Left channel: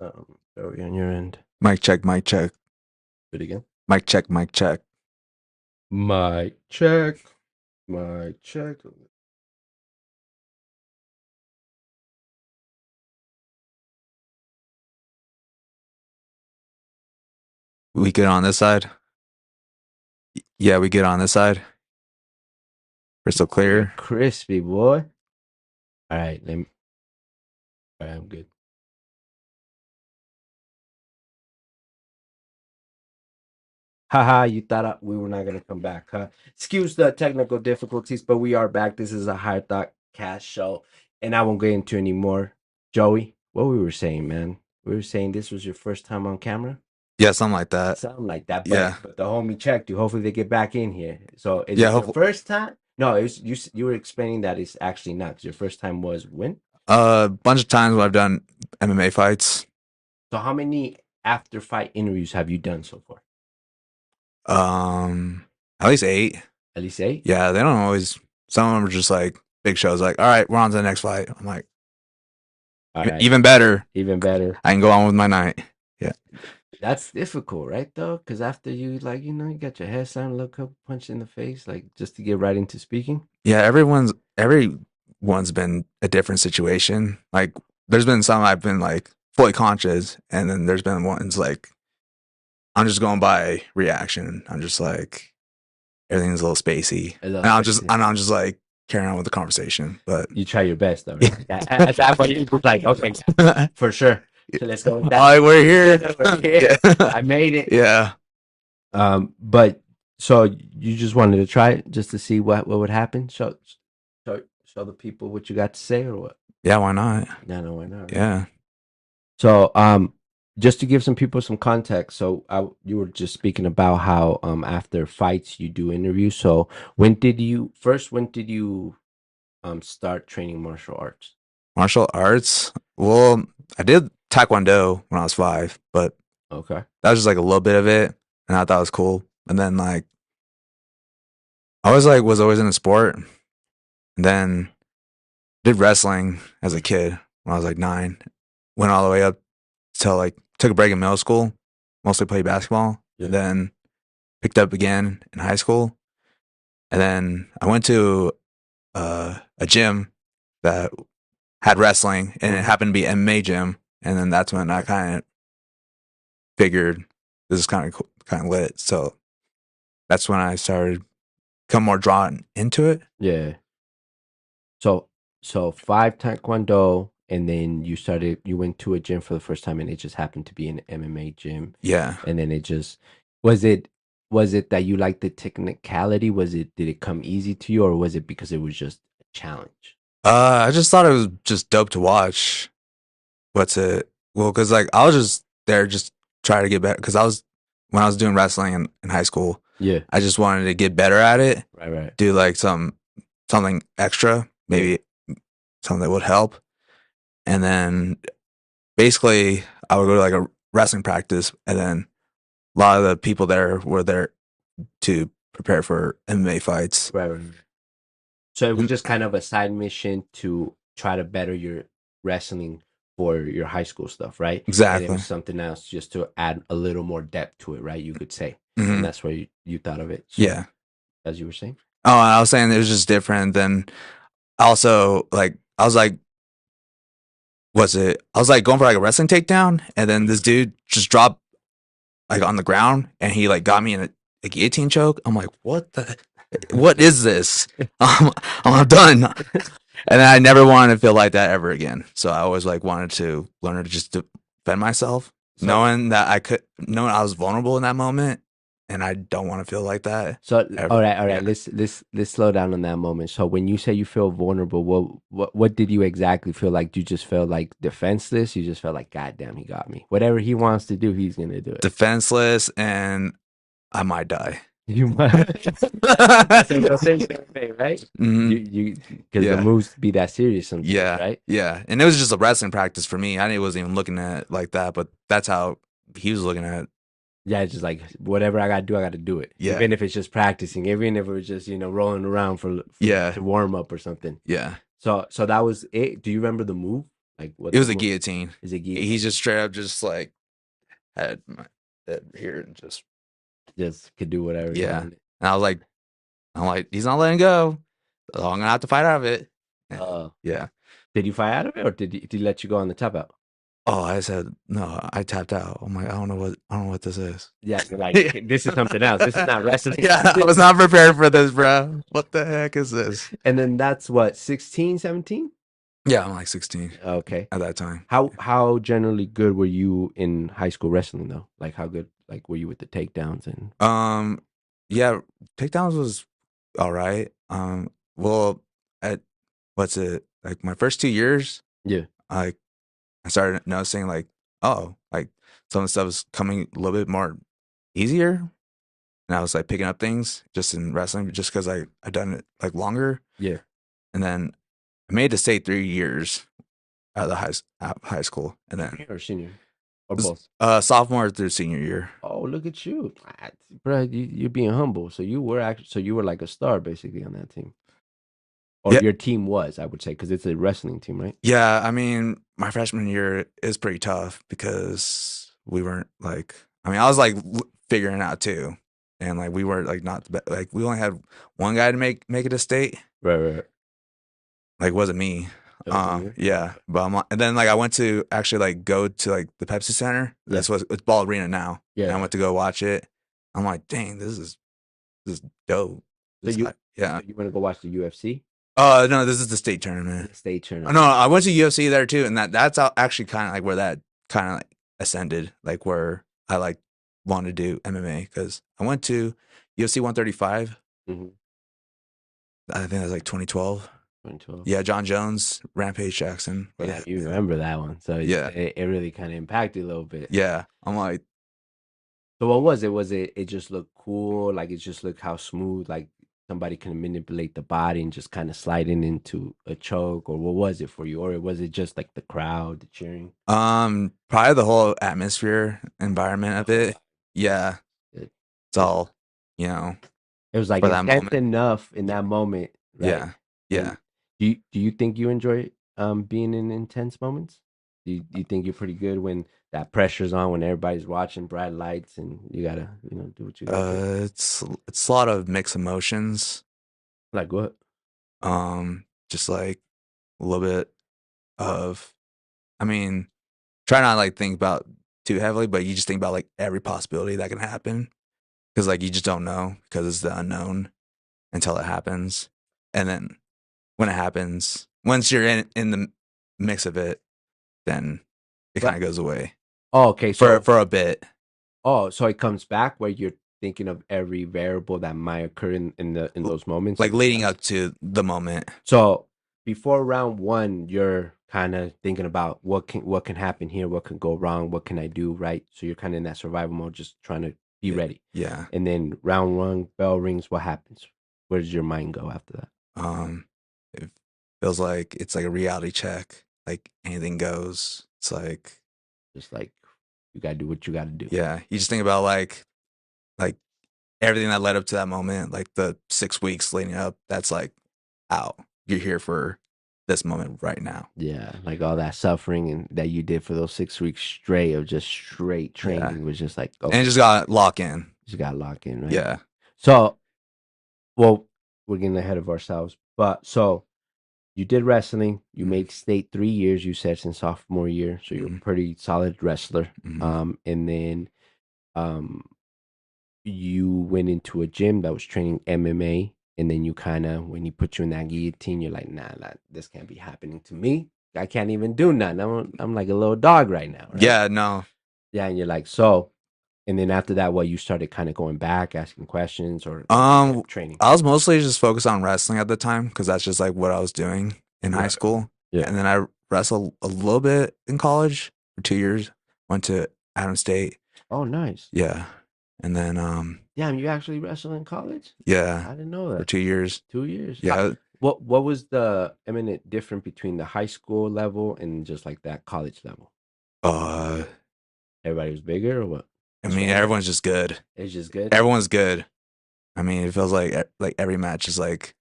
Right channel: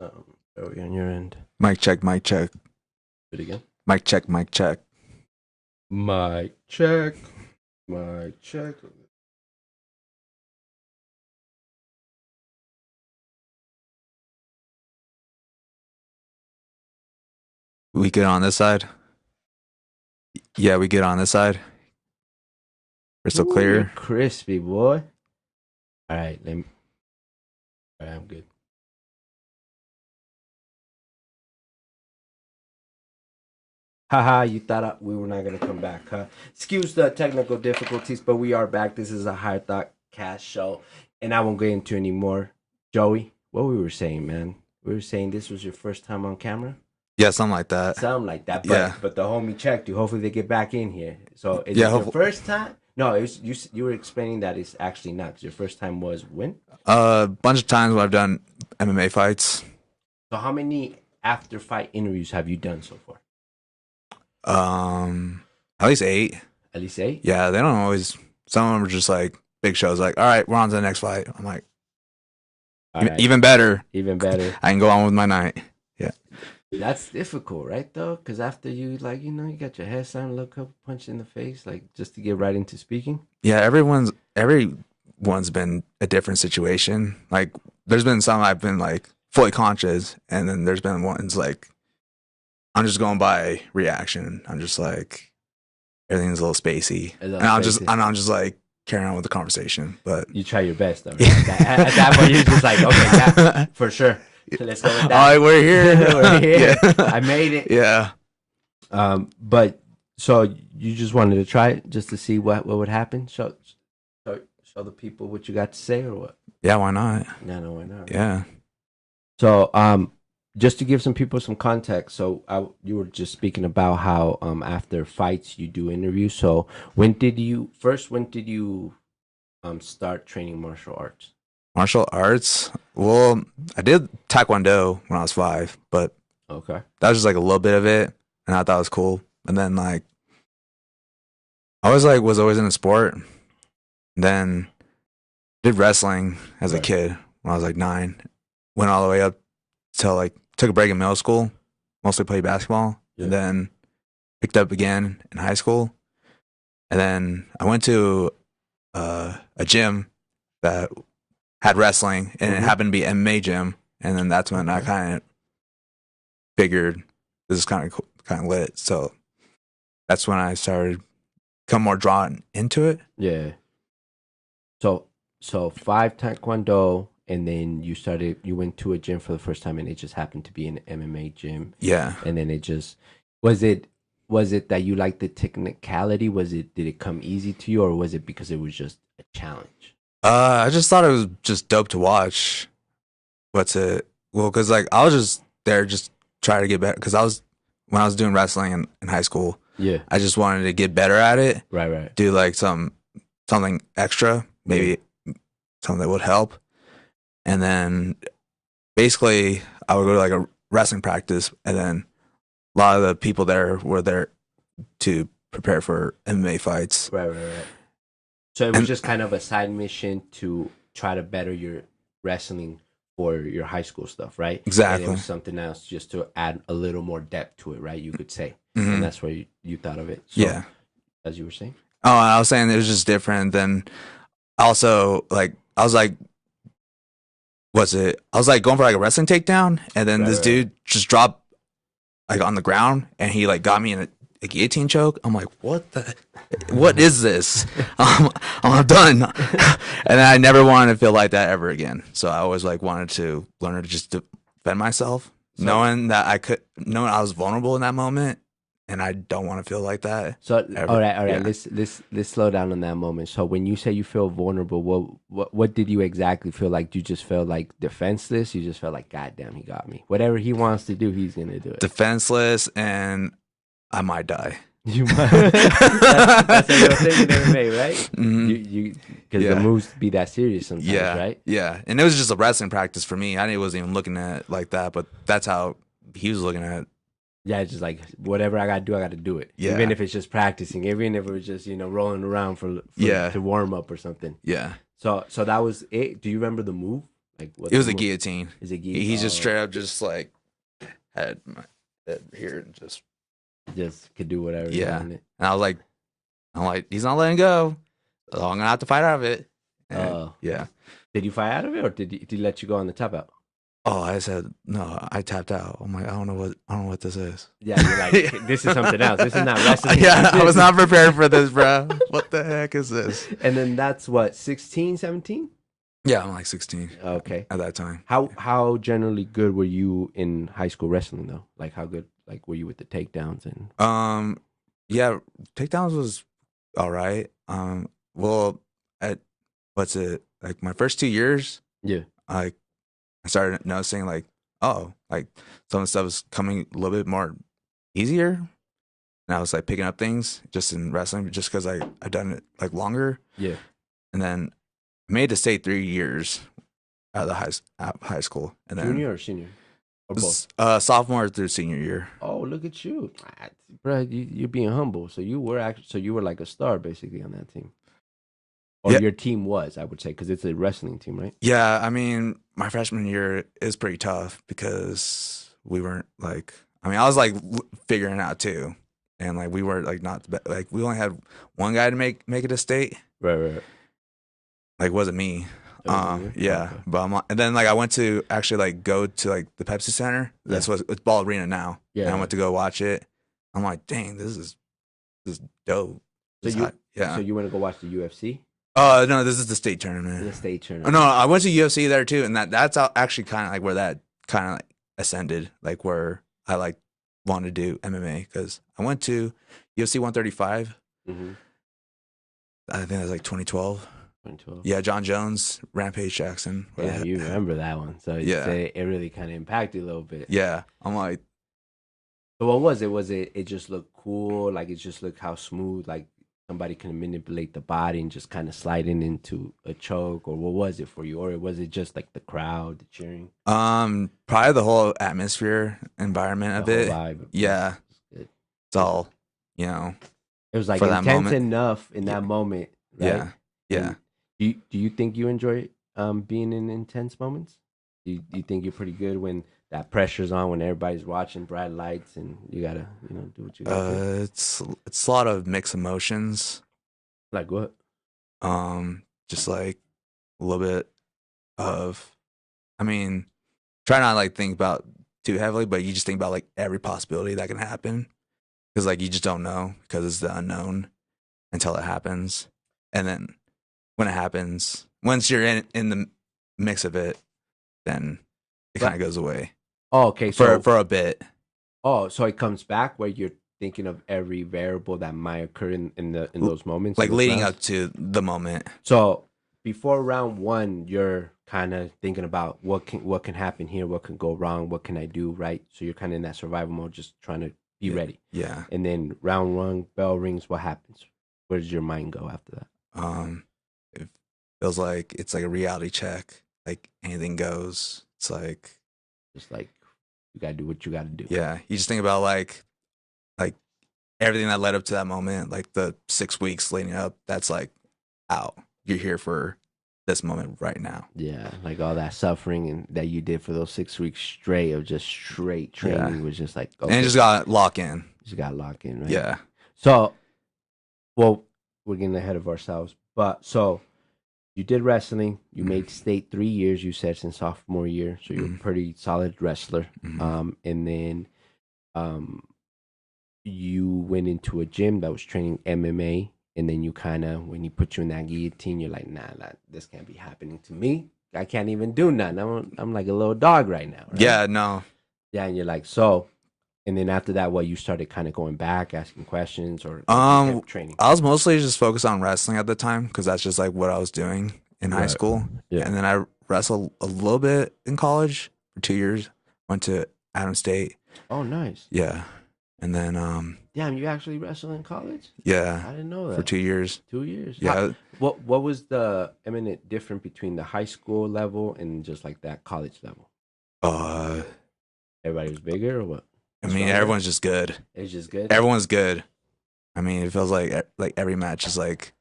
me throw you on your end. Mic check, mic check. Do it again. Mic check, mic check. Mic check. Mic check. We good on this side? Yeah, we good on this side? Crystal clear? Crispy, boy. All right, let me. All right, I'm good. Haha, you thought we were not going to come back, huh? Excuse the technical difficulties, but we are back. This is a High Thought Cast show, and I won't get into any more. Joey, what we were saying, man? We were saying this was your first time on camera? Yeah, something like that. Something like that. But, Yeah. But the homie checked you. Hopefully they get back in here. So is Yeah, it your first time? No, it's you were explaining that it's actually not. 'Cause your first time was when? A bunch of times when I've done MMA fights. So how many after fight interviews have you done so far? At least 8. At least 8? Yeah, they don't always. Some of them are just like big shows. Like, all right, we're on to the next fight. I'm like, even better. Even better. I can go on with my night. Yeah. That's difficult, right? Though, because after you you got your head sound, look up, punch in the face, like just to get right into speaking. Yeah, everyone's been a different situation. Like, there's been some I've been like fully conscious, and then there's been ones like I'm just going by reaction. I'm just like everything's a little spacey, and I'm just like carrying on with the conversation. But you try your best, though. Right? At that point, you're just like, okay, yeah, for sure. So let's go with that. All right, we're here. We're here. Yeah. I made it. Yeah. But so you just wanted to try it just to see what would happen? Show the people what you got to say, or what? Yeah, why not? Yeah, no, why not? Yeah. So just to give some people some context, so you were just speaking about how after fights you do interviews. So when did you start training martial arts? Martial arts? Well, I did Taekwondo when I was 5, but okay, that was just like a little bit of it, and I thought it was cool. And then like I was always in a sport. And then did wrestling as a kid when I was like 9. Went all the way up till like took a break in middle school, mostly played basketball, and then picked up again in high school. And then I went to a gym that had wrestling, and it happened to be an MMA gym. And then that's when I kind of figured this is kind of cool, kind of lit. So that's when I started become more drawn into it. Yeah. So 5 Taekwondo, and then you went to a gym for the first time, and it just happened to be an MMA gym. Yeah. And then it just was it that you liked the technicality? Did it come easy to you, or was it because it was just a challenge? I just thought it was just dope to watch. What's it? Well, because like I was just there just trying to get better. Because when I was doing wrestling in high school, yeah, I just wanted to get better at it. Right. Do like something extra, maybe something that would help. And then basically I would go to like a wrestling practice, and then a lot of the people there were there to prepare for MMA fights. Right. So it was just kind of a side mission to try to better your wrestling for your high school stuff, right? Exactly. And it was something else just to add a little more depth to it, right? You could say. Mm-hmm. And that's where you thought of it. So, yeah. As you were saying? Oh, and I was saying it was just different than also like I was like going for like a wrestling takedown, and then this dude just dropped like on the ground, and he like got me in a guillotine choke. I'm like, what is this? I'm done. And then I never wanted to feel like that ever again. So I always like wanted to learn to just defend myself, knowing I was vulnerable in that moment, and I don't want to feel like that. So all right. Yeah. Let's slow down on that moment. So when you say you feel vulnerable, what did you exactly feel like? You just felt like defenseless? You just felt like, God damn, he got me. Whatever he wants to do, he's gonna do it. Defenseless, and I might die. You might. That's a real thing in MMA, right? Mm-hmm. Because the moves be that serious sometimes, right? Yeah, and it was just a wrestling practice for me. I wasn't even looking at it like that, but that's how he was looking at it. Yeah, it's just like whatever I gotta do it. Yeah. Even if it's just practicing, even if it's just rolling around for to warm up or something. Yeah. So that was it. Do you remember the move? Like what? It was a guillotine. Is it He's just oh, straight up, just like had my head here and just could do whatever he yeah. wanted? And I'm like, he's not letting go. So I'm gonna have to fight out of it. And, Oh, yeah. did you fight out of it, or did he let you go on the tap out? Oh, I said no. I tapped out. I'm like, I don't know what this is. Yeah, you're like, this is something else. This is not wrestling. Yeah, I was not prepared for this, bro. What the heck is this? And then that's what, 16, 17? Yeah, I'm like 16 Okay. at that time. How generally good were you in high school wrestling though? Like how good like were you with the takedowns and Yeah, takedowns was all right. Well, at what's it like my first 2 years? yeah. I started noticing like, oh, like some of the stuff was coming a little bit more easier, and I was like picking up things just in wrestling, just because I done it like longer, Yeah. and then I made it to stay 3 years out of the high school, and then Junior or senior? Or both? sophomore through senior year. Oh, look at you. Ah, bro, you're being humble. So you were like a star basically on that team. Or Yeah, your team was, I would say, because it's a wrestling team, right? yeah. I mean, my freshman year is pretty tough because we weren't like. I mean, I was like figuring it out too, and like we were like not the best. Like we only had one guy to make it to state. Right, right. Like it wasn't me. It wasn't you? Oh, Yeah, okay. but and then like I went to actually like go to like the Pepsi Center. Yeah. That's what it's Ball Arena now. Yeah. And I went to go watch it. I'm like, dang, this is dope. So This you hot- yeah. so you want to go watch the UFC? Oh no, this is the state The tournament. state Oh, tournament. no, I went to UFC there too, and actually kind of like where that kind of like ascended, like where I like wanted to do MMA because I went to UFC 135. Mm-hmm. I think that was like 2012. 2012. Yeah, John Jones, Rampage Jackson. Yeah, you remember that one. So Yeah. it really kind of impacted you a little bit. Yeah, I'm like, So what was it? Was it just looked cool? Like it just looked how smooth, like somebody can manipulate the body and just kind of sliding into a choke, or what was it for you? Or was it just like the crowd, the cheering, probably the whole atmosphere, environment of the whole it. vibe? Yeah, It, it's all, you know, it was like for that intense moment. enough in that moment, right? Yeah, yeah. And do you think you enjoy being in intense moments? Do you think you're pretty good when that pressure's on, when everybody's watching, bright lights, and you gotta do what you gotta do? It's a lot of mixed emotions. Like what? Just like a little bit of, I mean, try not to, like think about too heavily, but you just think about like every possibility that can happen because like you just don't know because it's the unknown until it happens, and then when it happens, once you're in the mix of it, then it kind But of goes away oh, okay, for a bit. so it comes back where you're thinking of every variable that might occur in those moments, in Like those leading rounds. up to the moment. So before round one, you're kind of thinking about what can happen here, what can go wrong, what can I do right. So you're kind of in that survival mode, just trying to be ready. Yeah. And then round one, bell rings. What happens? Where does your mind go after that? It feels like it's like a reality check. Like anything goes. It's like, Just like you gotta do what you gotta do. yeah, you just think about like everything that led up to that moment, like the 6 weeks leading up. That's like out. You're here for this moment right now. Yeah, like all that suffering and that you did for those 6 weeks straight of just straight training was just like And it okay, just got lock in. just got locked in, right? Yeah. So, well, we're getting ahead of ourselves, but so you did wrestling. You made state 3 years. You said since sophomore year, so you're a pretty solid wrestler. And then, you went into a gym that was training MMA, and then you kind of when he put you in that guillotine, you're like, nah, this can't be happening to me. I can't even do nothing. I'm like a little dog right now. Right? Yeah, no. Yeah, and you're like so. And then after that, what you started kind of going back, asking questions, or training. I was mostly just focused on wrestling at the time because that's just like what I was doing in high Right. school. Yeah. And then I wrestled a little bit in college for 2 years. Went to Adams State. Oh, nice. Yeah. And then Damn, you actually wrestled in college? yeah, I didn't know that. for 2 years. 2 years. Yeah. What was the eminent difference between the high school level and just like that college level? Everybody was bigger or what? I mean, everyone's just good. It's just good. Everyone's good. I mean, it feels like every match is like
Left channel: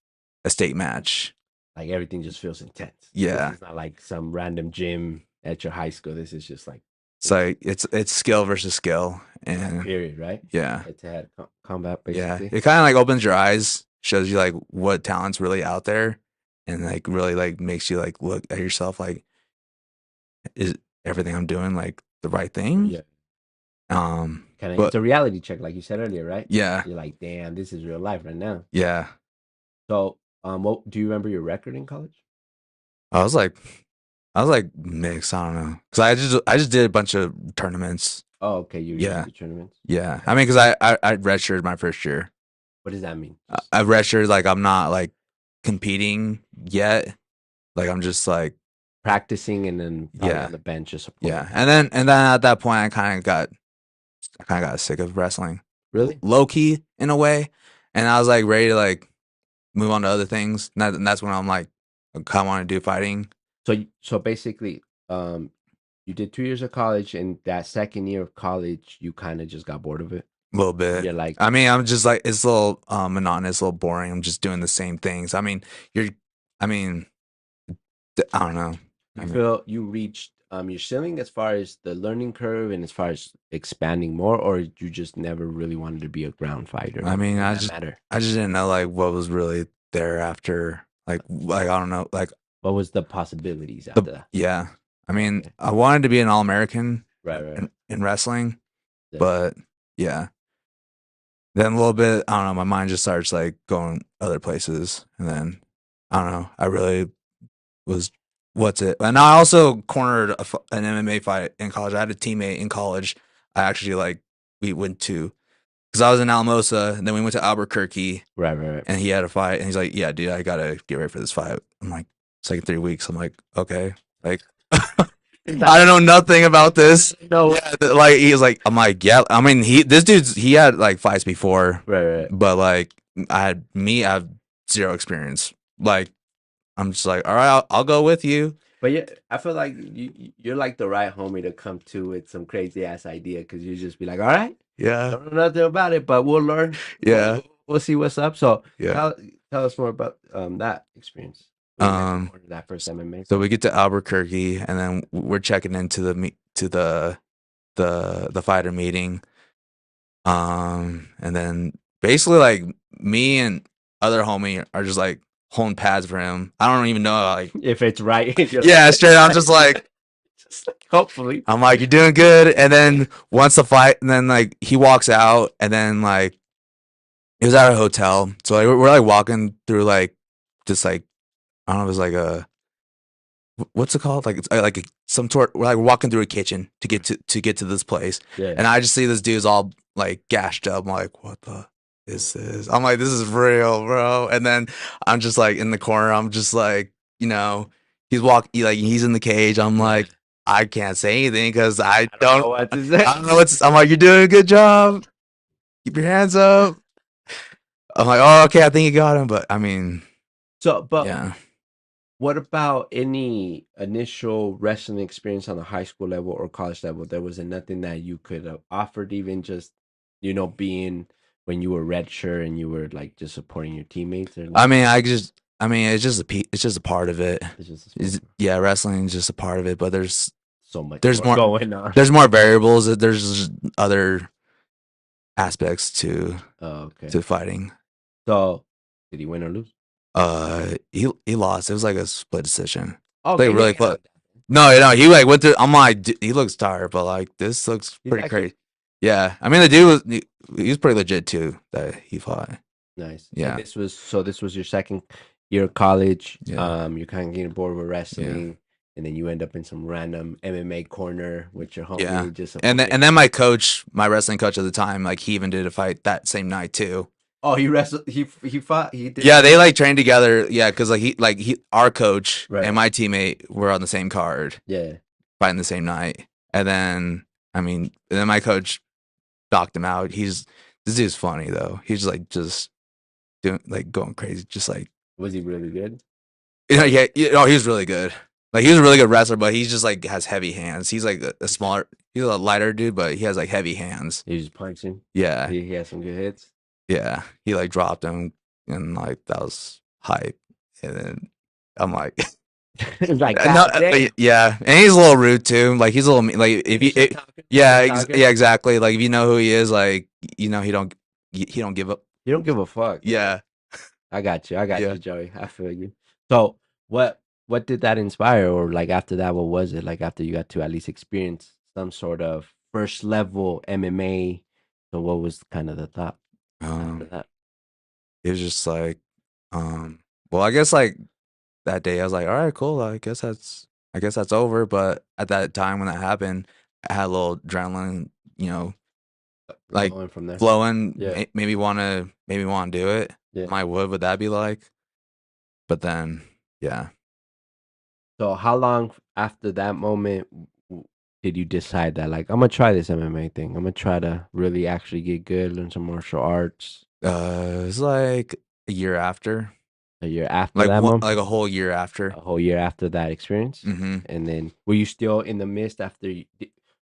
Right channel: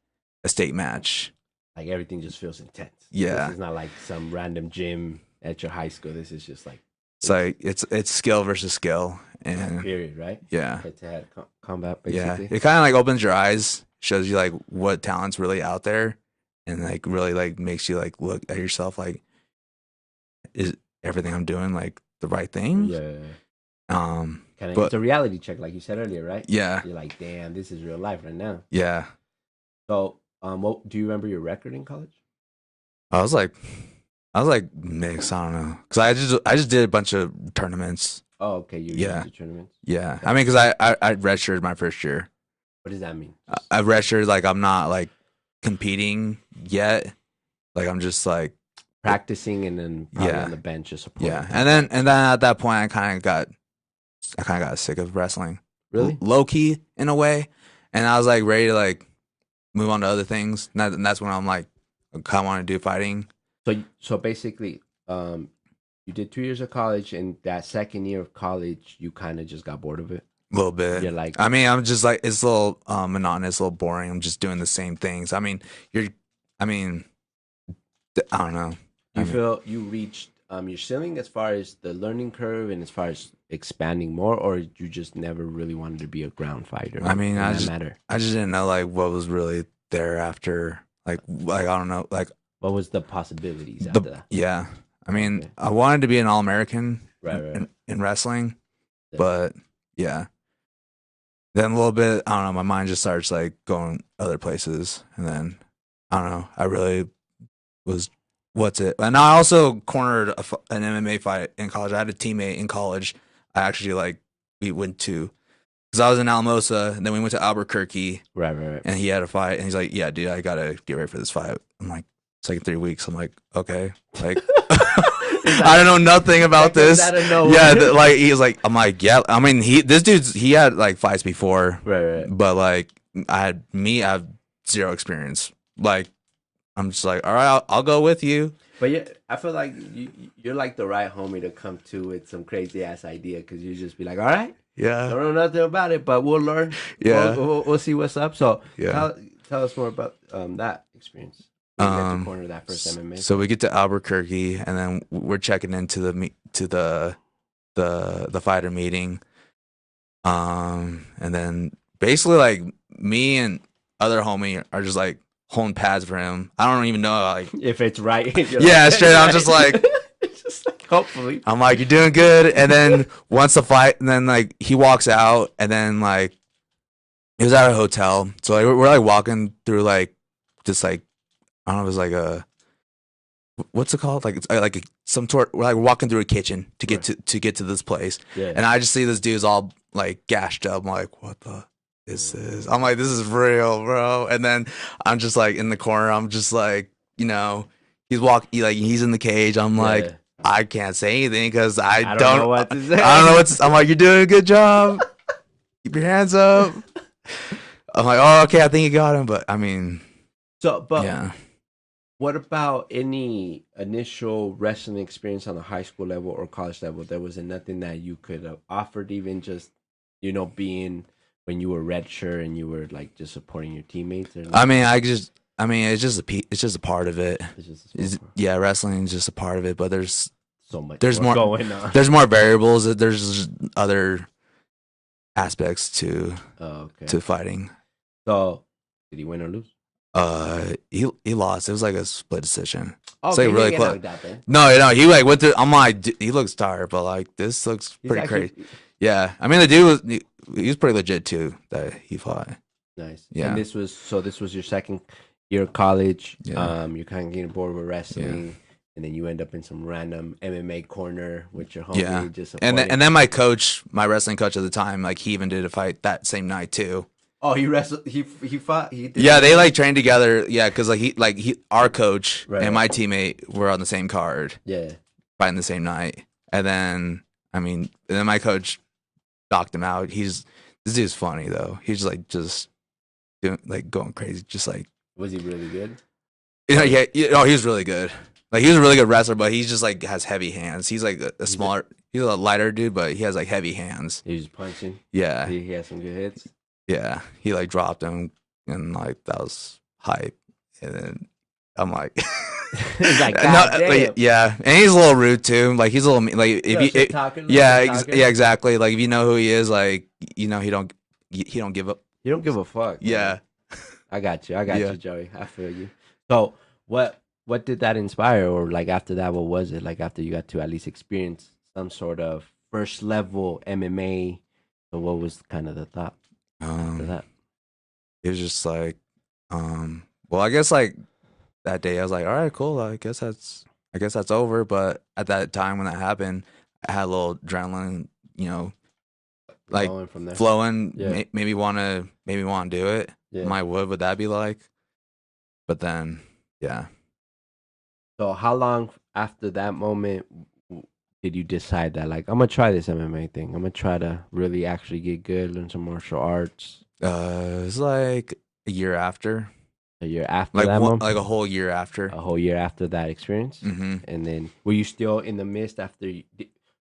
a state match. Like everything just feels intense. Yeah. This is not like some random gym at your high school. This is just like It's like it's skill versus skill, and period, right? yeah, Head to head combat, yeah. basically. It kind of like opens your eyes, shows you like what talent's really out there, and like really like makes you like look at yourself like, is everything I'm doing like the right thing? Yeah. Kind of, it's But a reality check, like you said earlier, right? yeah, You're like, damn, this is real life right now. yeah. So, what do you remember your record in college? I was like, I was like mixed. I don't know, cause I just did a bunch of tournaments. Oh, okay, you Yeah, went to tournaments. yeah. Okay. I mean, cause I redshirted my first year. What does that mean? I redshirted like I'm not like competing yet. Like I'm just like Practicing and then probably yeah, on the bench just supporting. yeah. And then at that point I kind of got sick of wrestling. Really? Low key in a way, and I was like ready to like move on to other things. And that's when I'm like, I kind of want to do fighting. So basically, you did 2 years of college, and that second year of college, you kind of just got bored of it. A little bit. You're like, I mean, I'm just like it's a little monotonous, a little boring. I'm just doing the same things. I mean, I mean, I don't know. you feel you reached your ceiling as far as the learning curve and as far as expanding more, or you just never really wanted to be a ground fighter? I mean, Did that matter? I just didn't know like what was really there after. Like I don't know. Like What was the possibilities after that? yeah. I mean, Okay. I wanted to be an All-American Right. in wrestling, Yeah. but yeah. Then a little bit, I don't know, my mind just starts like going other places, and then I don't know. I really was what's it? And I also cornered an MMA fight in college. I had a teammate in college. I actually like we went to because I was in Alamosa, and then we went to Albuquerque, Right. and he had a fight, and he's like, "Yeah, dude, I gotta get ready for this fight." I'm like, "It's like 3 weeks." I'm like, "Okay," like I don't know nothing about this. Yeah, like he's like, I'm like, yeah. I mean, he had like fights before, Right. but like I have zero experience. Like I'm just like, all right, I'll go with you. But yeah, I feel like you're like the right homie to come to with some crazy ass idea because you just be like, all right, I Yeah, don't know nothing about it, but we'll learn. yeah, We'll see what's up. So yeah. tell us more about that experience. You went to corner that first MMA. So we get to Albuquerque, and then we're checking into the fighter meeting. And then basically like me and other homie are just like holding pads for him. I don't even know like If it's right. yeah, straight. I'm just like just like, hopefully. I'm like you're doing good. And then once the fight, and then like he walks out, and then like he was at a hotel, so like, we're like walking through like just like I don't know, it was like a what's it called? Like it's like some sort. We're like walking through a kitchen to get to this place, Yeah. and I just see this dude's all like gashed up. I'm like, what the is this? I'm like, this is real, bro. And then I'm just like in the corner. I'm just like, he's in the cage. I'm like, Yeah. I can't say anything because I don't know what to say. I don't know what's. I'm like, you're doing a good job. Keep your hands up. I'm like, oh, okay, I think you got him. But I mean, But yeah. what about any initial wrestling experience on a high school level or college level? There was nothing that you could have offered, even just being when you were redshirt and you were like just supporting your teammates. I mean, it's just a part of it. It's just Yeah, wrestling is just a part of it, but there's so much. There's more going on. there's more variables. There's other aspects to Okay. fighting. So, did he win or lose? He lost. It was like a split decision. Oh, It's like okay, really yeah, close. like that, No, he like went through. I'm like, he looks tired, but like this looks He's pretty actually crazy. Yeah, I mean the dude he was pretty legit too that he fought. nice. Yeah. And this was your second year of college. Yeah. You're kind of getting bored with wrestling. And then you end up in some random MMA corner with your homie. Yeah. Just And then my wrestling coach at the time, like he even did a fight that same night too. oh, he wrestled. He fought. He did Yeah, they like trained together. Yeah, because our coach Right. and my teammate were on the same card, Yeah. fighting the same night. And then my coach knocked him out. This dude's funny though. He's just doing like going crazy, just like Was he really good? yeah, he was really good. Like he was a really good wrestler, but he's just like has heavy hands. He's like a smaller, he's a lighter dude, but he has like heavy hands. He was punching. Yeah, He had some good hits. yeah. He like dropped him, and like that was hype. And then I'm like, It's like, no, God like, damn. yeah, and he's a little rude too. Like he's a little like if Yeah, you, shit talking, little yeah, shit talking. yeah, exactly. Like if you know who he is, like you know he don't give up. You don't give a fuck, right? Yeah, I got you. I got yeah. you, Joey. I feel you. So, what did that inspire, or like after that, what was it? Like after you got to at least experience some sort of first level MMA. So, what was kind of the thought after Um, that? it was just like, well, I guess like that day I was like, all right, cool. I guess that's over. But at that time when that happened, I had a little adrenaline, you know, like Flowing from there. flowing. Yeah, Maybe want to do it. yeah. My would that be like? But then, yeah. So, how long after that moment did you decide that, like, I'm gonna try this MMA thing? I'm gonna try to really actually get good, learn some martial arts. It's like a year after, A year after that like moment, a whole year after. a whole year after that experience, Hmm. and then were you still in the midst after?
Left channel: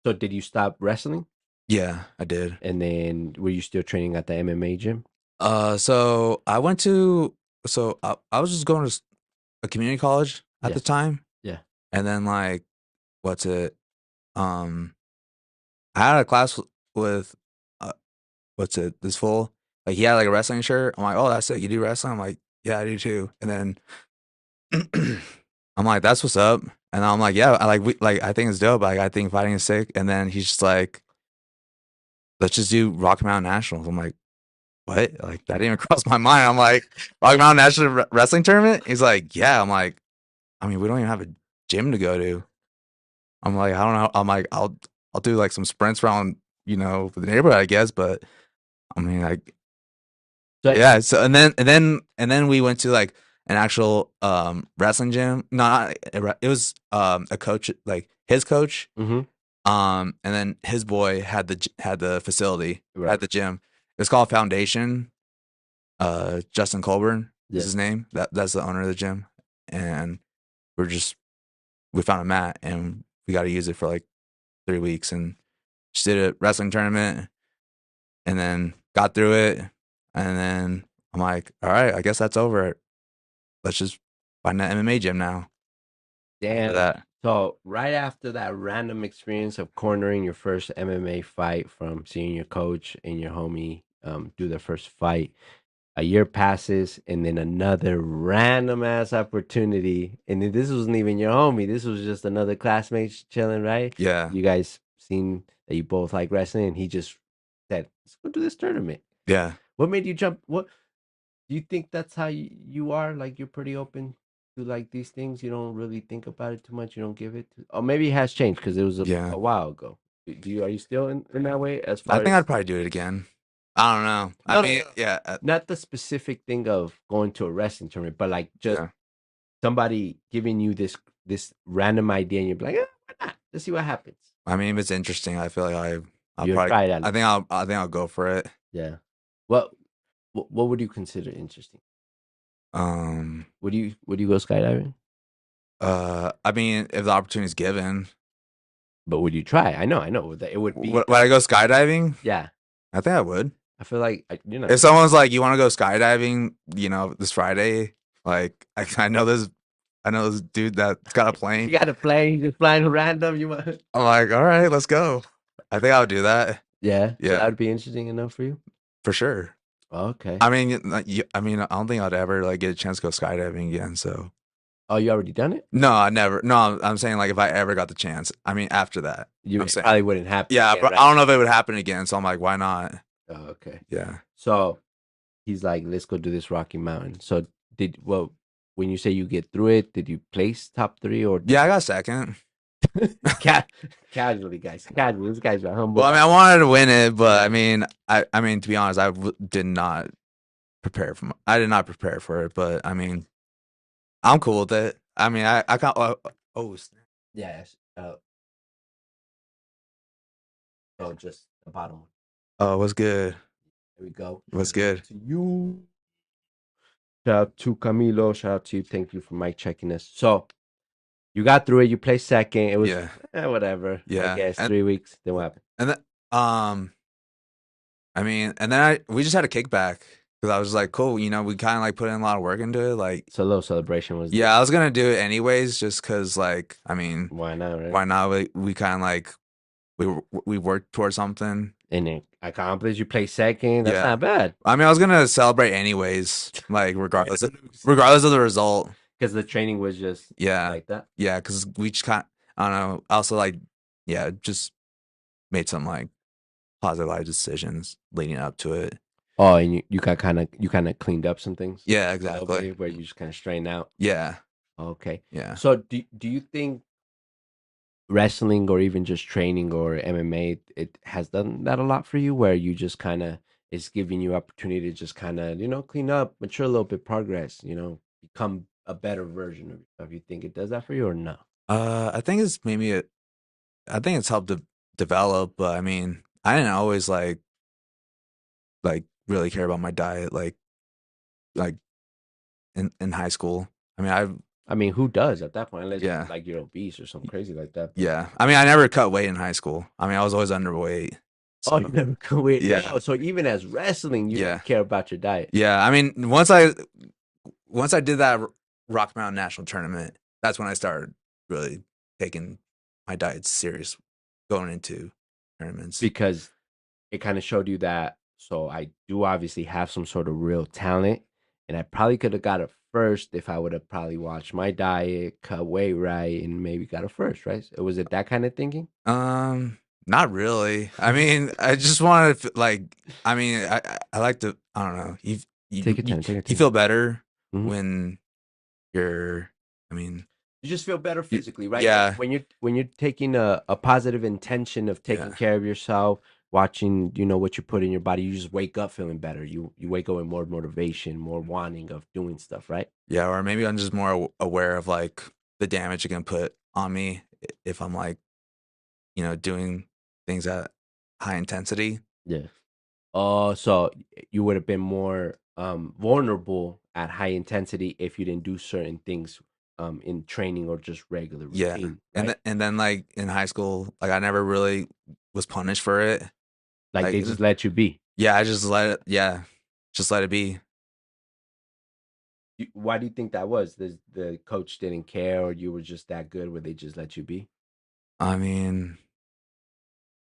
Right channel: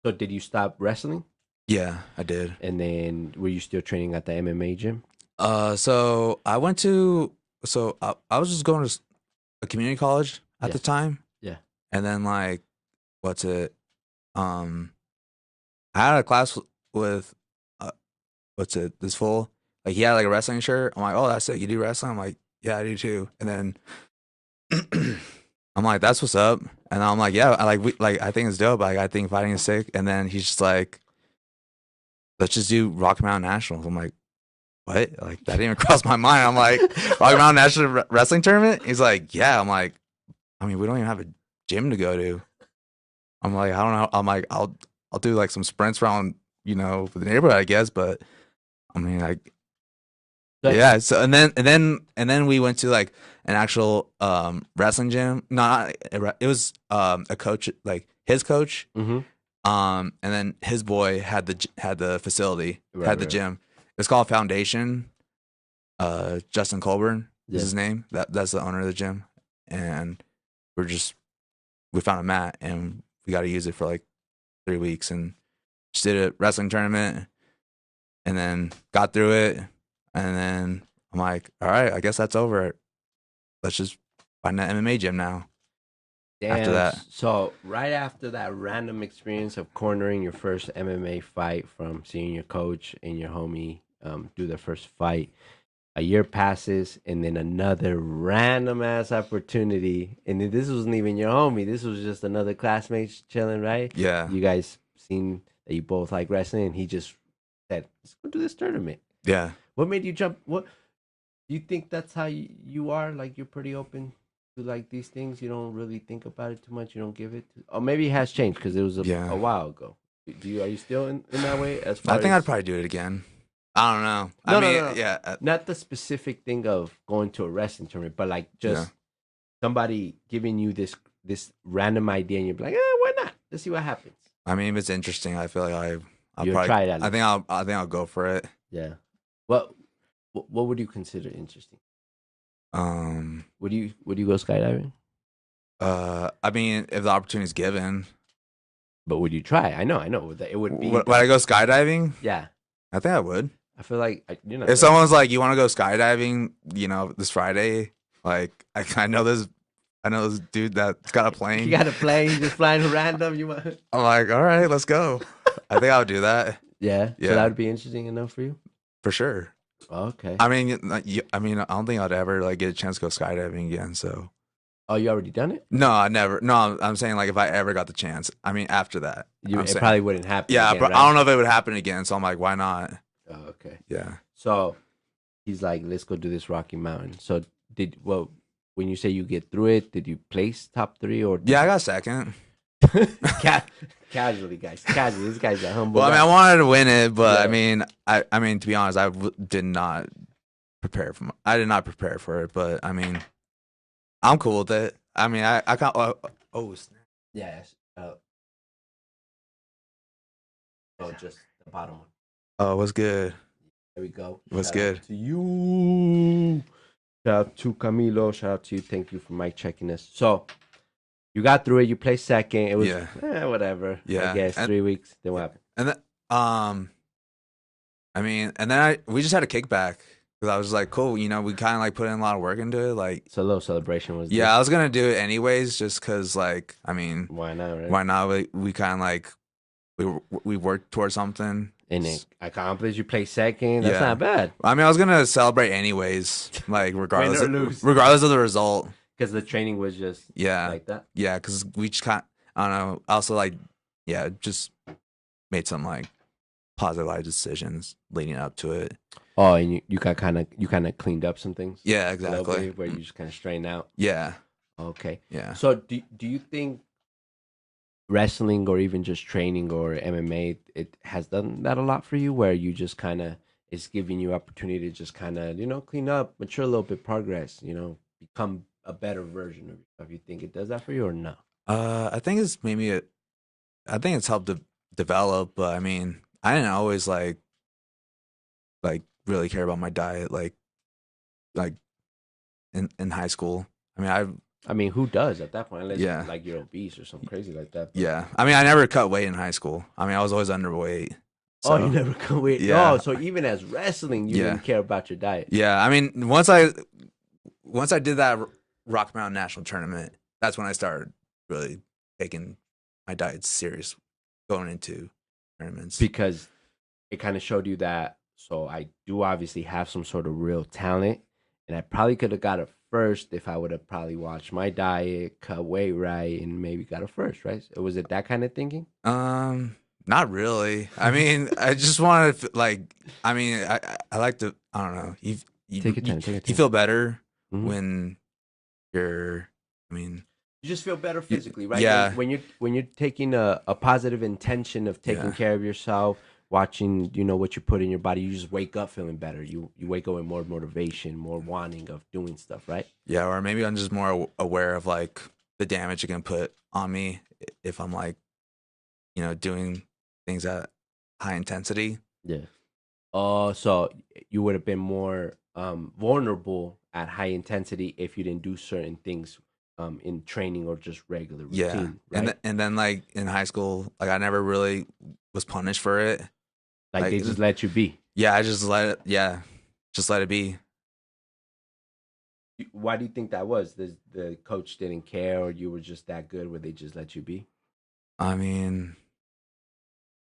So, did you stop wrestling, Yeah, I did. and then were you still training at the MMA gym? So I went to, I was just going to a community college at Yeah, the time, yeah, and then like, what's it? Um, I had a class with, uh, what's it? This fool, like he had like a wrestling shirt. I'm like, oh, that's it. You do wrestling? I'm like, yeah, I do too. And then I'm like, that's what's up. And I'm like, yeah, I think it's dope. Like, I think fighting is sick. And then he's just like, let's just do Rocky Mountain Nationals. I'm like, what? Like, that didn't even cross my mind. I'm like, Rocky Mountain National Wrestling Tournament? He's like, yeah. I'm like, I mean, we don't even have a gym to go to. I'm like, I don't know. I'm like, I'll do like some sprints around, the neighborhood, I guess. But I mean, like, so, yeah. So and then we went to like an actual wrestling gym. Not it was a coach, like his coach. mm-hmm. And then his boy had the facility, Right, had the right, gym. It's called Foundation. Justin Colburn is yeah. his name. That's the owner of the gym. And we're just we found a mat and we got to use it for like 3 weeks and just did a wrestling tournament and then got through it. And then I'm like, all right, I guess that's over. Let's just find that MMA gym now. After Damn. that, So right after that random experience of cornering your first MMA fight from seeing your coach and your homie do the first fight, a year passes and then another random ass opportunity. And then this wasn't even your homie. This was just another classmate chilling, right? yeah, You guys seen that you both like wrestling and he just said, let's go to this tournament. yeah. What made you jump? What do you think that's how you are? Like you're pretty open to like these things. You don't really think about it too much. You don't give it. Or maybe it has changed because it was Yeah. a while ago. Do you are you still in that way as I far think I'd as probably do it again. I don't know. I no no mean, no yeah, not the specific thing of going to a wrestling tournament, but like yeah. just somebody giving you this random idea and you're like, why not? Let's see what happens. I mean, if it's interesting, I feel like I'll You probably, try it at least. I think I'll go for it. Yeah. What what would you consider interesting? Um, Would you go skydiving? I mean, if the opportunity's given, But would you try? I know that it would be would I go skydiving? yeah. I think I would. I feel like If someone's like, you want to go skydiving, this Friday, like I know this dude that's got a you plane. got a plane just flying random. You want? I'm like, all right, let's go. I think I'll do that. Yeah. So Yeah, that would be interesting enough for you. for sure. Okay. I mean, I mean, I don't think I'd ever like get a chance to go skydiving again. So Oh, you already done it? no, I never. No, I'm saying like if I ever got the chance. I mean, after that, I'm It saying, probably wouldn't happen yeah, again, but I right? don't know if it would happen again. So I'm like, why not? Oh, okay. Yeah. So he's like, let's go do this Rocky Mountain. So when you say you get through it, did you place top three or Yeah, I got second. Ca- casually, guys? Casually. This guy's a humble. Well, I mean, guy. I wanted to win it, but Yeah. I mean, to be honest, did not I did not prepare for it, but I mean, I'm cool with it. I mean, I got snap. Yes. So just the bottom one. Oh, what's good? There we go. What's Shout out good? to you. Shout out to Camilo. Shout out to you. Thank you for Mike checking us. So you got through it. You placed second. It was Yeah, whatever. yeah, Again, it's 3 weeks. Then what happened? and then I mean, and then we just had a kickback Because I was like, cool, you know, we kind of like put in a lot of work into it. Like, So a little celebration was yeah, I this. was gonna do it anyways, just because, like, I mean, Why not, right? why not? We kind of like we worked towards something. And it accomplished. You play second. That's Yeah, not bad. I mean, I was gonna celebrate anyways, like Win or lose. regardless of the result. Because the training was just Yeah, like that. yeah, because we just kind, I don't know. Also, like, yeah, just made some like positive life decisions leading up to it. Oh, and you got you kind of cleaned up some things. Yeah, A little exactly. bit, where you just kind of straighten out. Yeah, Okay. yeah. So do you think wrestling or even just training or MMA it has done that a lot for you, where you just kind of it's giving you opportunity to just kind of clean up, mature a little bit, progress, become a better version of yourself. You think it does that for you or no? I think it's maybe I think it's helped to develop, but I mean, I didn't always like really care about my diet like in high school. I mean, I mean, who does at that point, unless yeah, like you're obese or something crazy like that? But yeah. I mean, I never cut weight in high school. I mean, I was always underweight. oh, you So, never go wait. Oh, yeah, so even as wrestling, you yeah, didn't care about your diet. yeah. I mean, once I did that Rock Mountain National Tournament, that's when I started really taking my diet serious going into tournaments. Because it kind of showed you that. So I do obviously have some sort of real talent, and I probably could have got it first if I would have probably watched my diet, cut weight right, and maybe got it first, right? So was it that kind of thinking? Not really. I mean, I just want to like. I mean, I like to. I don't know. Take your time. Take your You time. feel better Mhm. when you're. I mean, You just feel better physically, right? yeah, When you're taking a positive intention of taking yeah, care of yourself, watching what you put in your body, you just wake up feeling better. You wake up with more motivation, more wanting of doing stuff, right? yeah. Or maybe I'm just more aware of like the damage it can put on me if I'm like doing things at high intensity. Yeah. Oh, so you would have been more vulnerable at high intensity if you didn't do certain things in training or just regular Yeah, routine, right? and then like in high school, like I never really was punished for it. Like Like they just let you be. yeah, I just let it. Yeah, just let it be. Why do you think that was? The coach didn't care, or you were just that good where they just let you be? I mean,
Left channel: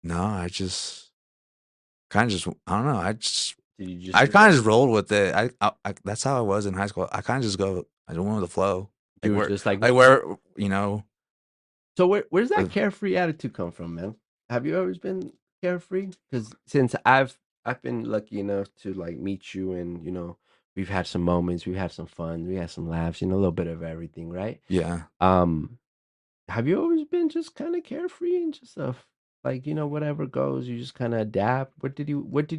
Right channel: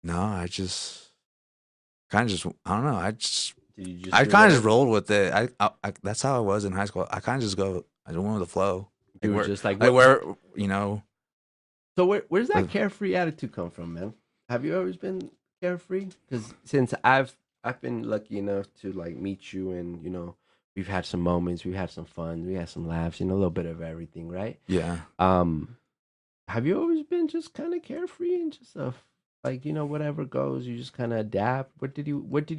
no, I just kind of just I don't know. Did you just I do kind of whatever? just rolled with it. That's how I was in high school. I kind of just go. I don't want the flow. You were just like, Like what? where you know. So where's that With, carefree attitude come from, man? Have you always been carefree? Because since I've been lucky enough to like meet you, and we've had some moments, we've had some fun, we had some laughs, a little bit of everything, right? yeah. Um, have you always been just kind of carefree and just like whatever goes, you just kind of adapt? Where did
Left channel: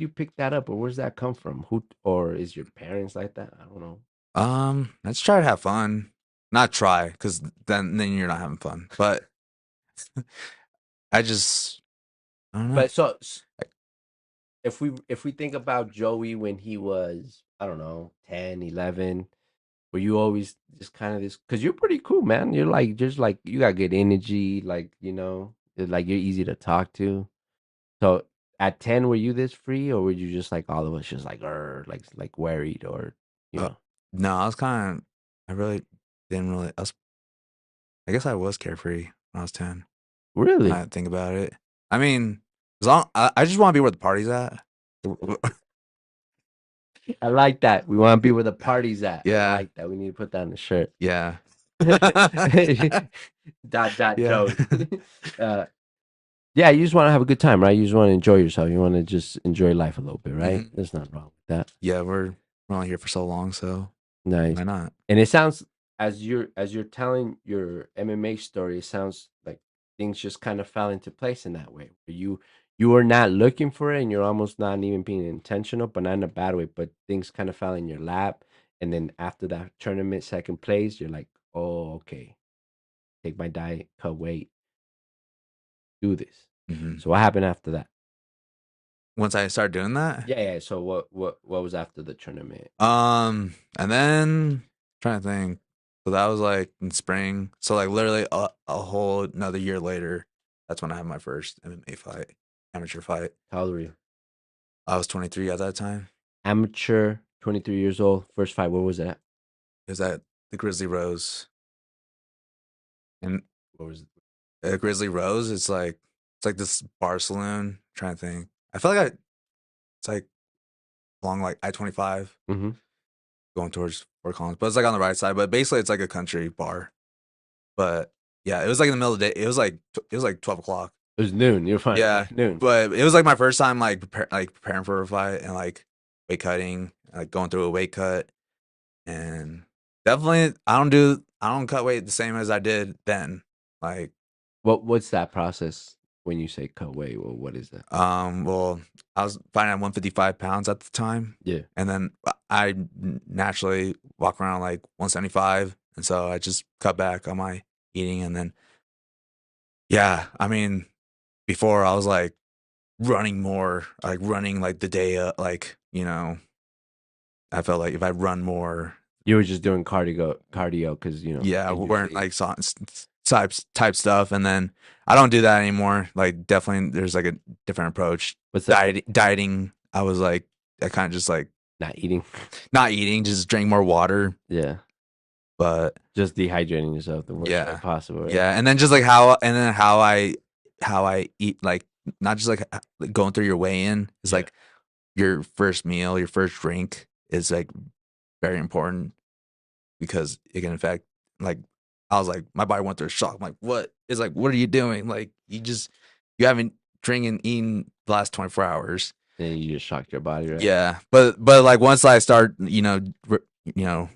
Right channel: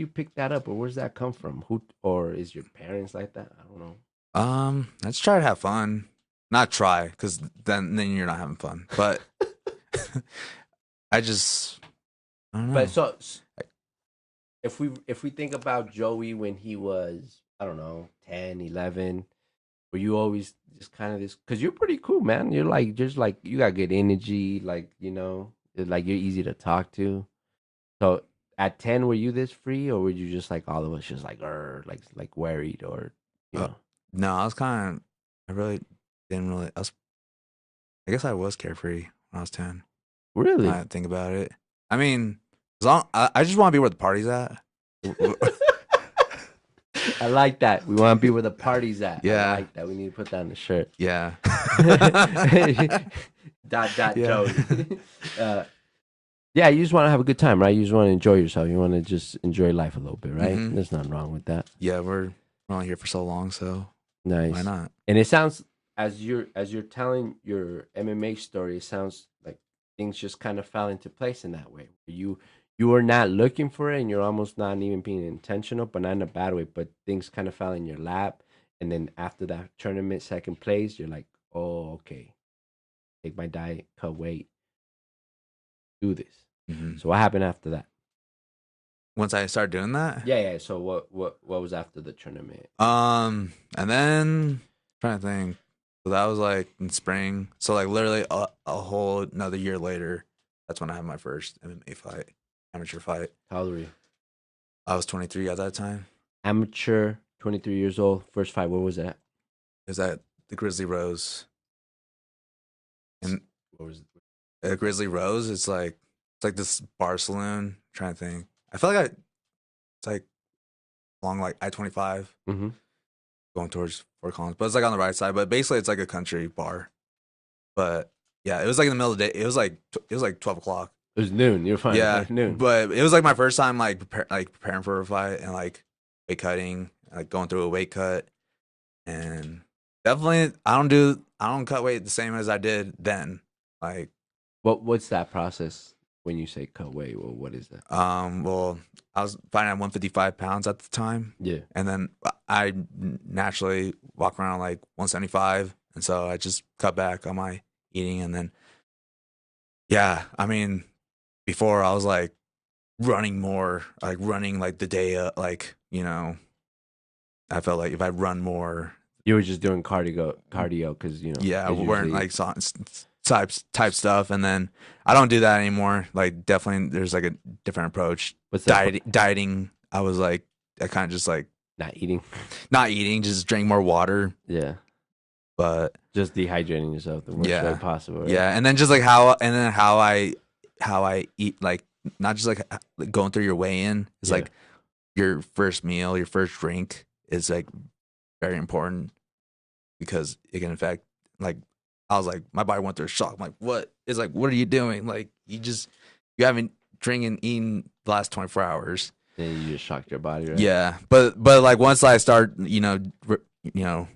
you pick that up, or where's that come from? Who or is your parents like that? I don't know. Let's try to have fun. Not try, because then you're not having fun. But I just I don't But know. so if we think about Joey when he was, I don't know, 10, 11, were you always just kind of this, because you're pretty cool, man. You're like just like you got good energy, like it's like you're easy to talk to. So at 10, were you this free, or were you just like all of us just like like worried, or you Uh, know no, I was kind of. I really didn't really. I guess I was carefree when I was 10. really? I didn't think about it. I mean, I just want to be where the party's at. I like that. We want to be where the party's at. I Yeah, like that. We need to put that on the shirt. yeah, Dot dot yeah. Joey. uh, Yeah, you just want to have a good time, right? You just want to enjoy yourself. You want to just enjoy life a little bit, right? hmm There's nothing wrong with that. Yeah, we're only here for so long, so why Nice. not? And it sounds, as you're telling your MMA story, it sounds like things just kind of fell into place in that way. You were not looking for it, and you're almost not even being intentional, but not in a bad way. But things kind of fell in your lap, and then after that tournament, second place, you're like, oh, okay, take my diet, cut weight, do this. hmm So what happened after that? Once I start doing that, Yeah, yeah. So what was after the tournament? and then trying to think. So that was like in spring. So like literally a whole another year later, that's when I had my first MMA fight, amateur fight. How old were you? I was 23 at that time. amateur, 23 years old, first fight. Where was it at? Is that the Grizzly Rose? And What was it? the Grizzly Rose, it's like this bar saloon. I'm trying to think. I feel like it's like along like I-25 Mm-hmm. going towards Fort Collins, but it's like on the right side. But basically, it's like a country bar. But yeah, it was like in the middle of the day. It was like 12 o'clock. It was noon. You're fine. Yeah, Noon. but it was like my first time like preparing for a fight and like weight cutting, like going through a weight cut, and definitely I don't cut weight the same as I did then. Like What's that process when you say cut weight? What is that? well, I was fighting at 155 pounds at the time, Yeah. and then I naturally walk around like 175, and so I just cut back on my eating, and then yeah, I mean, before I was like running more, like running like the day, I felt like if I run more, You were just doing cardio, because yeah, it weren't usually- like type stuff, and then I don't do that anymore. Like definitely, there's like a different approach. what's that? Dieting, I was like, I kind of just like Not eating. not eating, just drink more water. Yeah. But Just dehydrating yourself the worst Yeah. way possible. Right? yeah, and then how I eat, like not just like going through your weigh in. It's Yeah. like your first meal, your first drink is like very important because it can affect, like, I was like, my body went through a shock. I'm like, what? It's like, what are you doing? Like, you haven't drinking, eaten the last 24 hours. And you just shocked your body, right? Yeah. But like once I start, The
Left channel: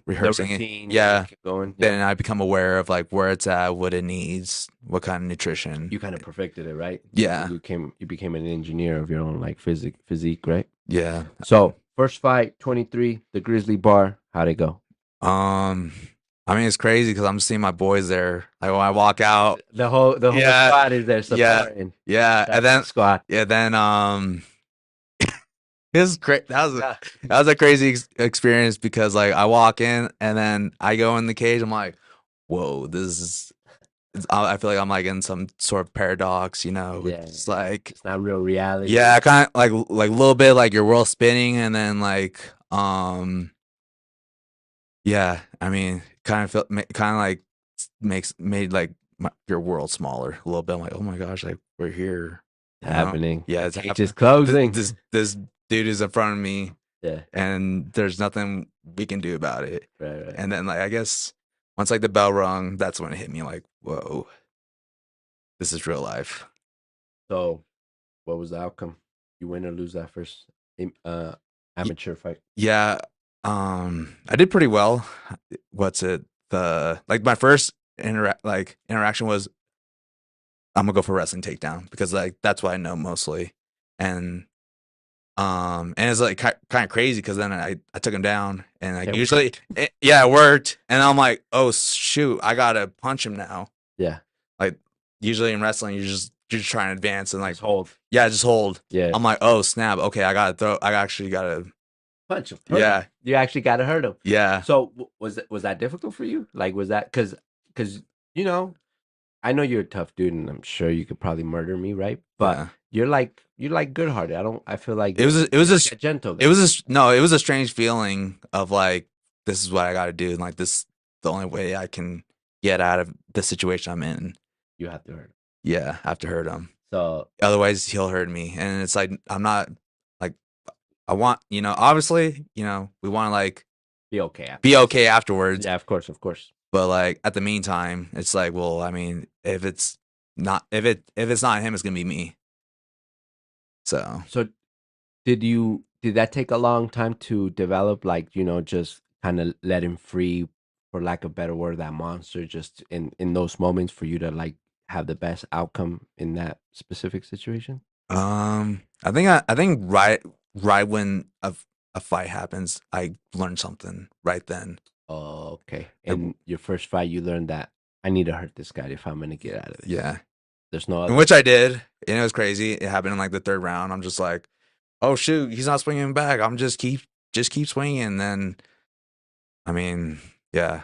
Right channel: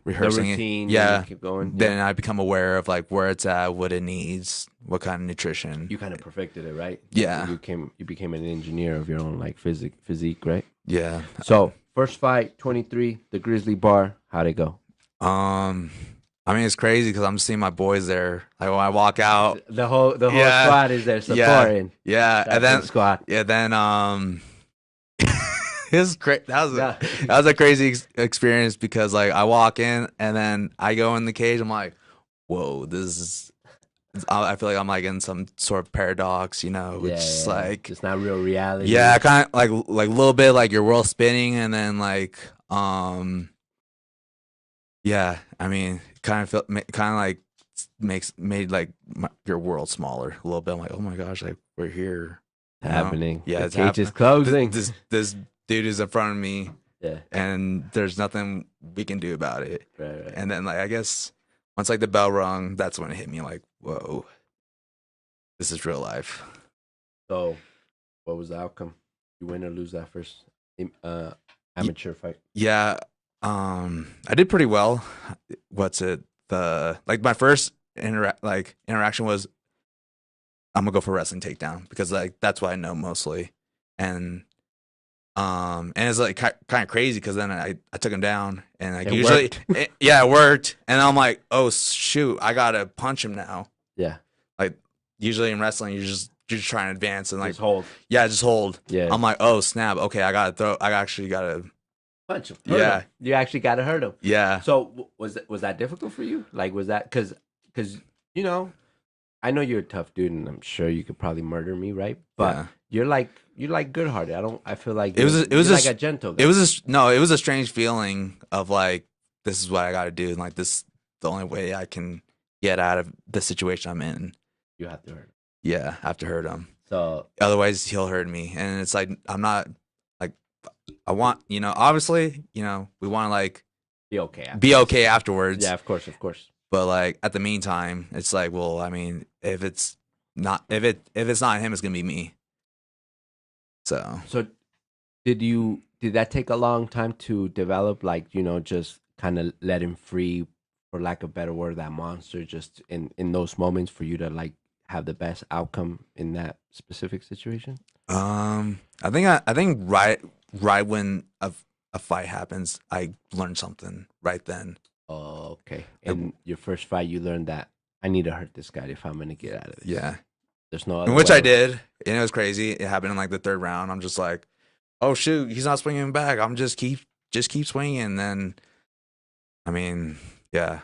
rehearsing routine. it, yeah, Keep going. then I become aware of like where it's at, what it needs, what kind of nutrition. You kind of perfected it, right? Yeah. You became an engineer of your own like physique, right? Yeah. So first fight, 23, the Grizzly Bar. How'd it go? I mean, it's crazy because I'm seeing my boys there. Like when I walk out, The whole Yeah. squad is there supporting. yeah, and then squad. it was great. Yeah. That was a crazy experience because like I walk in and then I go in the cage. I'm like, whoa, I feel like I'm like in some sort of paradox, It's like, it's not real reality. yeah, kind of like a little bit like your world spinning, and then like yeah, I mean, kind of like made like your world smaller a little bit. I'm like, oh my gosh, like we're here. It's happening. Yeah, The it's cage is happening. closing. This dude is in front of me, Yeah. and there's nothing we can do about it. Right. And then like I guess once like the bell rung, that's when it hit me like, whoa, this is real life. So, what was the outcome? You win or lose that first amateur fight? Yeah, I did pretty well. What's it? My first interaction was I'm gonna go for wrestling takedown because like that's what I know mostly, and it's like kind of crazy because then I took him down and like It usually it worked, and I'm like, oh shoot, I gotta punch him now. Yeah. Like usually in wrestling you're just trying to advance and like Just hold. just hold. Yeah. I'm like, oh snap, okay, I actually gotta Punch him. Yeah. You actually got to hurt him. yeah. So was that difficult for you? Like, was that because I know you're a tough dude, and I'm sure you could probably murder me, right? But you're like good hearted. I feel like It was you're like a gentle guy. It was a strange feeling of like, this is what I got to do, and like this the only way I can get out of the situation I'm in. You have to hurt him. Yeah, I have to hurt him. So Otherwise, he'll hurt me, and it's like I'm not like I want, obviously, we want to like be okay. be okay afterwards. Yeah, of course. But like at the meantime, it's like, well, I mean, if it's not him, it's gonna be me. So Did that take a long time to develop? Like, just kind of let him free, for lack of a better word, that monster, just in those moments for you to like have the best outcome in that specific situation? I think right when a fight happens, I learned something right then. Oh, okay. And your first fight, you learned that I need to hurt this guy if I'm gonna get out of this. Yeah. There's no other Which way. I did, and it was crazy. It happened in like the third round. I'm just like, oh shoot, he's not swinging back. I'm just keep swinging, and then, I mean, yeah,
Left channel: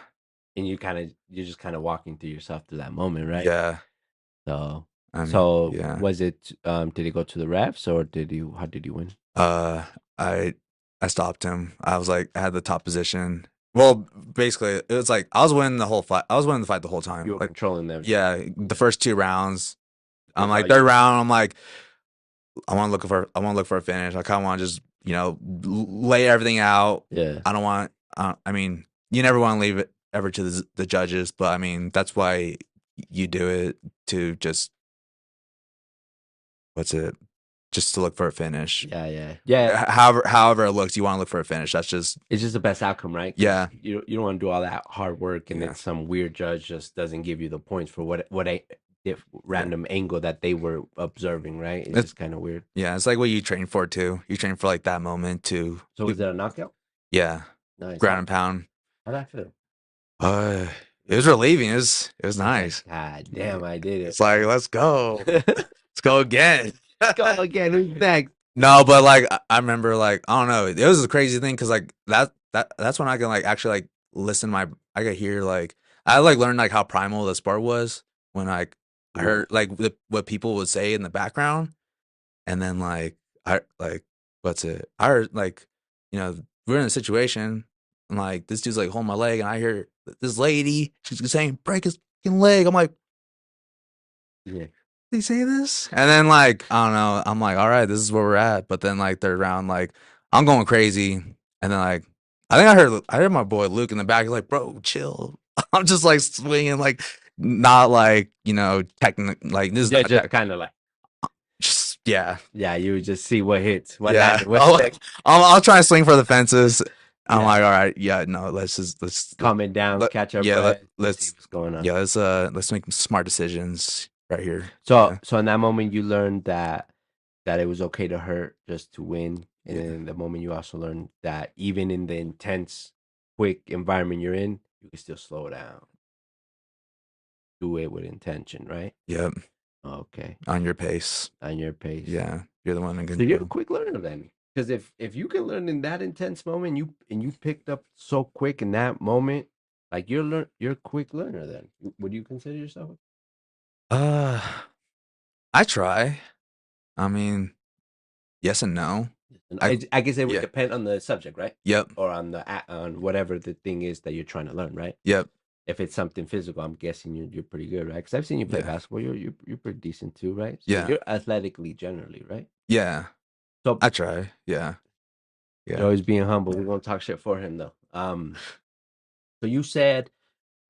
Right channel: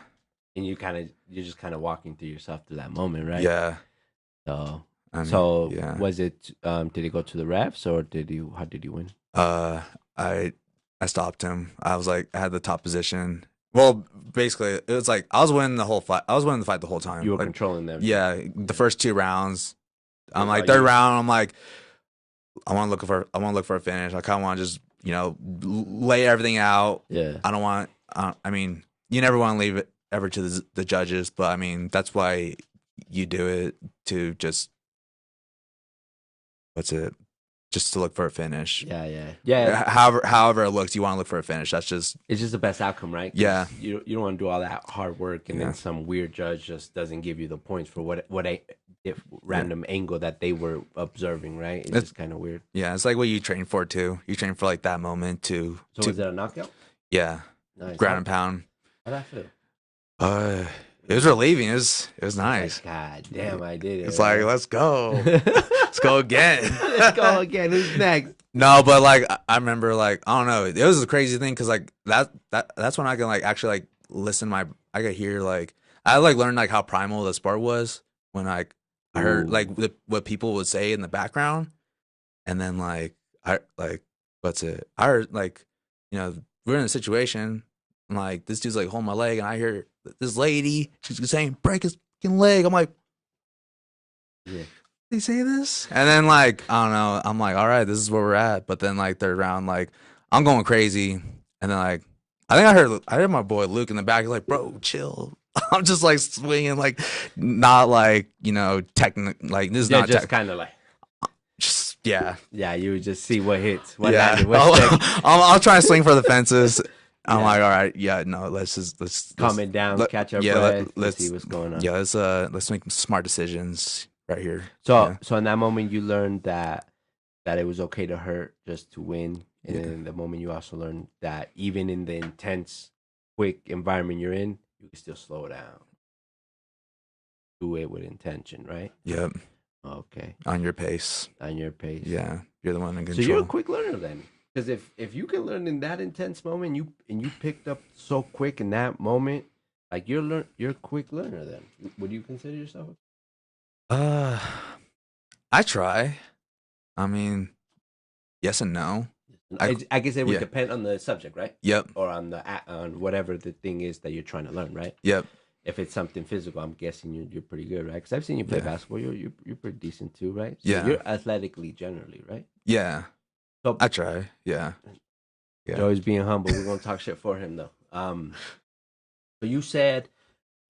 And you're just kind of walking through yourself through that moment, right? yeah. So I mean, so yeah. was it? Did he go to the refs, or how did he win? I I stopped him. I was like, I had the top position. Well, basically, it was like I was winning the whole fight. I was winning the fight the whole time. You were Like, controlling them. yeah, the first 2 rounds. I'm Oh, like third round. I'm like, I want to look for a finish. I kind of want to just, lay everything out. Yeah. I don't want. I mean, you never want to leave it ever to the judges, but I mean, that's why you do it to just what's it? Just to look for a finish. Yeah. However it looks, you want to look for a finish. That's just It's just the best outcome, right? 'Cause yeah, you don't want to do all that hard work and yeah. then some weird judge just doesn't give you the points for what a if Yeah. random angle that they were observing, right? It's It's- just kind of weird. Yeah, it's like what you train for too. You train for like that moment to So was that a knockout? yeah, Nice. ground and pound. How'd I feel? It was relieving. It was nice. God damn, I did it. It's like let's go, let's go again. Let's go again. Who's next? No, but like I remember like I don't know. It was a crazy thing because like that's when I can like actually like listen I could hear like I like learned like how primal the sport was when like I heard Ooh. like what people would say in the background, and then like I like what's it? I heard like we're in a situation and like this dude's like holding my leg and I hear this lady she's saying break his fucking leg. I'm like, Yeah. did he say this? And then like I don't know. I'm like, all right, this is where we're at. But then like third round, like I'm going crazy, and then like I think I heard my boy Luke in the back like, bro, chill. I'm just like swinging, like not like technical. Like this is Yeah, not just kind of like just yeah. you would just see what hits, what Yeah, landed, what stuck. I'll try to swing for the fences. I'm Yeah. like, all right, yeah, no, let's Calm it down, catch our yeah, breath, let's see what's going on. yeah, let's make smart decisions right here. So in that moment, you learned that it was okay to hurt just to win, and Yeah. then in the moment you also learned that even in the intense, quick environment you're in, you can still slow down, do it with intention, right? Yep, Okay, on your pace. on your pace. Yeah, you're the one in So control. you're a quick learner then, because if you can learn in that intense moment, you picked up so quick in that moment, like you're a quick learner then. Would you consider yourself? Uh, I try. I mean, yes and no. I guess it would yeah. depend on the subject, right? Yep, Or on on whatever the thing is that you're trying to learn, right? yep. If it's something physical, I'm guessing you're pretty good, right? Because I've seen you play Yeah. basketball. You're pretty decent too, right? So Yeah. you're athletically generally, right? Yeah, So I try. Yeah. Yeah. Joey's being humble. We're gonna talk shit for him though. So you said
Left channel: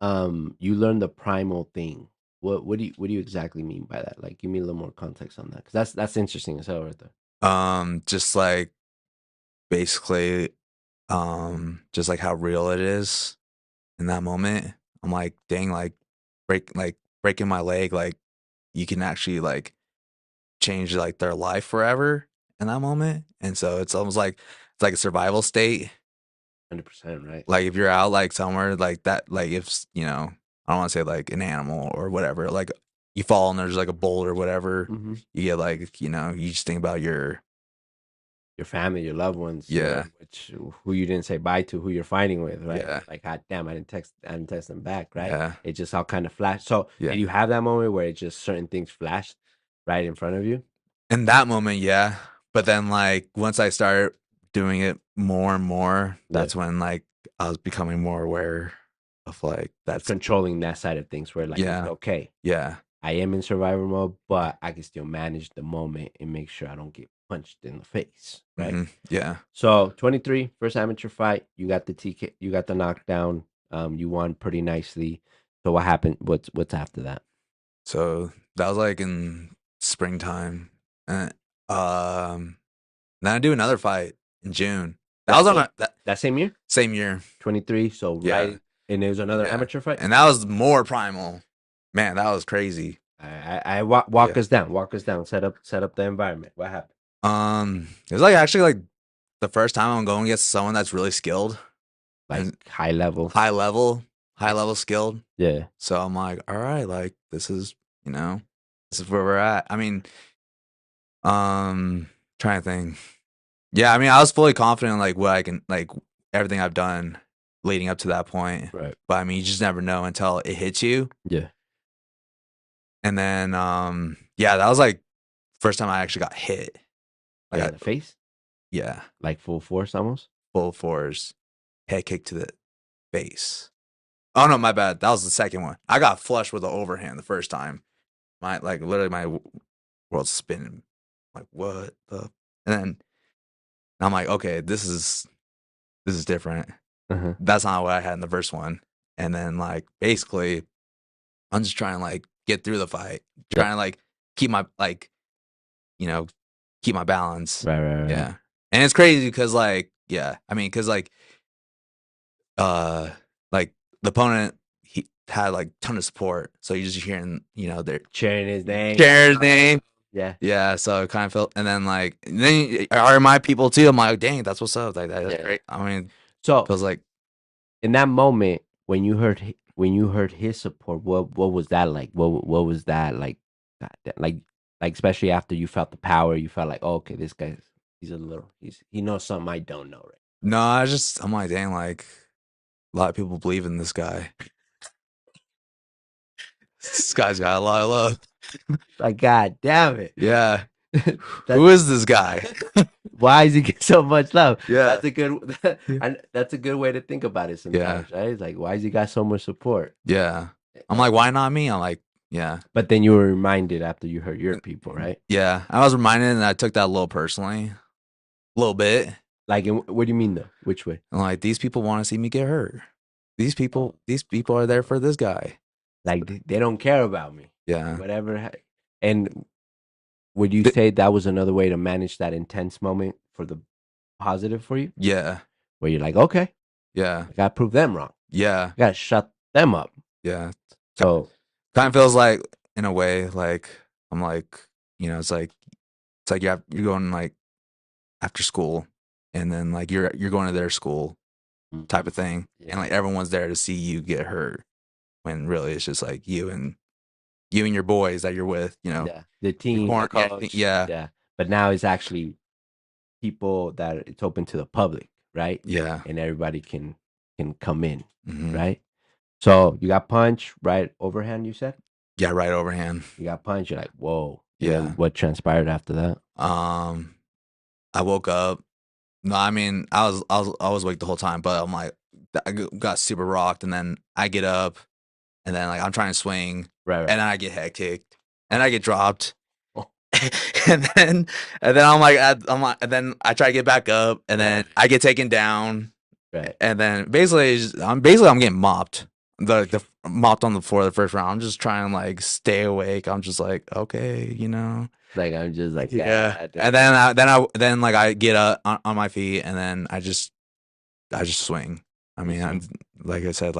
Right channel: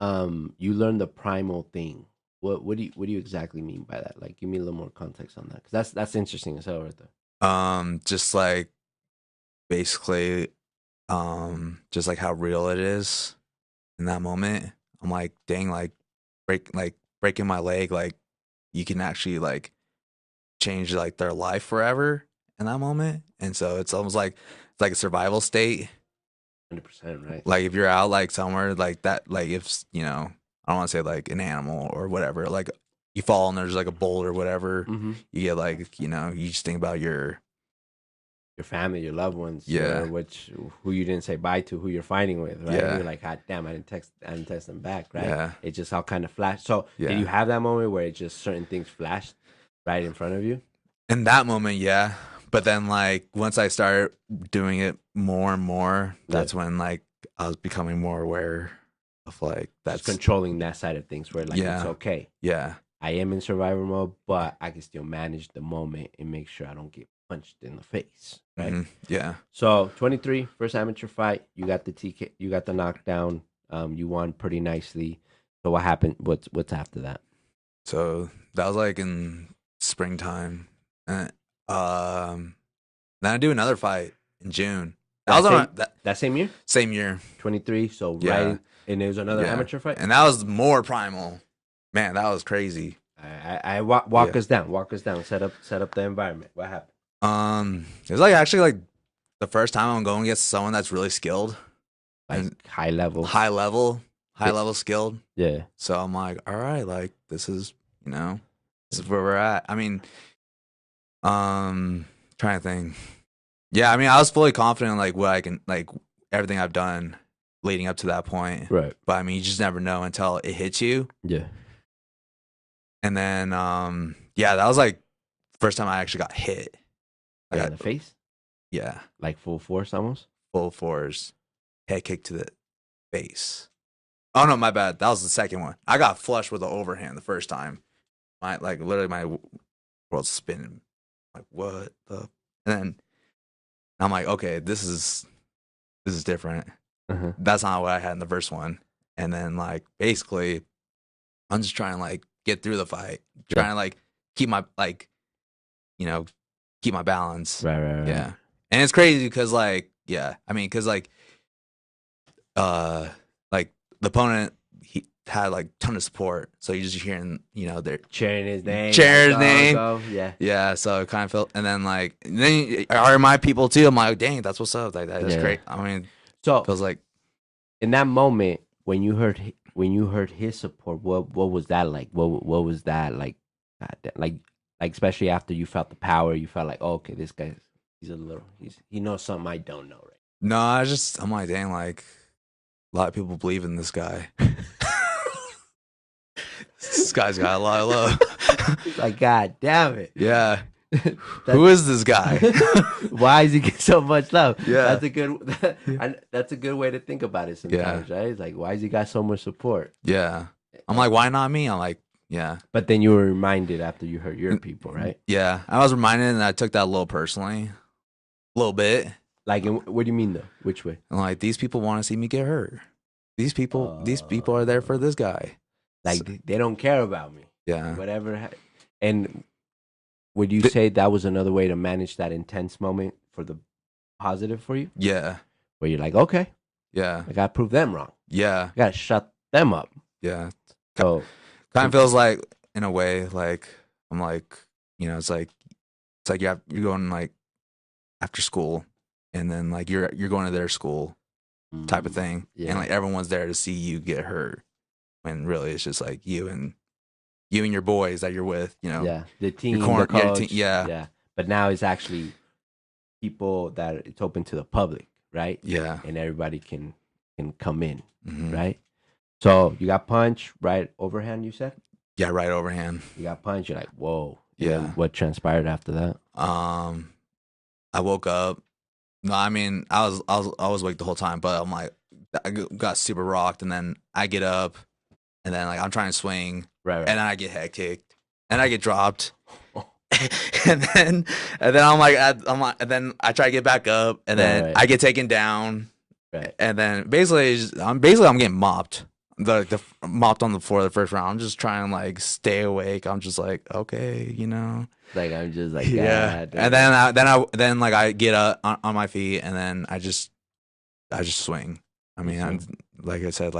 you learned the primal thing. What do you exactly mean by that? Like, give me a little more context on that, because that's interesting as hell, right there. Just like basically, just like how real it is in that moment. I'm like, dang, like breaking my leg, like you can actually like change like their life forever in that moment. And so it's almost like it's like a survival state. 100%, right? Like if you're out like somewhere like that, like if I don't want to say like an animal or whatever, like you fall and there's like a bull or whatever, Mm-hmm. you get like you just think about your family, your loved ones, Yeah. Who you didn't say bye to, who you're fighting with, right? Yeah. You're like, God damn, I didn't text them back, right? Yeah. It just all kind of flashed. So Yeah. did you have that moment where it just certain things flashed right in front of you? In that moment, yeah. But then like once I started doing it more and more, that's when like I was becoming more aware of like That's that's controlling that side of things where like it's Yeah. okay. yeah. I am in survival mode, but I can still manage the moment and make sure I don't get punched in the face, right? Mhm, yeah. So 23, first amateur fight, you got the TK, you got the knockdown, you won pretty nicely. So what happened? What's after that? So that was like in springtime. And, then I do another fight in June. That was on That same year, same year. 23. So Yeah. right, and it was another Yeah. amateur fight. And that was more primal. Man, that was crazy. I walk Yeah. us down, walk us down. Set up the environment. What happened? It was like actually like the first time I'm going against someone that's really skilled. Like And high level. high level skilled. Yeah. So I'm like, all right, like this is this is where we're at. I mean, trying to think. Yeah, I mean, I was fully confident in like what I can like everything I've done leading up to that point. Right. But I mean, you just never know until it hits you. Yeah. And then yeah, that was like first time I actually got hit. Like in the face. Yeah, Like full force almost? full force, head kick to the face. Oh no, my bad. That was the second one. I got flushed with the overhand the first time. My like literally my world's spinning. Like what the? And then I'm like, okay, this is different. Uh-huh. That's not what I had in the first one. And then like basically, I'm just trying to like get through the fight, Yeah. trying to like keep my like you know keep my balance. Right. Yeah, and it's crazy because like yeah, I mean because like the opponent he had like ton of support, so you're just hearing they're Cheering his name. cheering his Go, name. go. Yeah. Yeah, so it kind of felt, and then like they are my people too. I'm like, dang, that's what's up. Like that's Yeah. great. I mean, So feels like in that moment when you heard his support, what was that like? What was that like? Like especially after you felt the power, you felt like, oh, okay, this guy, he knows something I don't know, right? no, I'm like, dang, like a lot of people believe in this guy. This guy's got a lot of love. Like, God damn it. Yeah. Who is this guy? Why is he getting so much love? Yeah. That's a good way to think about it sometimes, right? It's like, why has he got so much support? Yeah. I'm like, why not me? I'm like, yeah. But then you were reminded after you hurt your people, right? Yeah. I was reminded, and I took that a little personally. A little bit. Like, what do you mean though? Which way? I'm like, these people want to see me get hurt. These people are there for this guy. Like, they don't care about me. Yeah. Whatever. And would you say that was another way to manage that intense moment for the positive for you? Yeah. Where you're like, okay, Yeah. I gotta prove them wrong. Yeah. I gotta shut them up. Yeah. So kind of feels like, in a way, like I'm like, it's like you're going like after school, and then like you're going to their school type of thing, and like everyone's there to see you get hurt, when really it's just like you and your boys that you're with, yeah, the team, the coach, yeah. But now it's actually people that it's open to the public, right? Yeah, and everybody can come in, mm-hmm. right? So you got punched, right overhand, you said? Yeah, right overhand. You got punched. You're like, whoa. Yeah. And what transpired after that? I woke up. No, I mean, I was awake the whole time, but I'm like, I got super rocked, and then I get up, and then like I'm trying to swing, right. And then I get head kicked, and I get dropped, and then I'm like, and then I try to get back up, and then I get taken down, right. And then basically I'm getting mopped. The mopped on the floor the first round. I'm just trying to like stay awake. I'm just like, okay, Like I'm just like, yeah. God. And then like I get up on my feet, and then I just swing. I mean, like I said,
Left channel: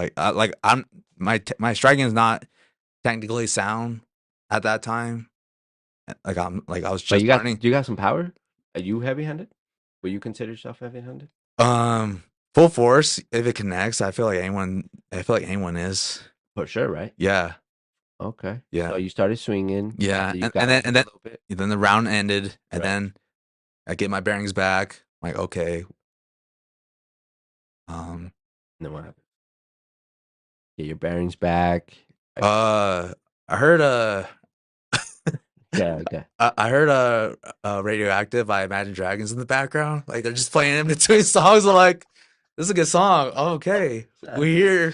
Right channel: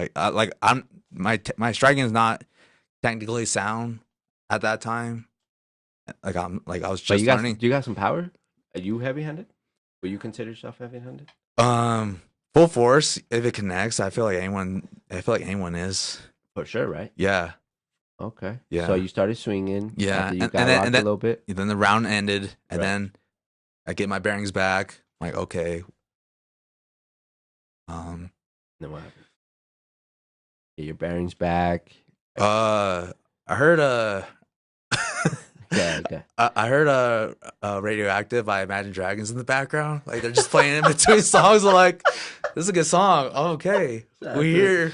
my striking is not technically sound at that time. Like I was just learning. Do you got some power? Are you heavy-handed? Would you consider yourself heavy-handed? Full force, if it connects, I feel like anyone is. For sure, right? Yeah. Okay. Yeah. So you started swinging. Yeah, and then a little bit. Then the round ended, and then I get my bearings back. I'm like, okay. No, what happened? Get your bearings back. I heard Yeah, okay. I heard Radioactive by Imagine Dragons in the background. Like they're just playing in between songs. I'm like, this is a good song. Oh, okay. We're here.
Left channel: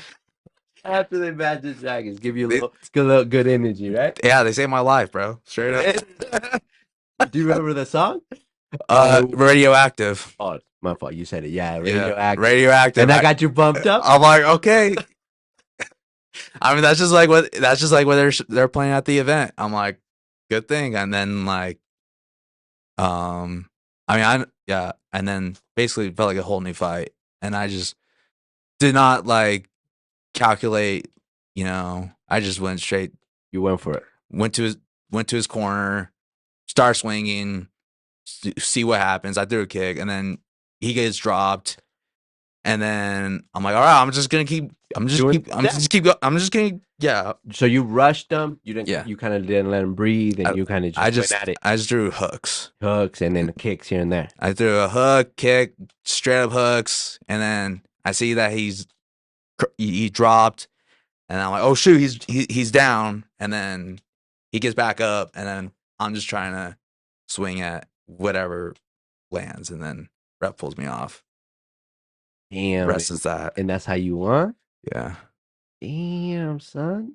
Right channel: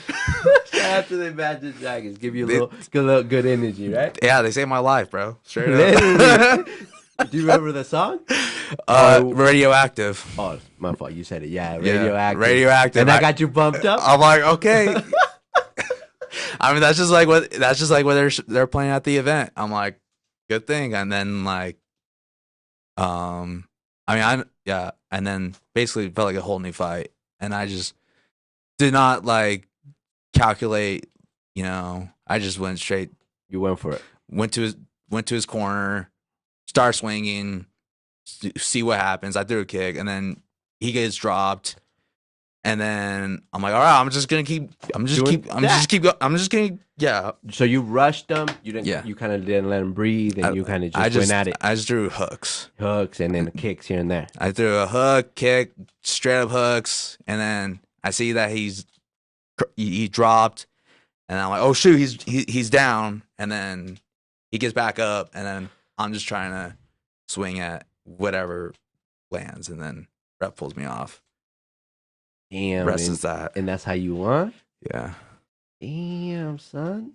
After the Imagine Dragons, give you a little good energy, right? Yeah, they saved my life, bro. Straight up. Do you remember the song? Radioactive. Oh, my fault. You said it. Yeah, Radioactive. And I got you bumped up. I'm like, okay. I mean, that's just like what they're playing at the event. I'm like, good thing. And then like, and then basically it felt like a whole new fight, and I just did not like calculate. I just went straight. You went for it. Went to his corner, start swinging, see what happens. I threw a kick, and then he gets dropped. And then I'm like, all right, I'm just gonna keep. Yeah. So you rushed them. You didn't. Yeah. You kind of didn't let him breathe, and you kind of just went at it. I just threw hooks, and then kicks here and there. I threw a hook, kick, straight up hooks, and then I see that he dropped, and I'm like, oh shoot, he's down, and then he gets back up, and then I'm just trying to swing at whatever lands, and then rep pulls me off. Damn, Rest is that. and that's how you won. Yeah. Damn, son.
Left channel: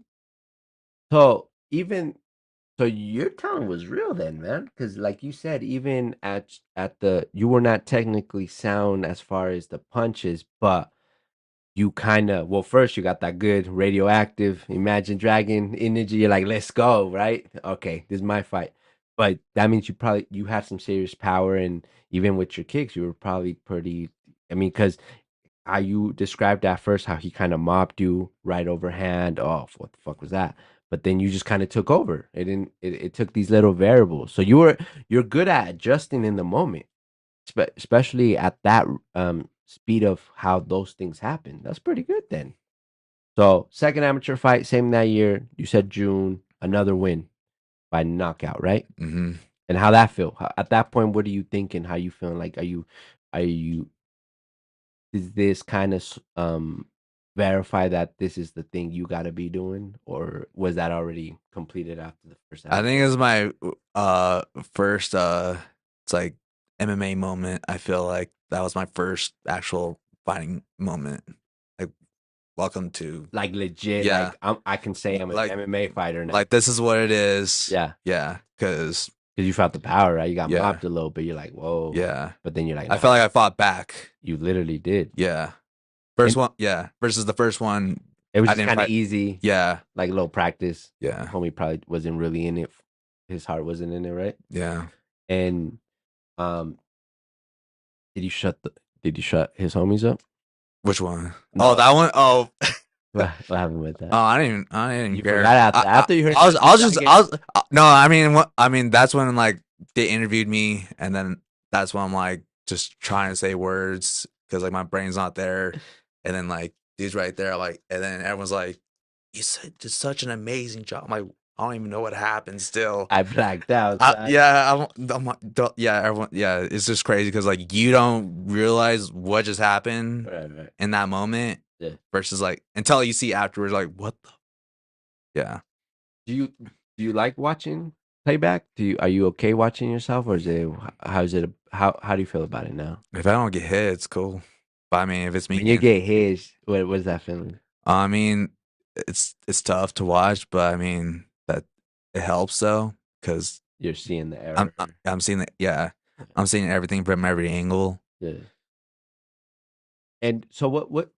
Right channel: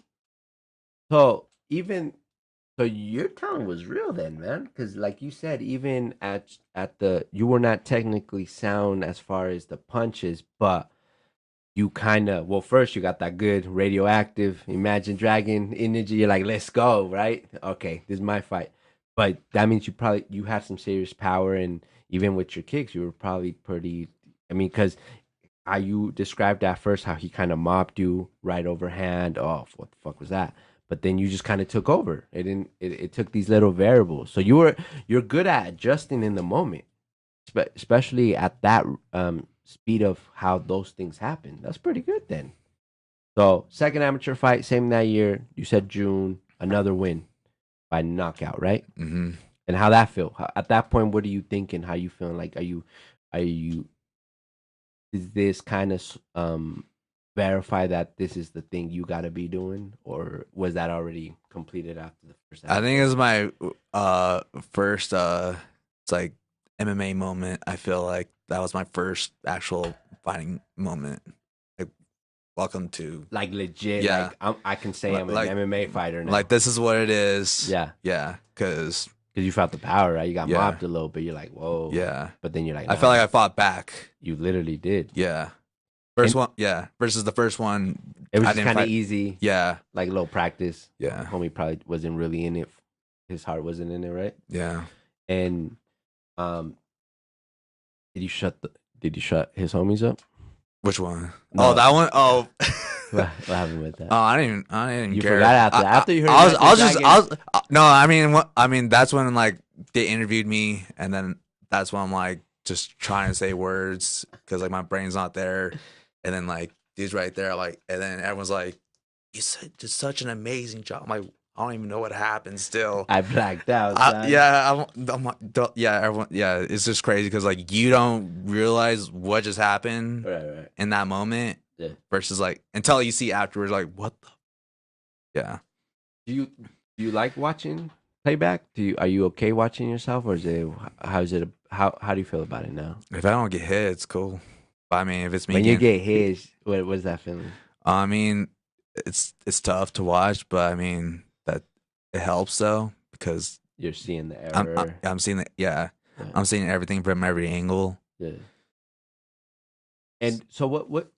So even so, your talent was real then, man. Because like you said, even at the you were not technically sound as far as the punches, but you kind of well, first you got that good radioactive Imagine Dragon energy. You're like, let's go, right? Okay, this is my fight. But that means you have some serious power, and even with your kicks, you were probably pretty. I mean, because how you described at first, how he kind of mopped you right overhand. Oh, what the fuck was that? But then you just kind of took over. It didn't. It took these little variables. So you're good at adjusting in the moment, especially at that speed of how those things happen. That's pretty good then. So second amateur fight, same that year. You said June, another win by knockout, right? Mm-hmm. And how that feel? At that point, what are you thinking? How you feeling? Like, are you is this kind of verify that this is the thing you got to be doing, or was that already completed after the first I think amateur? it was my first it's like MMA moment. I feel like that was my first actual fighting moment. Like welcome to Like legit, yeah, I can say I'm an like MMA fighter now. like this is what it is. Yeah, Yeah, cause because you felt the power, right? You got yeah, mopped a little bit. You're like, whoa. yeah. But then you're like, I no, felt like I fought back. you literally did. Yeah. First And one, yeah. Versus the first one, it was I just didn't kind of fight. easy, Yeah, like low practice. yeah, Homie probably wasn't really in it. His heart wasn't in it, right? yeah. And um, did you shut his homies up? Which one? Oh, No. that one. Oh, What happened with that? oh, I didn't even You care. forgot after you heard I was Imagine just, Dragon. no, I mean, I mean, that's when like they interviewed me, and then that's when I'm like just trying to say words because like my brain's not there, and then like he's right there, like, and then everyone's like, "You said just such an amazing job." I'm like, I don't even know what happened still. I blacked out, son. Yeah, yeah, everyone, yeah, it's just crazy because like you don't realize what just happened Right. in that moment Yeah. versus like until you see afterwards, like what the yeah. Do you like watching playback? Are you okay watching yourself, or is it how do you feel about it now? If I don't get hit, it's cool. But I mean, if it's me When you getting, get hit, what's that feeling? I mean, it's tough to watch, but I mean that it helps though because You're seeing the I'm error. I'm seeing it. Yeah, Yeah. I'm seeing everything from every angle. Yeah. And so what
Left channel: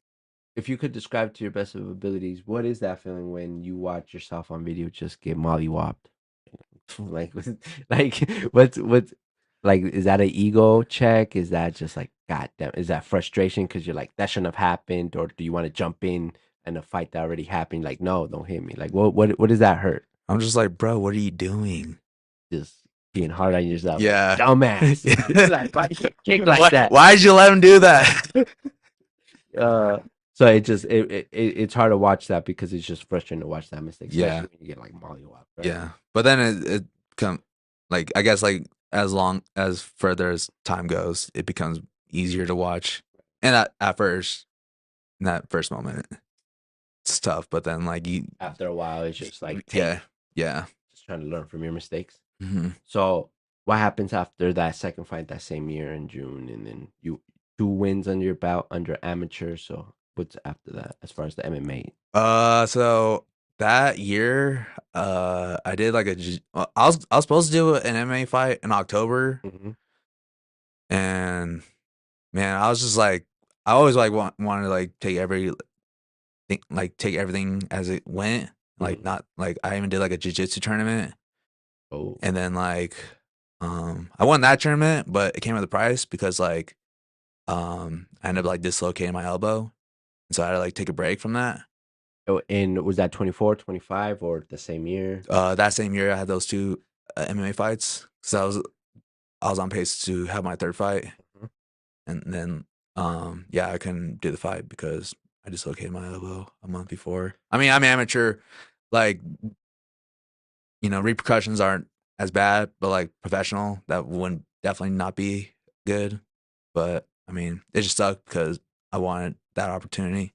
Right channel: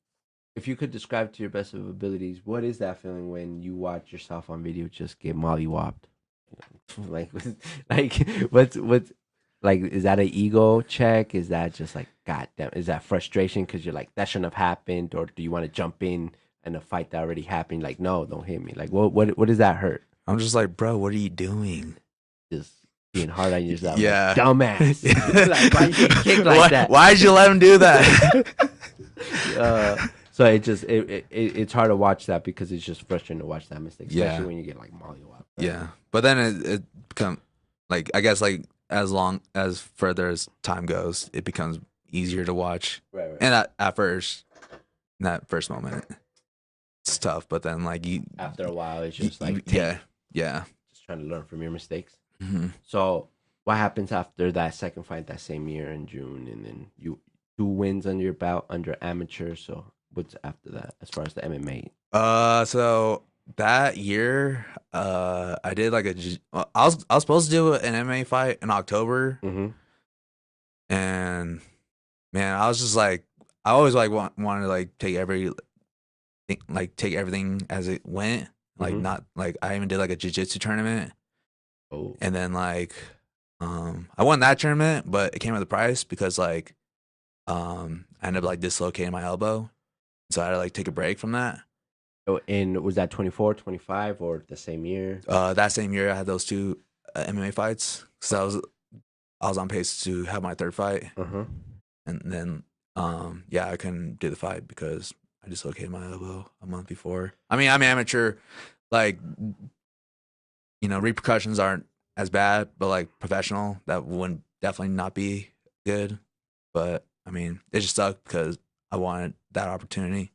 if you could describe to your best of abilities, what is that feeling when you watch yourself on video just get mollywopped? Like, like what's like? Is that an ego check? Is that just like, God damn? Is that frustration because you're like that shouldn't have happened, or do you want to jump in and a fight that already happened? Like, no, don't hit me. Like, what does that hurt? I'm just like, bro, what are you doing? Just being hard on yourself. Yeah, like, dumbass. Like, why you kick like that? Why'd you let him do that? So it's hard to watch that because it's just frustrating to watch that mistake, especially when you get like mollywopped. Right? Yeah, but then it become like I guess like as long as further as time goes, it becomes easier to watch. Right. And at first, in that first moment, it's tough. But then like you After a while, it's just like yeah. just trying to learn from your mistakes. Mm-hmm. So what happens after that second fight that same year in June, and then you 2 wins under your belt under amateur. So what's after that as far as the MMA? So that year, I did like I was supposed to do an MMA fight in October, Mm-hmm. and man, I was just like, I always like wanted to like take everything as it went, like Mm-hmm. not like I even did like a jiu-jitsu tournament, Oh, and then like, I won that tournament, but it came with a price because like, I ended up like dislocating my elbow, so I had to like take a break from that. oh, and was that 24, 25, or the same year? That same year I had those two MMA fights, so I was on pace to have my third fight, Uh-huh. and then yeah, I couldn't do the fight because I dislocated my elbow a month before. I mean, I'm amateur, like repercussions aren't as bad, but like professional, that would definitely not be good. But I mean, it just sucked because I wanted that opportunity.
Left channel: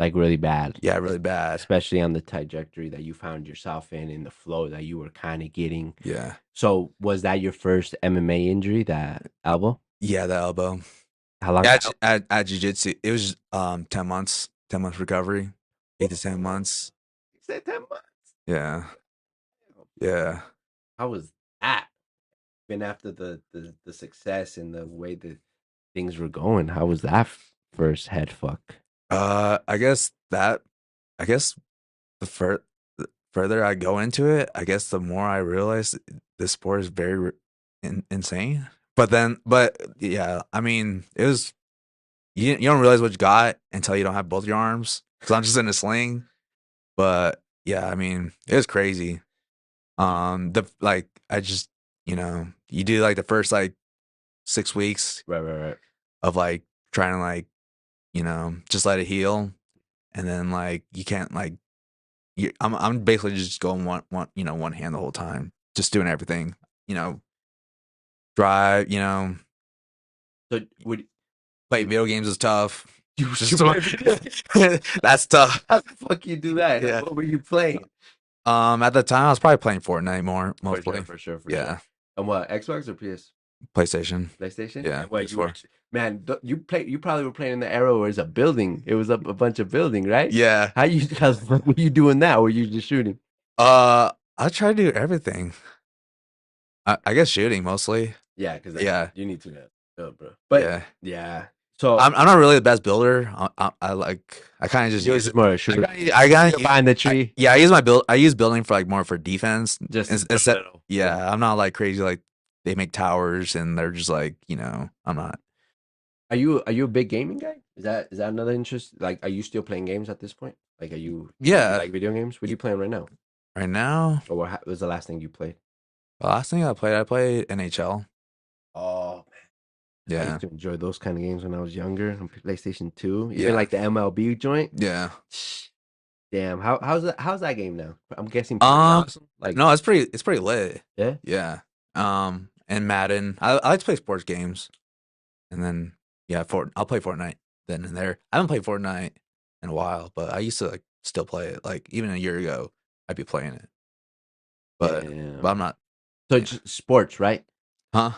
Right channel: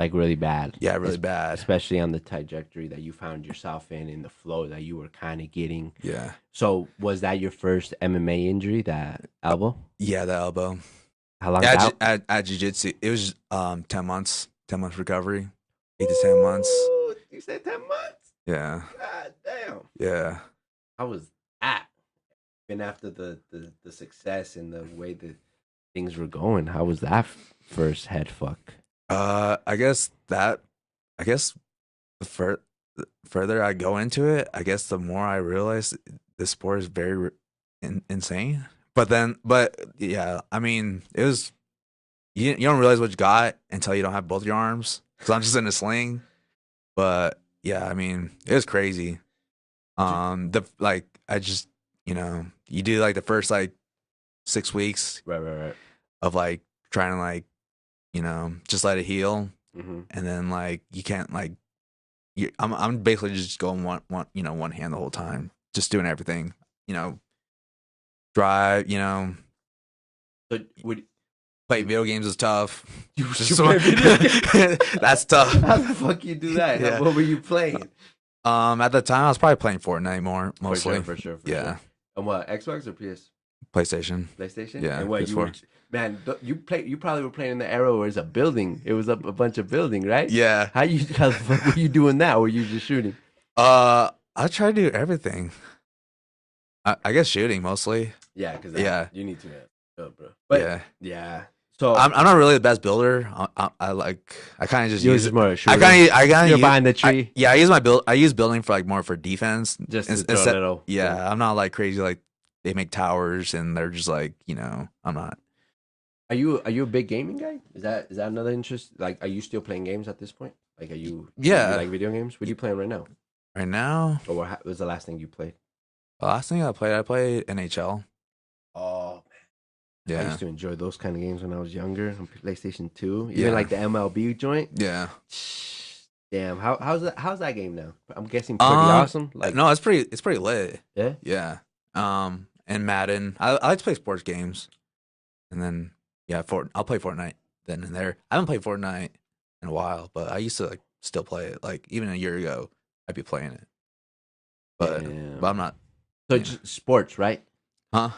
Like really bad. Yeah, really bad. Especially on the trajectory that you found yourself in the flow that you were kind of getting. Yeah. So was that your first MMA injury, that elbow? Yeah, the elbow. How long's Yeah, out? at jiu-jitsu, it was 10 months, 10 months recovery, 8 to 10 months. Ooh, you said 10 months? Yeah, God damn. yeah. I was at. Been after the success and the way that things were going. How was that first head fuck? I guess that, I guess the further I go into it, I guess the more I realize the sport is very insane. But yeah, I mean, it was you don't realize what you got until you don't have both your arms. Cause I'm just in a sling. But yeah, I mean, it was crazy. The like I just you do like the first like 6 weeks Right, right, right. of like trying to like just let it heal, Mm-hmm. and then like you can't like I'm basically just going one hand the whole time, just doing everything, you know, drive, So would play video games is tough. you Just play video games? that's tough. How the fuck you do that? Yeah. What were you playing? At the time I was probably playing Fortnite more For mostly. sure, for sure, for Yeah, sure. And what, Xbox or PS? PlayStation. PlayStation? Yeah, And what you were, PS4. man, you probably were playing in the era where it's a building. It was up a bunch of building, right? Yeah. How the fuck were you doing that? Were you just shooting? I try to do everything. I guess shooting mostly. Yeah, because Yeah. you need to, bro. But Yeah. yeah. So I'm not really the best builder. I kind of just you're use just it. more a shooter. I kind You're of behind the tree. yeah, I use my build. I use building for like more for defense. Just to Instead, little. yeah, I'm not like crazy like they make towers and they're just like I'm not. Are you a big gaming guy? Is that another interest? Like, are you still playing games at this point? Like, you Yeah, like video games? What are you playing right now? right now. Or what was the last thing you played? The last thing I played NHL. Oh, I Yeah, used to enjoy those kind of games when I was younger on PlayStation 2. Yeah. Even like the MLB joint. yeah. Damn, how's that game now? I'm guessing pretty Um, awesome. Like, no, it's pretty lit. yeah. Yeah. And Madden. I like to play sports games, and then yeah, I'll play Fortnite then and there. I haven't played Fortnite in a while, but I used to like still play it. Like even a year ago, I'd be playing it. But Yeah. but I'm not. So Yeah. just sports, right? Huh?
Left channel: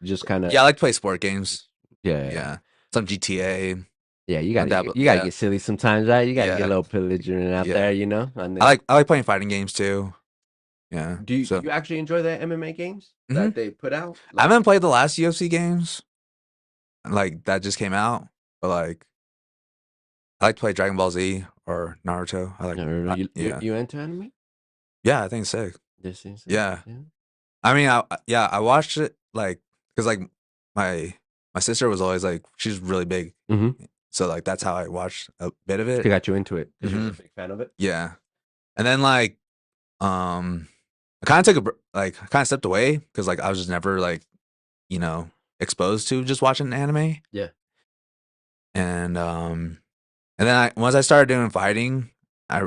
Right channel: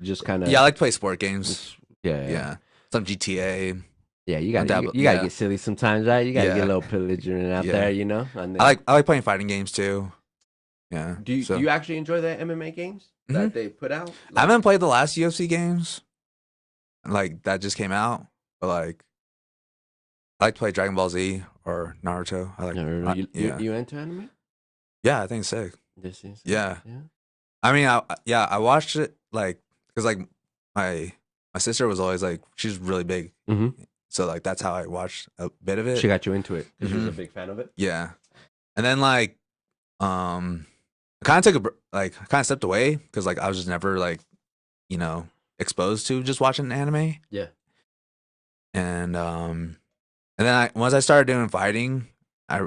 Just kind of. Yeah, I like to play sport games. Yeah. Yeah. Some GTA. Yeah, you gotta Yeah. get silly sometimes, right? You gotta get Yeah. a little belligerent out Yeah. there, you know. I like playing fighting games too. Yeah. Do you So do you actually enjoy the MMA games Mhm. that they put out? I haven't played the last UFC games. Like that just came out, but like I like to play Dragon Ball Z or Naruto. I like Yeah, yeah. you into anime? Yeah, I think it's sick. This is Yeah. yeah. I mean, I watched it like because like my my sister was always like she's really big, Mm-hmm. so like that's how I watched a bit of it. She got you into it because you was a Mhm. big fan of it. Yeah, and then like I kind of took I kind of stepped away because like I was just never like exposed to just watching anime, Yeah. and then once I started doing fighting, I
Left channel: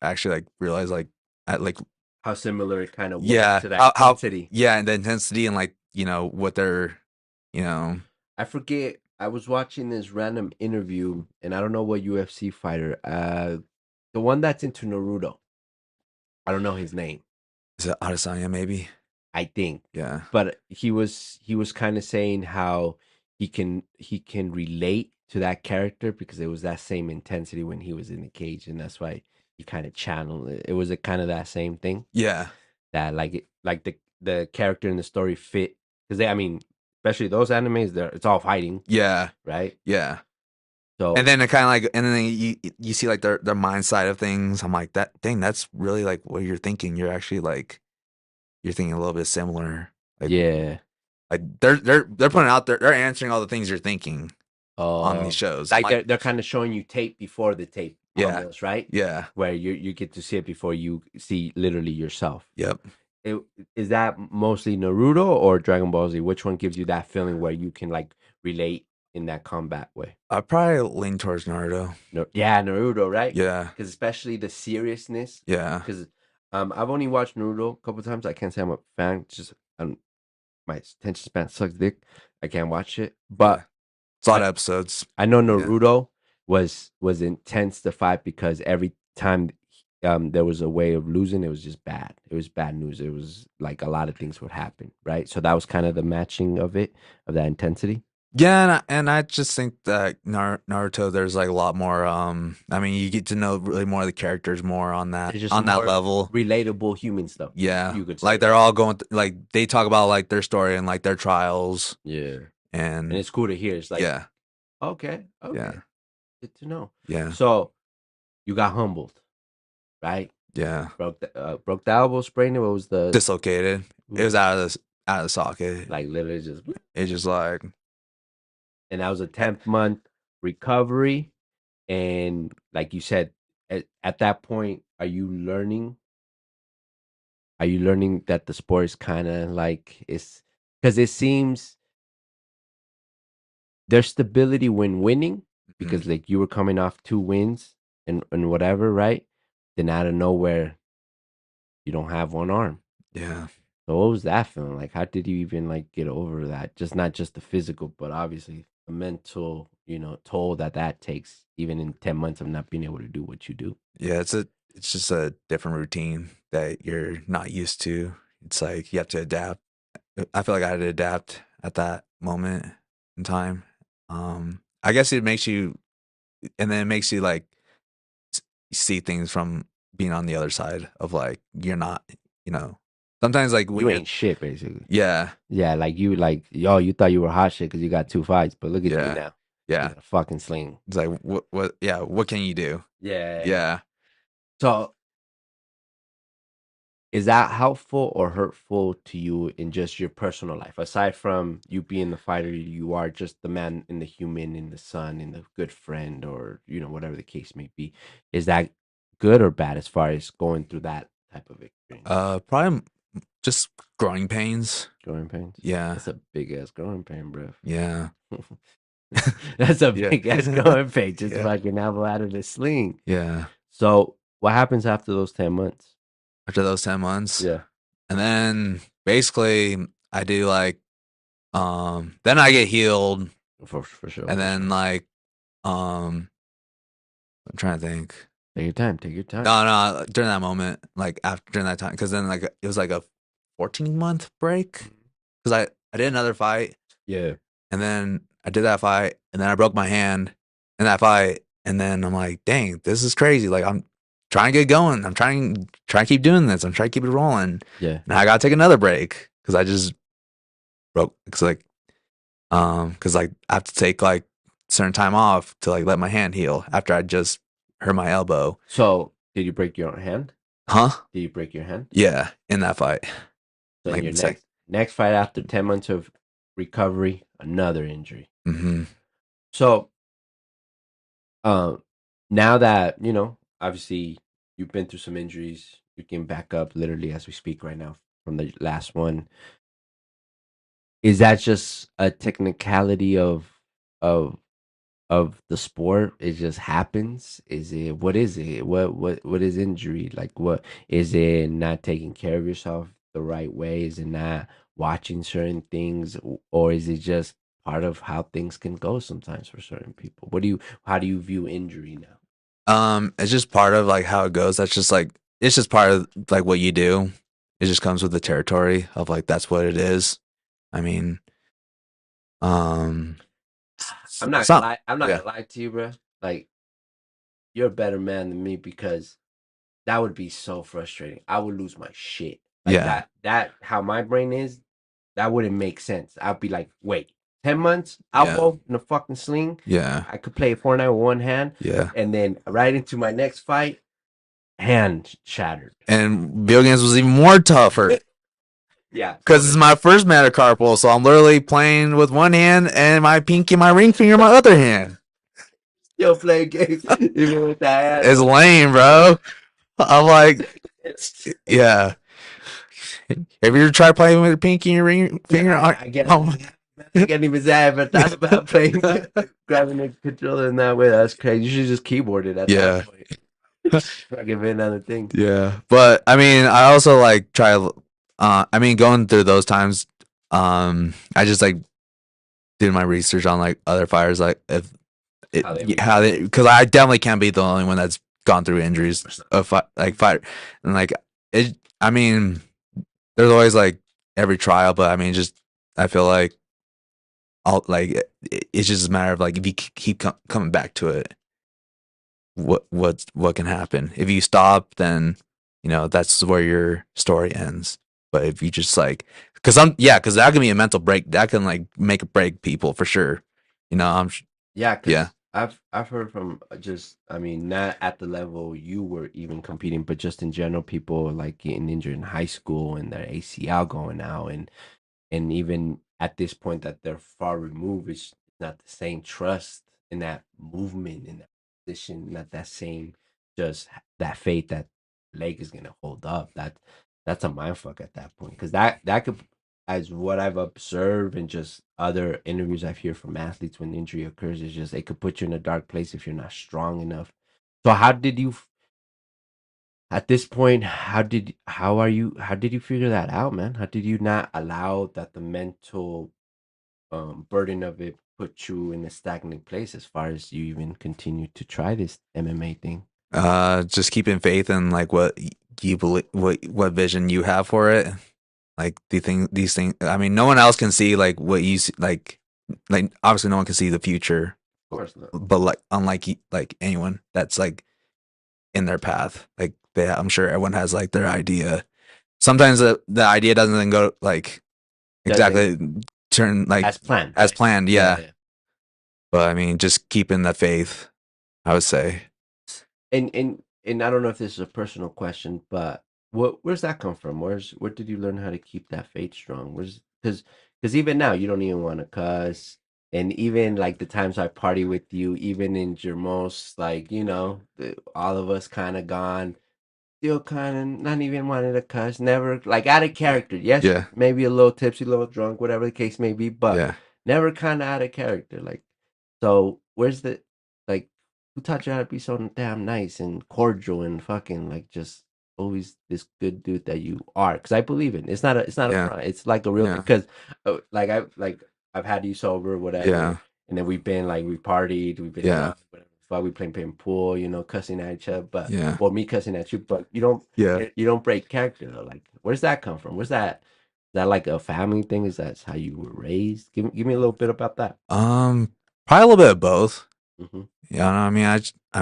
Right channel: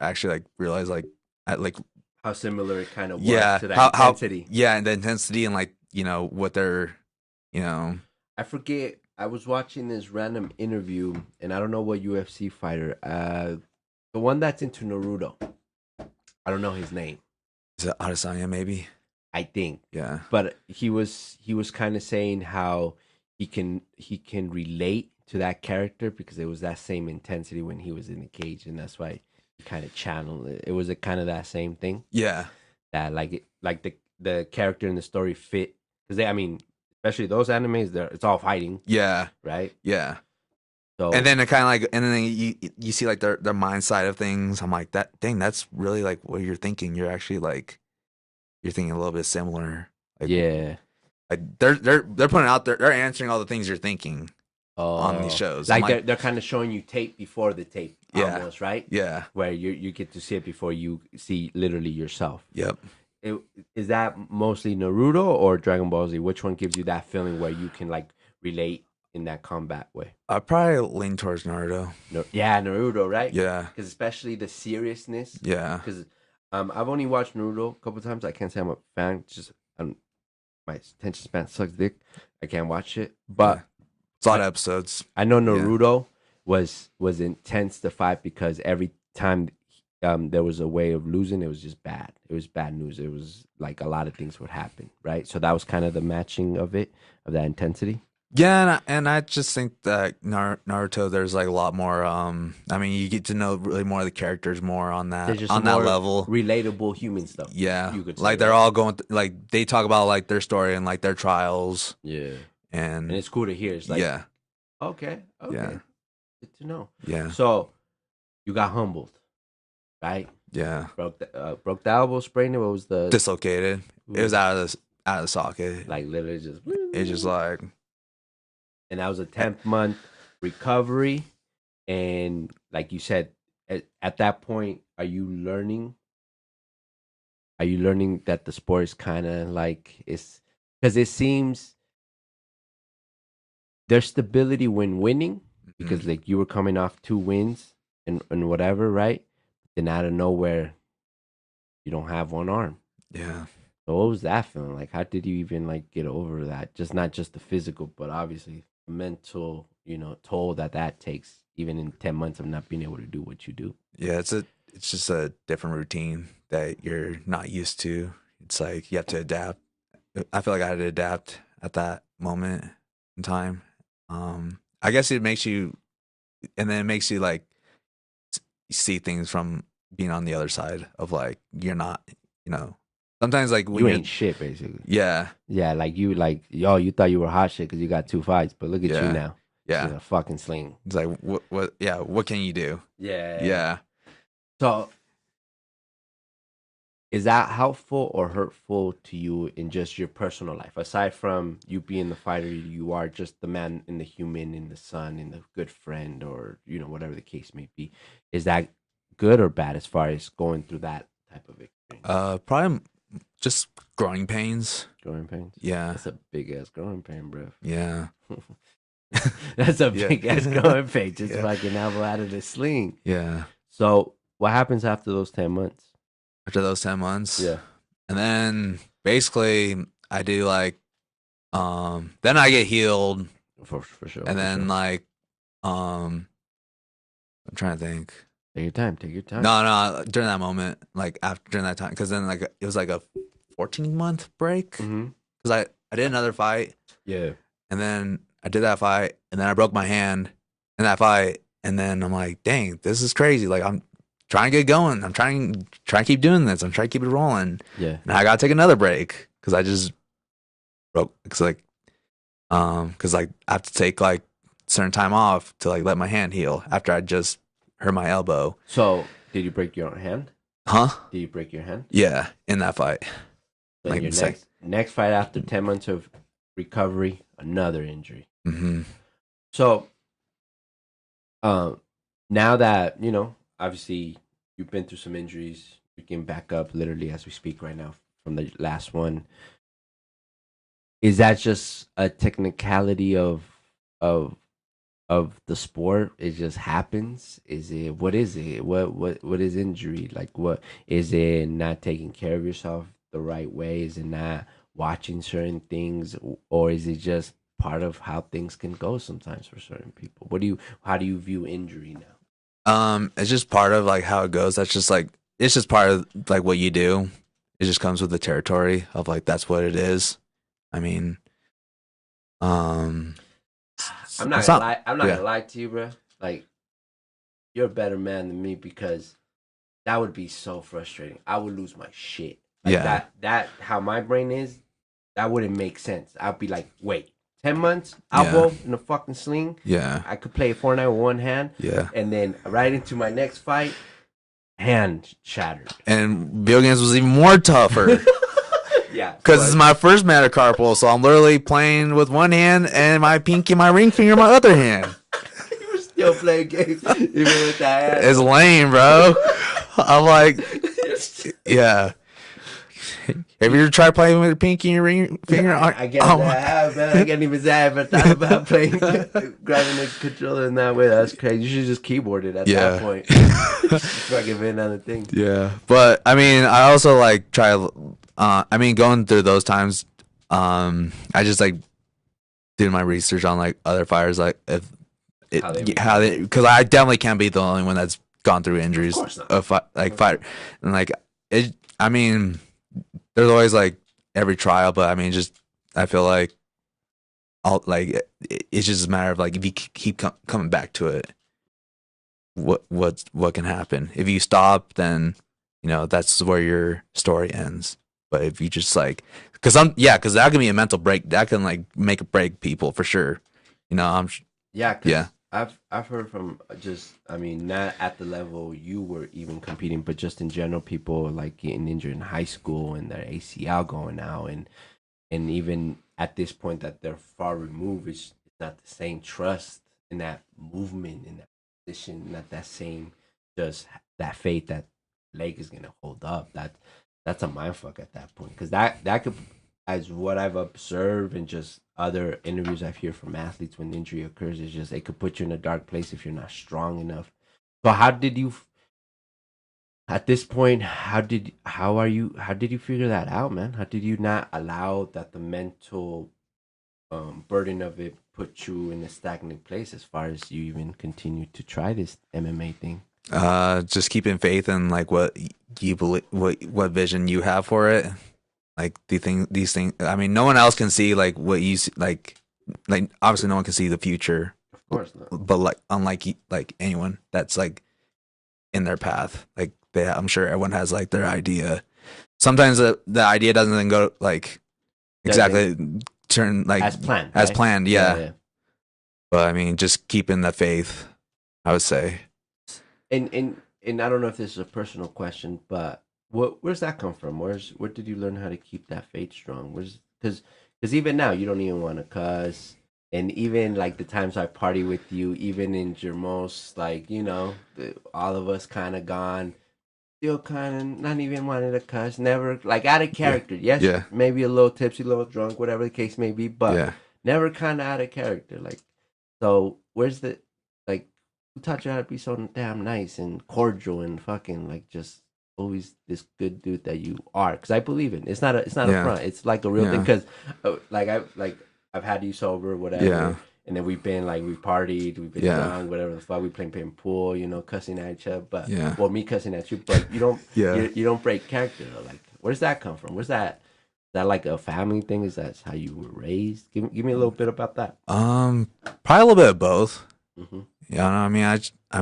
actually like realized like I like How similar it kind of was yeah to that how intensity. yeah and the intensity and like what they're I forget. I was watching this random interview, and I don't know what UFC fighter. The one that's into Naruto. I don't know his name. is it Adesanya maybe I think, yeah but he was kind of saying how he can relate to that character because it was that same intensity when he was in the cage, and that's why he kind of channeled it. It was a kind of that same thing yeah that like the character in the story fit because I mean, especially those animes, it's all fighting, yeah right? yeah So and then it kind of like and then you see like their mind side of things. I'm like that dang that's really like what you're thinking. You're actually like you're thinking a little bit similar. yeah, Like they're putting out there they're answering all the things you're thinking on these oh, shows. I'm like they're kind of showing you tape before the tape, Yeah. almost, right? yeah Where you get to see it before you see literally yourself. yep. Is that mostly Naruto or Dragon Ball Z? Which one gives you that feeling where you can like relate in that combat way? I probably lean towards Naruto. No, yeah, Naruto, right? Yeah Because especially the seriousness. yeah Because I've only watched Naruto a couple times. I can't say I'm a fan. Just my attention span sucks dick. I can't watch it. But it's a lot of episodes. I know Naruto. was intense to fight because every time there was a way of losing, it was just bad. It was bad news. It was like a lot of things would happen, right? So that was kind of the matching of it, of that intensity. Yeah, and I just think that Naruto, there's like a lot more. I mean, you get to know really more of the characters more There's just on that more level. relatable human stuff. Yeah, You could like say. they're all going like they talk about like their story and like their trials, Yeah, and and it's cool to hear. It's like, yeah, okay, yeah, okay, good to know. yeah, So you got humbled, right? yeah. Broke the elbow, sprained it. What was the Dislocated. It was out of the socket. like literally just? It's just like And that was a 10th month recovery. And like you said, at that point, are you learning? Are you learning that the sport is kind of like it's because it seems there's stability when winning because like you were coming off 2 wins and whatever, right? Then out of nowhere, you don't have one arm. yeah. So what was that feeling like? How did you even like get over that? Just not just the physical, but obviously the mental, toll that takes, even in 10 months of not being able to do what you do. Yeah, it's just a different routine that you're not used to. It's like you have to adapt. I feel like I had to adapt at that moment in time. I guess it makes you, and then it makes you like see things from being on the other side of like you're not, you know. Sometimes like when You you're, ain't shit, basically. yeah, Yeah, like yo, you thought you were hot shit because you got 2 fights, but look at you yeah, now. yeah. You're a fucking sling. It's like yeah, what can you do? Yeah. Yeah. So is that helpful or hurtful to you in just your personal life? Aside from you being the fighter you are, just the man and the human and the son and the good friend or, whatever the case may be. Is that good or bad as far as going through that type of experience? Probably just growing pains. Growing pains? Yeah. That's a big ass growing pain, bro. Yeah. That's a Yeah. big ass growing pain. Just Yeah. fucking elbow out of the sling. Yeah. So what happens after those 10 months? After those 10 months. Yeah. And then basically I do like then I get healed For sure. and for then sure. like I'm trying to think. Take your time. Take your time. No, during that moment, like after during that time, because then like it was like a 14-month break Mm-hmm. because I did another fight Yeah. and then I did that fight and then I broke my hand in that fight and then I'm like, dang, this is crazy. Like I'm trying to get going. I'm trying to keep doing this. I'm trying to keep it rolling. Yeah. And I gotta take another break because I just broke. Because like I have to take like certain time off to like let my hand heal after I just hurt my elbow. So did you break your hand? Huh? Did you break your hand? Yeah, in that fight. So Like your sec- next fight after 10 months of recovery, another injury. Mm-hmm. So now that, obviously you've been through some injuries, you're getting back up literally as we speak right now from the last one. Is that just a technicality of of the sport? It just happens? Is it what is it? What is injury? Like what is it not taking care of yourself the right way? Is it not watching certain things or is it just part of how things can go sometimes for certain people? How do you view injury now? It's just part of like how it goes. That's just like it's just part of like what you do. It just comes with the territory of like that's what it is. I mean, um, I'm not it's gonna not. lie. I'm not Yeah, gonna lie to you, bro. Like you're a better man than me because that would be so frustrating. I would lose my shit. Like yeah, that how my brain is, that wouldn't make sense. I'd be like, wait, 10 months, yeah, elbow in a fucking sling. yeah, I could play Fortnite with one hand, yeah. and then right into my next fight, hand shattered. And video games was even more tougher. Yeah, Because it's my first metacarpal, so I'm literally playing with one hand and my pinky, my ring finger, my other hand. you were still playing games even with that hand. It's lame, bro. I'm like, yeah. Have you ever tried playing with your pinky and your ring finger? I guess I have, man. I can't even say I ever thought about playing, grabbing the controller in that way. That's crazy. You should just keyboard it at that point. Fucking been on the thing. Yeah, but I mean, I also like try. I mean, going through those times, I just like did my research on like other fighters, like if because I definitely can't be the only one that's gone through injuries Of course not. of fight, and like it. I mean, there's always like every trial, but I mean, just I feel like it's just a matter of like if you keep coming back to it, what can happen? If you stop, then that's where your story ends. But if you just like, because that can be a mental break. That can like make or break people for sure. Yeah, Yeah. because I've heard from just I mean not at the level you were even competing, but just in general, people like getting injured in high school and their ACL going out, and even at this point that they're far removed, it's not the same trust in that movement in that position, not that same just that faith that leg is gonna hold up. That's a mindfuck at that point because that could, as what I've observed and just other interviews I've heard from athletes when injury occurs, is just it could put you in a dark place if you're not strong enough. So how did you at this point, how did you figure that out, man? How did you not allow that the mental burden of it put you in a stagnant place as far as you even continue to try this MMA thing? Just keeping faith in like what you believe, what vision you have for it. Like these things. I mean, no one else can see like what you see, like obviously no one can see the future, Of course not. but like unlike like anyone that's like in their path, like I'm sure everyone has like their idea. Sometimes the idea doesn't go like exactly turn like As planned, as right? planned, yeah. But I mean, just keeping the faith, I would say. And I don't know if this is a personal question, but where's that come from? Where did you learn how to keep that faith strong? Where's because even now you don't even want to cuss, and even like the times I party with you, even in your most like all of us kind of gone, still kind of not even wanting to cuss, never like out of character. Yes, Yeah. maybe a little tipsy, a little drunk, whatever the case may be, but Yeah. never kind of out of character. Like, so where's the like who taught you how to be so damn nice and cordial and fucking like just always this good dude that you are? Because I believe it. It's not a Yeah. front. It's like a real thing. Yeah. Because I've had you sober, whatever. Yeah. And then we've been like we partied, we've been Yeah. drunk, whatever the fuck. We playing pool, cussing at each other. But Yeah. well, me cussing at you, but you don't. Yeah. You don't break character though. Like, where's that come from? Where's that? Is that like a family thing? Is that how you were raised? Give me a little bit about that. Probably a little bit of both. Mm-hmm. Yeah, I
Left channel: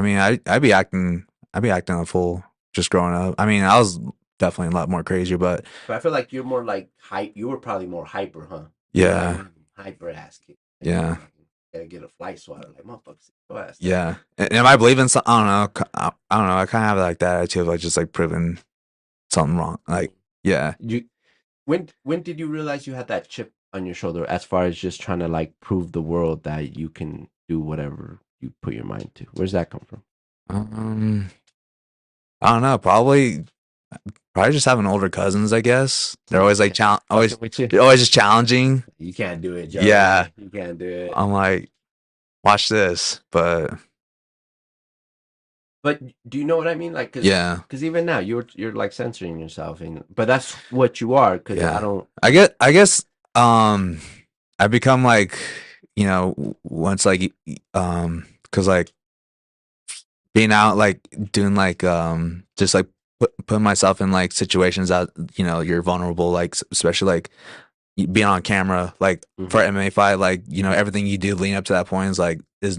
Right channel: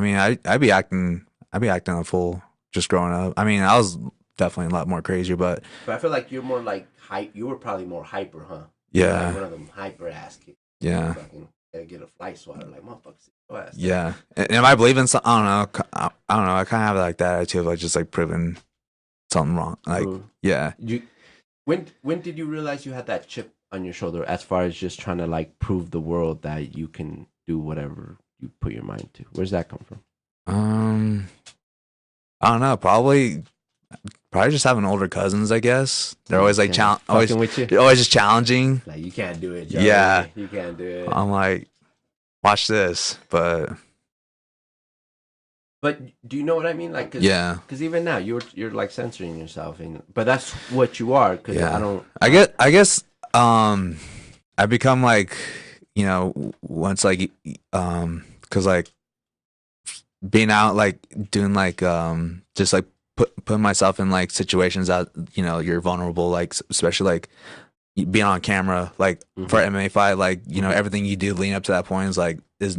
mean, I'd be acting a fool just growing up. I mean, I was definitely a lot more crazy, but But I feel like you're more like hype. You were probably more hyper, huh? yeah, Like one of them hyper ass kids. yeah, Fucking, gotta get a fly swatter like motherfuckers. yeah. And I believe in some, I don't know, I don't know. I kind of have like that attitude of like just like proving something wrong. Like, yeah. When did you realize you had that chip on your shoulder as far as just trying to like prove the world that you can do whatever you put your mind to? Where's that come from? I don't know. Probably just having older cousins. I guess they're always like always just challenging. Like you can't do it, Joe. Yeah, you can't do it. I'm like, watch this, but do you know what I mean? Like, yeah, because even now you're like censoring yourself, but that's what you are. Because yeah, I don't. I guess I become like once like because like being out like doing like just like putting myself in like situations that you're vulnerable, like especially like being on camera like for MMA fight, like everything you do leading up to that point is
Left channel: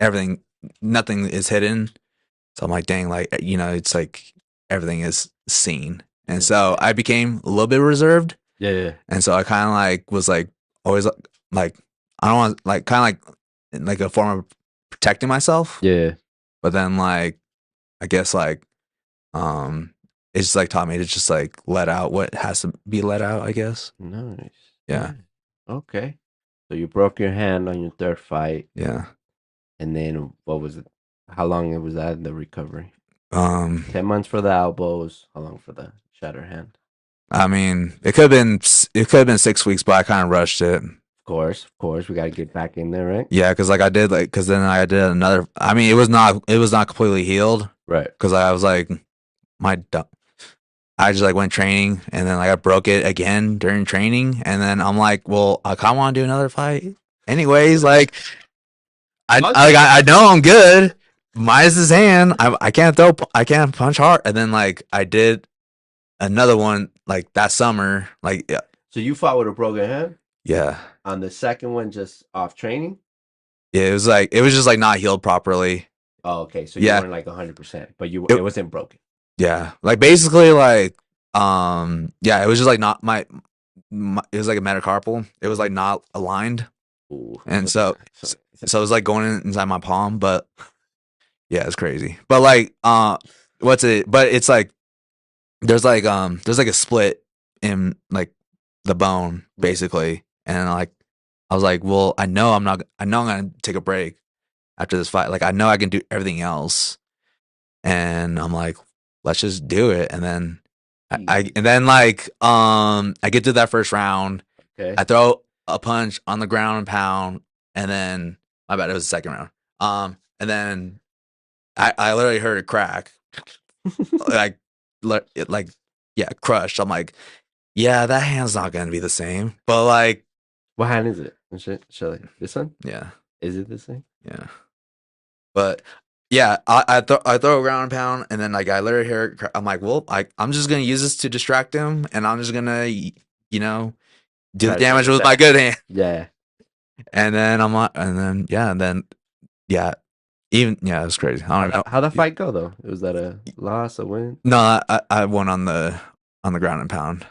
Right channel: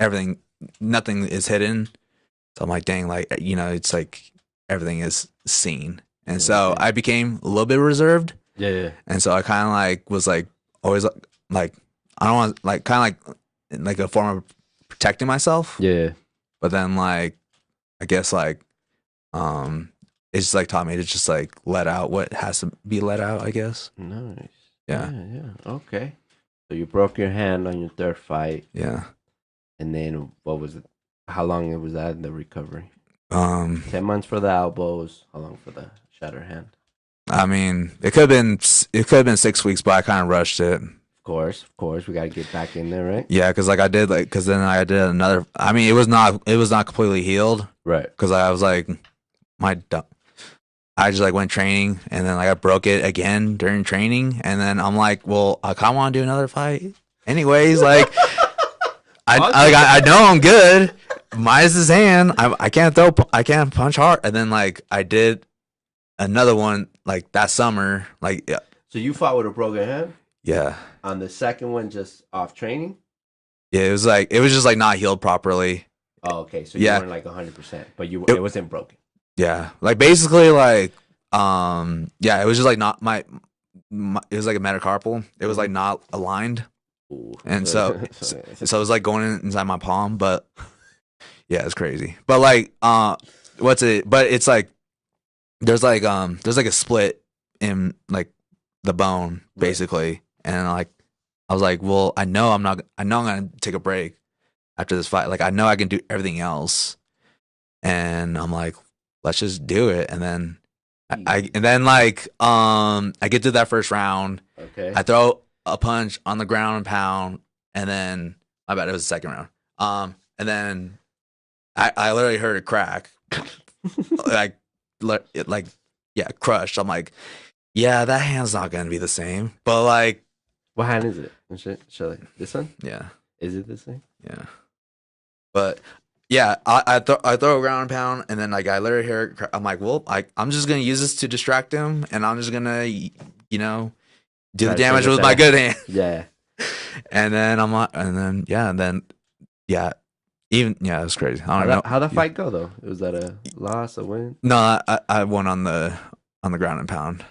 everything, nothing is hidden. So I'm like, dang, like it's like everything is seen, and so I became a little bit reserved. Yeah. And so I kind of like was like always like I don't want like kind of like a form of protecting myself. Yeah. But then like I guess like it's just like taught me to just like let out what has to be let out, I guess. Nice. Yeah. Yeah. Okay. So you broke your hand on your third fight. Yeah. And then what was it? How long was that in the recovery? 10 months for the elbows. How long for the shattered hand? I mean, it could have been 6 weeks, but I kind of rushed it. Of course, we gotta get back in there, right? Yeah, because then I did another. I mean, it was not completely healed, right? Because I was like, I just like went training, and then like I broke it again during training, and then I'm like, well, I kind of want to do another fight, anyways. Like, I know I'm good. Minus his hand. I can't throw. I can't punch hard. And then like I did another one like that summer. Like yeah, So you fought with a broken hand yeah. on the second one, just off training. Yeah, it was just like not healed properly. Oh, okay. So you Yeah, weren't like 100%, but it, it wasn't broken. yeah. Like basically like yeah, it was just like not my it was like a metacarpal. It was like not aligned, Ooh. and so it was like going inside my palm. But yeah, it's crazy. But like what's it? But it's like there's like a split in like the bone basically, and like I was like, well, I know I'm gonna take a break after this fight. Like I know I can do everything else, and I'm like, let's just do it. And then and then like I get to that first round, Okay. I throw a punch on the ground and pound, and then I bet it was the second round. And then I literally heard it crack, like it like yeah crushed. I'm like, yeah, that hand's not gonna be the same. But like, What hand is it? This one? yeah, Is it the same? yeah. But yeah, I throw a ground and pound, and then like I literally hear it. I'm like, well, I'm just gonna use this to distract him, and I'm just gonna you know do the Try to take damage it with my back. good hand. Yeah. And then I'm like, and then yeah, even yeah, it was crazy. I don't know. How'd that fight go though? Was that a loss, a win? No, I won on the ground and pound.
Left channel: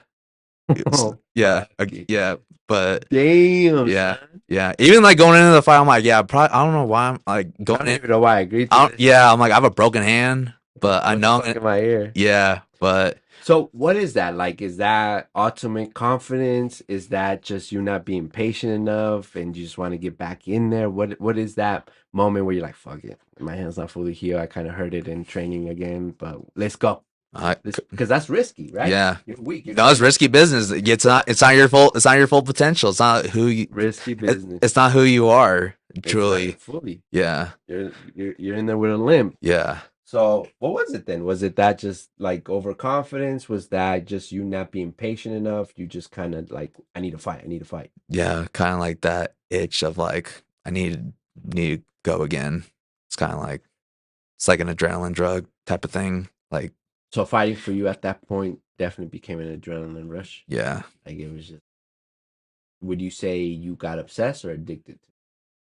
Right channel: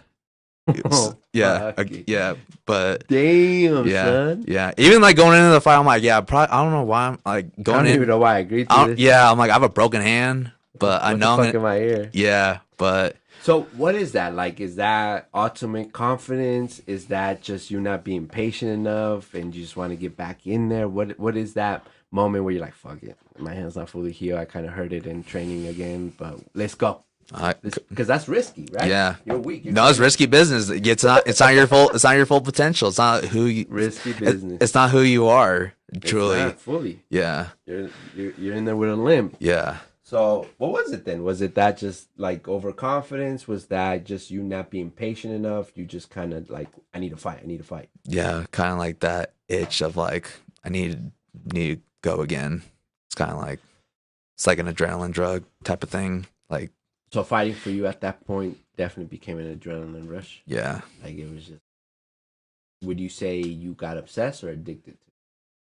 Oh, Yeah, fuck it. yeah, but Damn, yeah, son. yeah. Even like going into the fight, I'm like, yeah, probably. I don't know why I'm like I going don't in. even know why I agreed to this. Yeah, I'm like I have a broken hand, but I What the know I'm fuck gonna. in my ear? Yeah, but So what is that like? Is that ultimate confidence? Is that just you not being patient enough and you just want to get back in there? What is that moment where you're like, fuck it, my hand's not fully healed. I kind of hurt it in training again, but let's go. Because that's risky, right? yeah, You're weak. no, it's risky business. It's not your fault. It's not your full potential. It's not who you. Risky business. It's not who you are. It's Truly. not fully. Yeah. You're in there with a limp. Yeah. So what was it then? Was it that just like overconfidence? Was that just you not being patient enough? You just kind of like, I need to fight. I need to fight. Yeah, kind of like that itch of like I need to go again. It's kind of like it's like an adrenaline drug type of thing. Like So fighting for you at that point definitely became an adrenaline rush. yeah. Like it was just. Would you say you got obsessed or addicted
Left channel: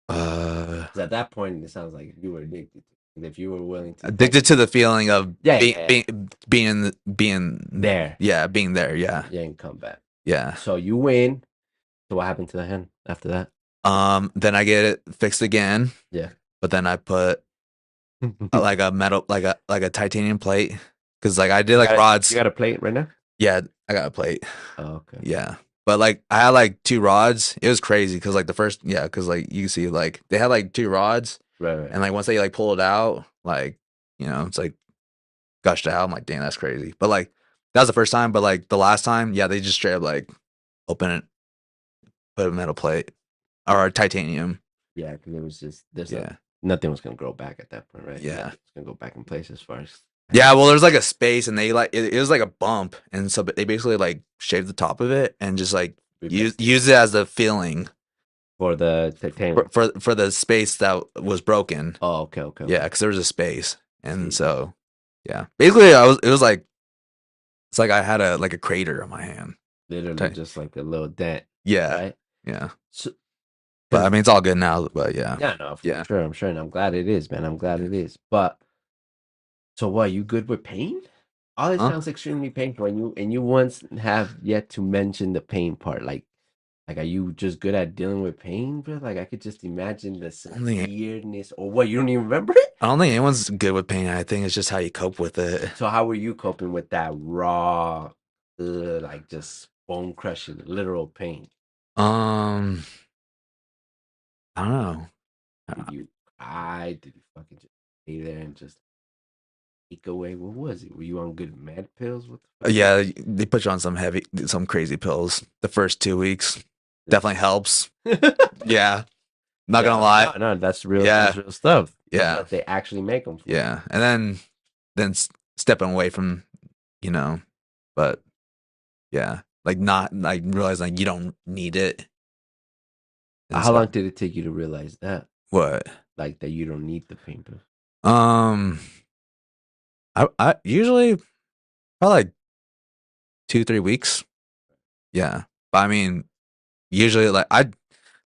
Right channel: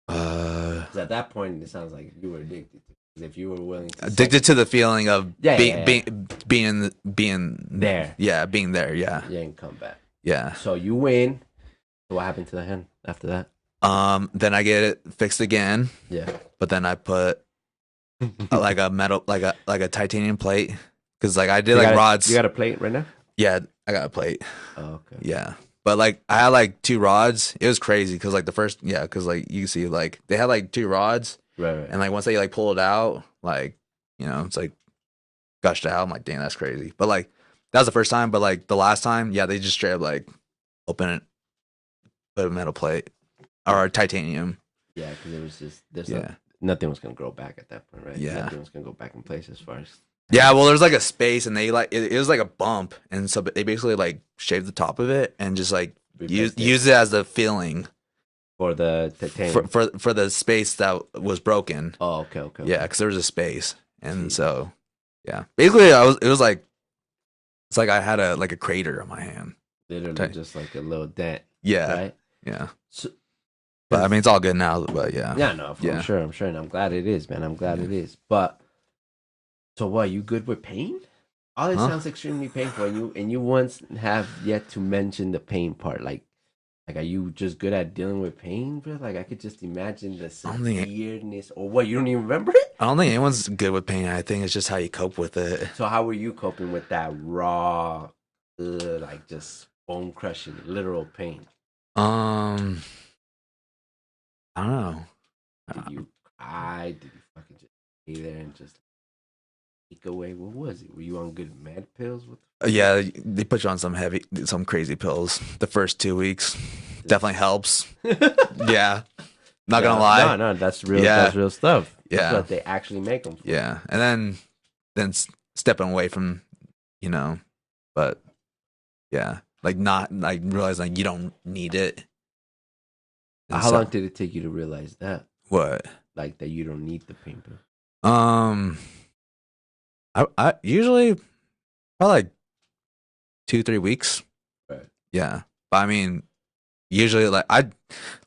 to? Uh, 'Cause at that point, it sounds like you were addicted to. And if you were willing to addicted to the feeling of Yeah, being there, yeah, being there, yeah. you ain't come back. Yeah. So you win. So what happened to the hand after that? Then I get it fixed again, Yeah. but then I put like a metal like a titanium plate cuz like I did like rods. You got a plate right now? Yeah, I got a plate. Oh, okay. Yeah. But like I had like two rods. It was crazy because like the first yeah, because like you see like they had like two rods Right, right. and like once they like pull it out, like it's like gushed out. I'm like, damn, that's crazy. But like that was the first time, but like the last time, yeah, they just straight up like open it, put a metal plate or titanium. Yeah, because it was just Yeah. nothing was gonna grow back at that point, right? Yeah. Nothing was gonna go back in place as far as. Yeah, well, there's like a space, and they like it was like a bump, and so they basically like shaved the top of it and just like use it as a filling For the titanium. for the space that was broken. Oh, okay, okay. Yeah, because there was a space, and so yeah, basically it was like it's like I had a crater on my hand. Literally just like a little dent. Yeah, Right. yeah. So, But I mean, it's all good now. But yeah, yeah, no, I'm sure, and I'm glad it is, man. I'm glad it is. But so what? You good with pain? All this sounds extremely painful, and you once have yet to mention the pain part. Like, are you just good at dealing with pain, bro? Like, I could just imagine the severeness, or what? You don't even remember it? I don't think anyone's good with pain. I think it's just how you cope with it. So how were you coping with that raw, like just bone crushing, literal pain? I don't know. Did you cry? Did you fucking just stay there and just take away? What was it? Were you on good med pills? Yeah, they put you on some crazy pills the first 2 weeks. Definitely helps. Yeah, not gonna lie. No, that's real. Yeah. That's real stuff. Yeah, stuff they actually make them. Yeah, and then stepping away from, but yeah, like not like realizing like you don't need it. How long did it take you to realize that? What? Like that you don't need the pain pills? Um, I usually probably like 2 3 weeks. Right. Yeah, but I mean, usually like I.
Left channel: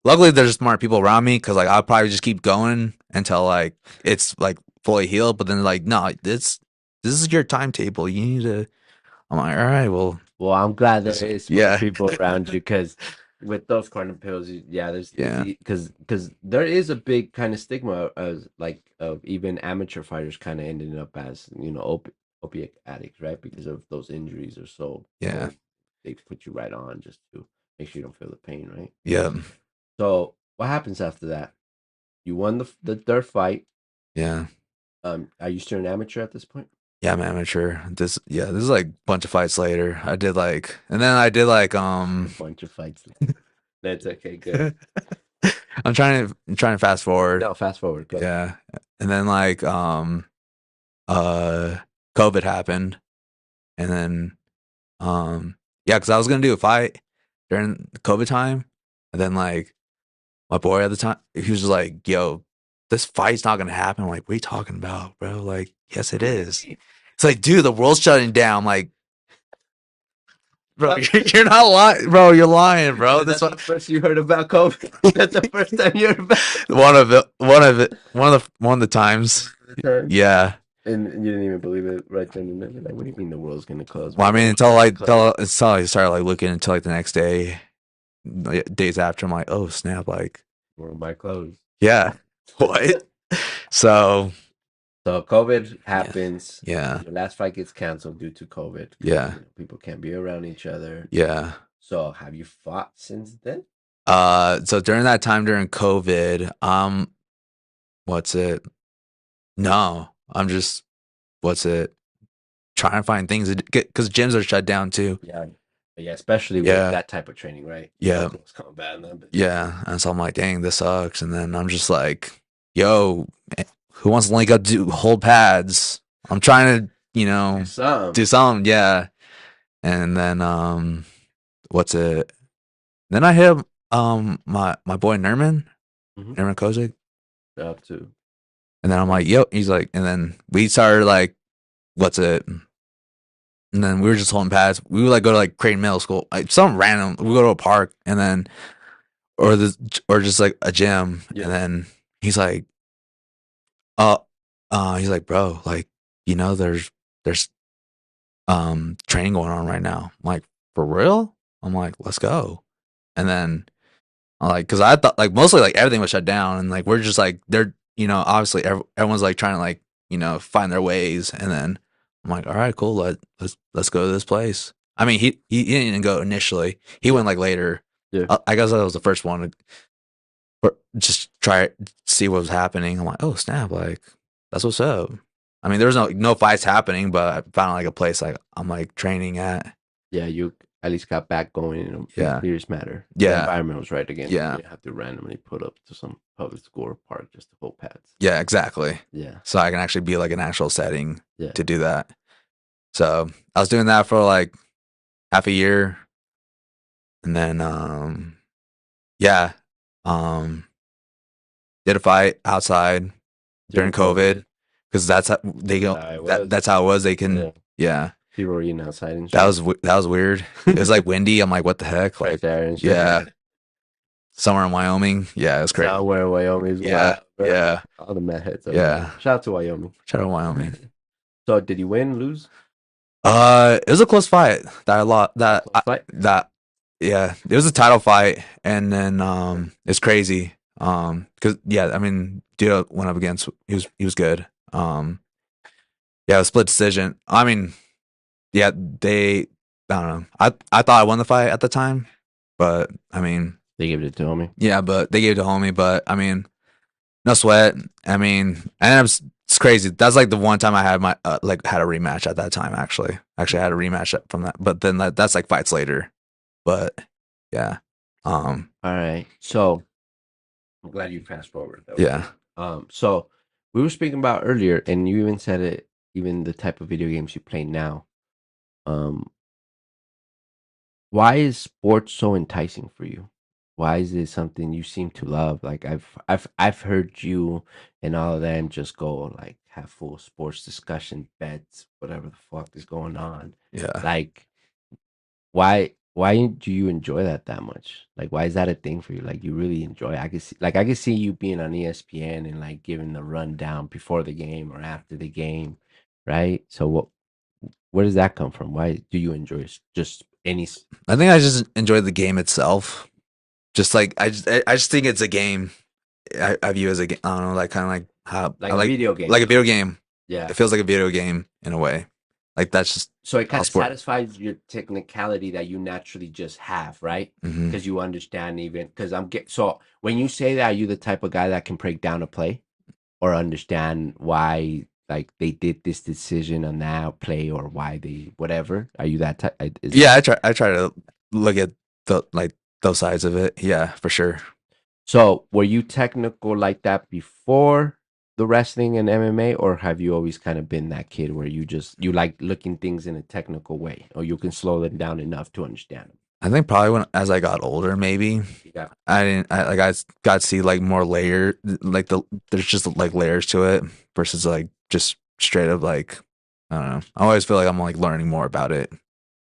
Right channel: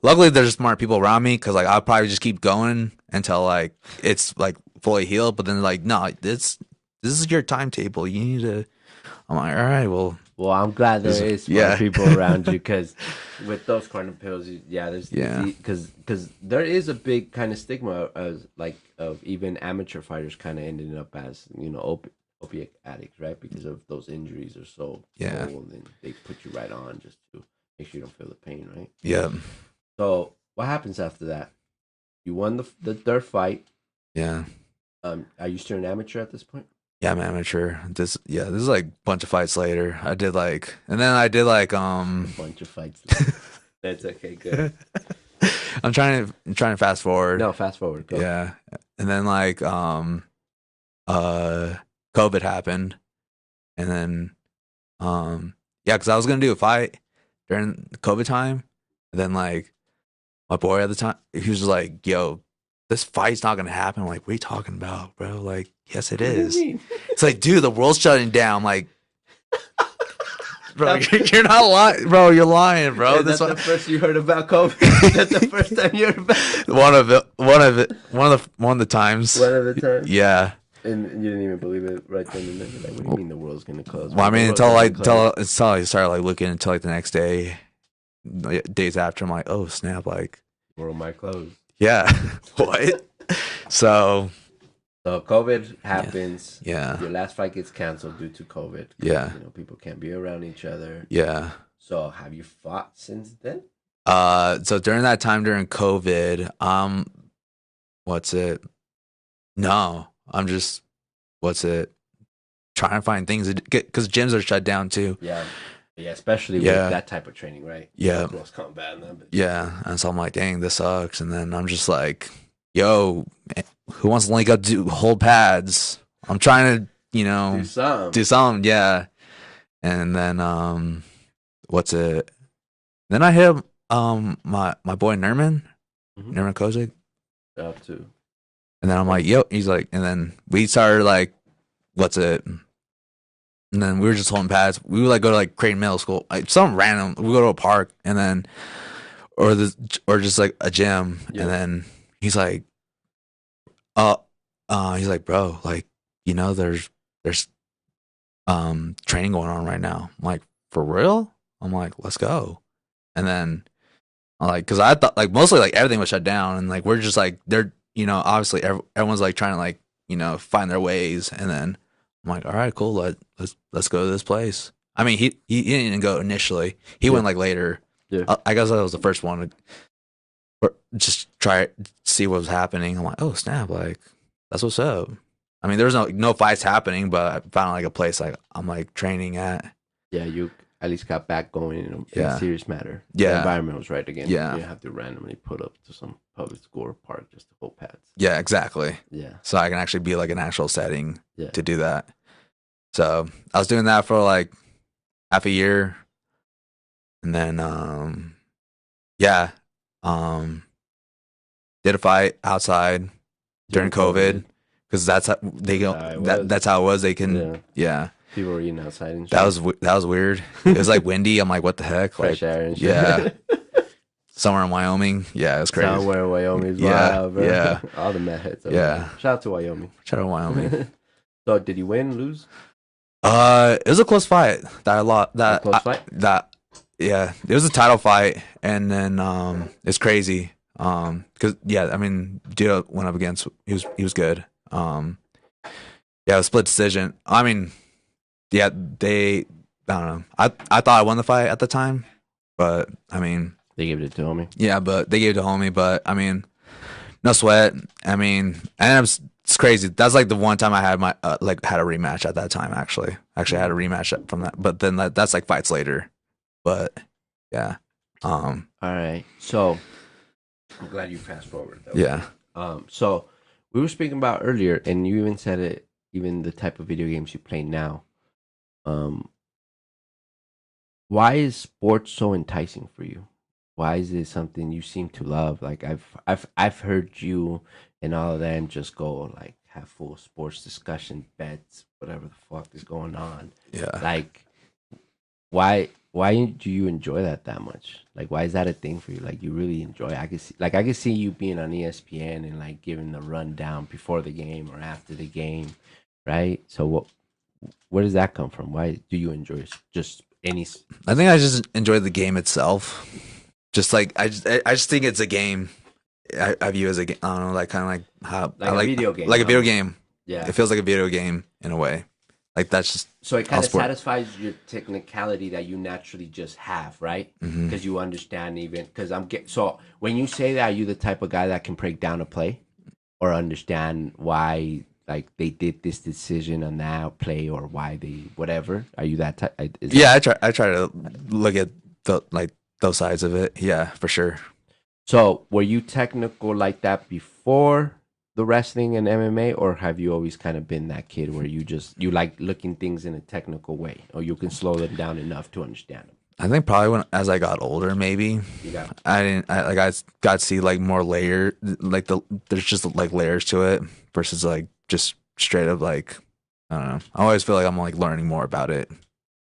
Luckily, there's smart people around me because like I'll probably just keep going until like it's like fully healed. But then like no, this is your timetable. You need to. I'm like, all right, well, Well, I'm glad there is smart yeah, people around you because with those kind of pills, yeah, there's yeah, because there is a big kind of stigma as like of even amateur fighters kind of ending up as opiate addicts, right? Because of those injuries are so yeah, and then they put you right on just to make sure you don't feel the pain, right? yeah, So what happens after that? You won the third fight. yeah. Are you still an amateur at this point? Yeah, I'm amateur. This is like a bunch of fights later. I did like, and then I did like, A bunch of fights. That's okay. Good. I'm trying to fast forward. No, fast forward. Go. Yeah, and then like, uh, COVID happened, and then, yeah, because I was gonna do a fight during the COVID time, and then like my boy at the time, he was just like, "Yo, this fight's not gonna happen." I'm like, "What are you talking about, bro?" Like, yes, it What do you is. mean? It's like, dude, the world's shutting down. Like, bro, you're not lying, bro. You're lying, bro. Is that the first you heard about COVID? That's the first time you heard about one of the times. one of the times. Yeah. And you didn't even believe it right then and there. Like, what do you mean the world's gonna close? Well, I The mean, world's gonna close. until I started like looking until like the next day, like, days after, I'm like, oh snap, like, World might close. yeah, what? So So COVID yeah, happens. yeah, Your last fight gets canceled due to COVID. yeah, People can't be around each other. yeah. So have you fought since then? So during that time during COVID, what's it? No, I'm just what's it? Trying to find things to get because gyms are shut down too. Yeah. Yeah, especially with Yeah, that type of training, right? yeah, Close combat and that. yeah. And so I'm like, dang, this sucks. And then I'm just like, yo, man, who wants to link up to hold pads? I'm trying to, Do some. do something, yeah. And then what's it? Then I hit my boy Mm-hmm. Nerman Kozik. Job too. And then I'm like, yo, he's like, and then we started like, what's it? And then we were just holding pads. We would like go to like Creighton Middle School, like some random. We go to a park, and then or just like a gym, Yeah. and then he's like, uh, he's like, bro, like there's training going on right now. I'm like, for real? I'm like, let's go. And then I'm like, cause I thought like mostly like everything was shut down, and like we're just like they're obviously everyone's like trying to like find their ways, and then I'm like, all right, cool, let's go to this place. I mean, he didn't go initially. He Yeah. went like later. Yeah. I guess I was the first one to just try it, see what was happening. I'm like, oh snap, like that's what's up. I mean, there was no fights happening, but I found like a place like I'm like training at. Yeah, you at least got back going in a Yeah, serious matter. The yeah, environment was right again. yeah, You didn't have to randomly put up to some public school or park just to hold pads. yeah, exactly. Yeah. So I can actually be like an actual setting Yeah. to do that. So I was doing that for like half a year, and then yeah, um, did a fight outside during COVID because that's how they go. That's how it was. They can, yeah. People were eating outside and shit. That was weird. It was like windy. I'm like, what the heck? Like, Fresh air and shit. yeah, somewhere in Wyoming. Yeah, it's crazy. Somewhere in Wyoming's Yeah, wild, bro. yeah. All the mad hits. Yeah. Shout out to Wyoming. Shout out Wyoming. So did you win, lose? It was a close fight that I lost. Close fight? Yeah, it was a title fight, and then it's crazy. Cause yeah, I mean, dude went up against he was good. Yeah, a split decision. I mean, yeah, I don't know. I thought I won the fight at the time, but I mean, they gave it to homie. Yeah, but they gave it to homie. But I mean, no sweat. I mean, and it's crazy. That's like the one time I had my had a rematch at that time. Actually, I had a rematch from that. But then that's like fights later. But yeah. All right. So I'm glad you fast forward. Yeah. So we were speaking about earlier, and you even said it. Even the type of video games you play now. Why is sports so enticing for you? why is it something you seem to love? Like I've heard you and all of them just go like have full sports discussion, bets, whatever the fuck is going on. Yeah. Like why do you enjoy that much? Like why is that a thing for you? Like you really enjoy it. I can see you being on ESPN and like giving the rundown before the game or after the game, right? So where does that come from? Why do you enjoy just any? I think I just enjoy the game itself. Just like I just think it's a game. I view as a game. I don't know, like kind of like how Like I a like video game, like a video almost. game. Yeah. It feels like a video game in a way. Like that's just So it how kind of sport. satisfies your technicality that you naturally just have, right? Hmm. Because you understand even because so when you say that, are you the type of guy that can break down a play or understand why like they did this decision on that play or why they whatever? Are you that type? Yeah, I try to look at the like those sides of it. Yeah, for sure. So were you technical like that before the wrestling and MMA, or have you always kind of been that kid where you like looking things in a technical way, or you can slow them down enough to understand them? I think probably when as I got older, maybe You got I didn't like I got to see like more layer like there's just like layers to it versus like just straight up like I don't know. I always feel like I'm like learning more about it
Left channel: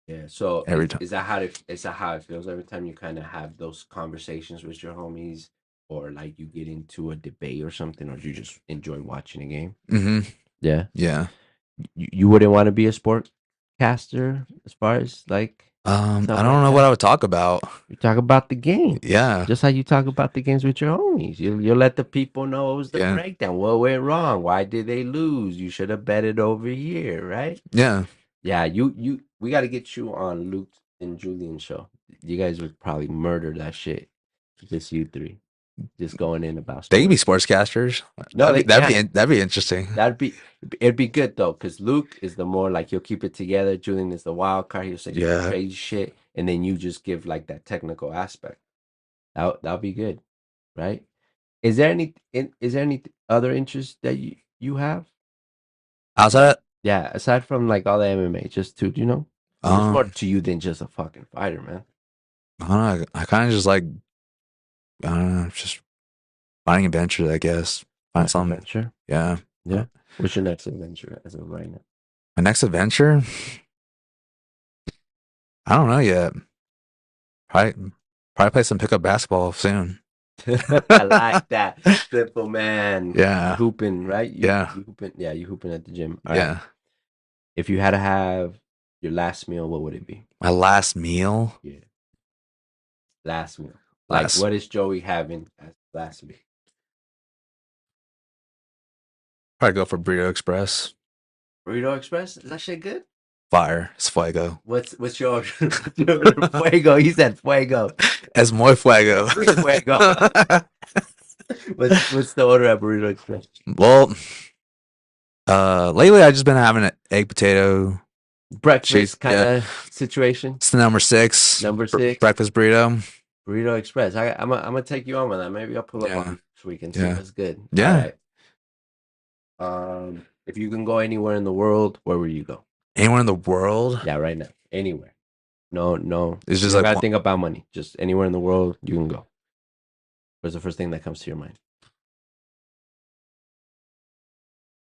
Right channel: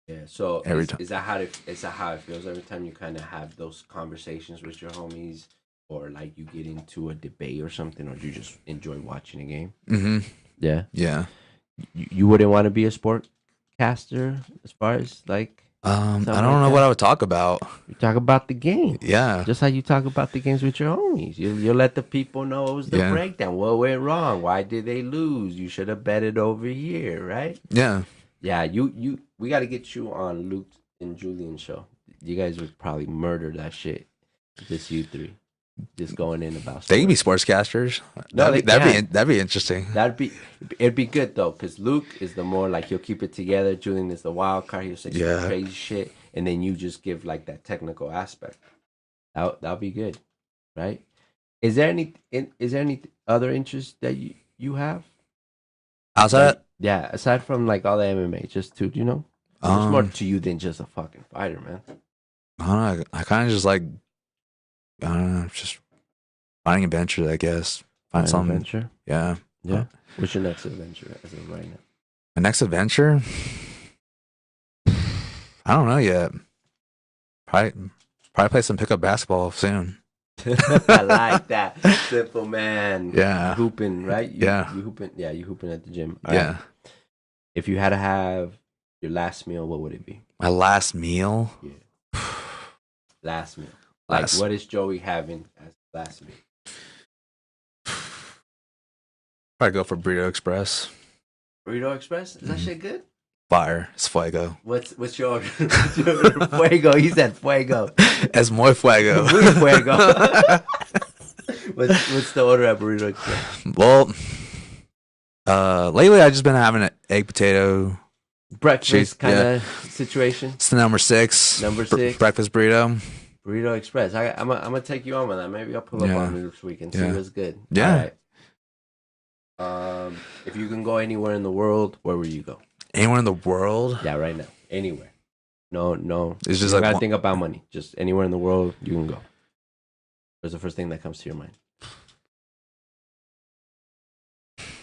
yeah. So every time. is that how it feels every time you kind of have those conversations with your homies, or like you get into a debate or something, or do you just enjoy watching a game? Hmm. Yeah. Yeah. You wouldn't want to be a sportcaster as far as like I something don't like know what that. I would talk about. You talk about the game. Yeah. Just like you talk about the games with your homies. You let the people know what was the Yeah. breakdown. What went wrong? Why did they lose? You should have betted over here, right? Yeah. Yeah, you we gotta get you on Luke and Julian show. You guys would probably murder that shit. Just you three. Just going in about They can be sports. sportscasters. No, they can. That'd be interesting. It'd be good though, because Luke is the more like he'll keep it together. Julian is the wild card. He'll say some Yeah. crazy shit, and then you just give like that technical aspect. That'll be good, right? Is there any other interest that you have? Outside Like of, yeah, aside from like all the MMA, just to there's more um to you than just a fucking fighter, man. I don't know, I kinda just like I don't know, just finding adventures, I guess. Find An something. adventure, Yeah. yeah. What's your next adventure as of right now? My next adventure? I don't know yet. Probably play some pickup basketball soon. I like that. Simple man. Yeah. Hooping, right? Yeah. You hooping. Yeah, you hooping at the gym. All Yeah. right. If you had to have your last meal, what would it be? My last meal? Yeah. Last meal. Like, Last what is Joey having as last meal? Probably go for Burrito Express. Burrito Express? Is that Mhm. shit good? Fire. It's fuego. What's your fuego? He said fuego. Es muy fuego. Muy fuego. What's the order at Burrito Express? Well, lately I've just been having an egg potato. Breakfast Cheese, kind yeah. of situation. It's the number six. Number 6. Breakfast burrito. Burrito Express. I'm gonna take you on that. Maybe I'll pull up Yeah. on you this week and see Yeah. what's good. Yeah. All right. If you can go anywhere in the world, where would you go? Anywhere in the world? Yeah, right now. Anywhere. No. It's You just don't like gotta think about money. Just anywhere in the world, you can go. What's the first thing that comes to your mind?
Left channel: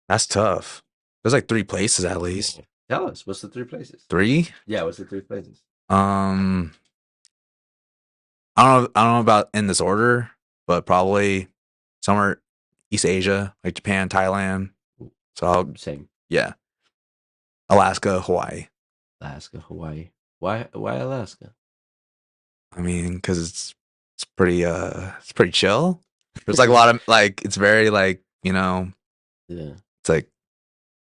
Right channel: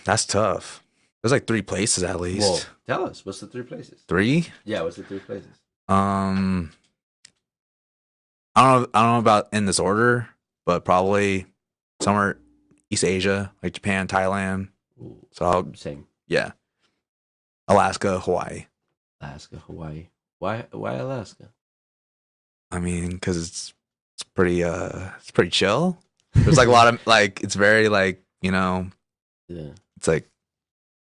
that's tough. There's like 3 places at least. Well, tell us. What's the 3 places? 3? Yeah, what's the 3 places? I don't know about in this order, but probably somewhere East Asia, like Japan, Thailand. Ooh, So same. yeah, Alaska, Hawaii. Alaska, Hawaii. Why Alaska? I mean, because it's pretty chill. There's like a lot of like it's very like Yeah. it's like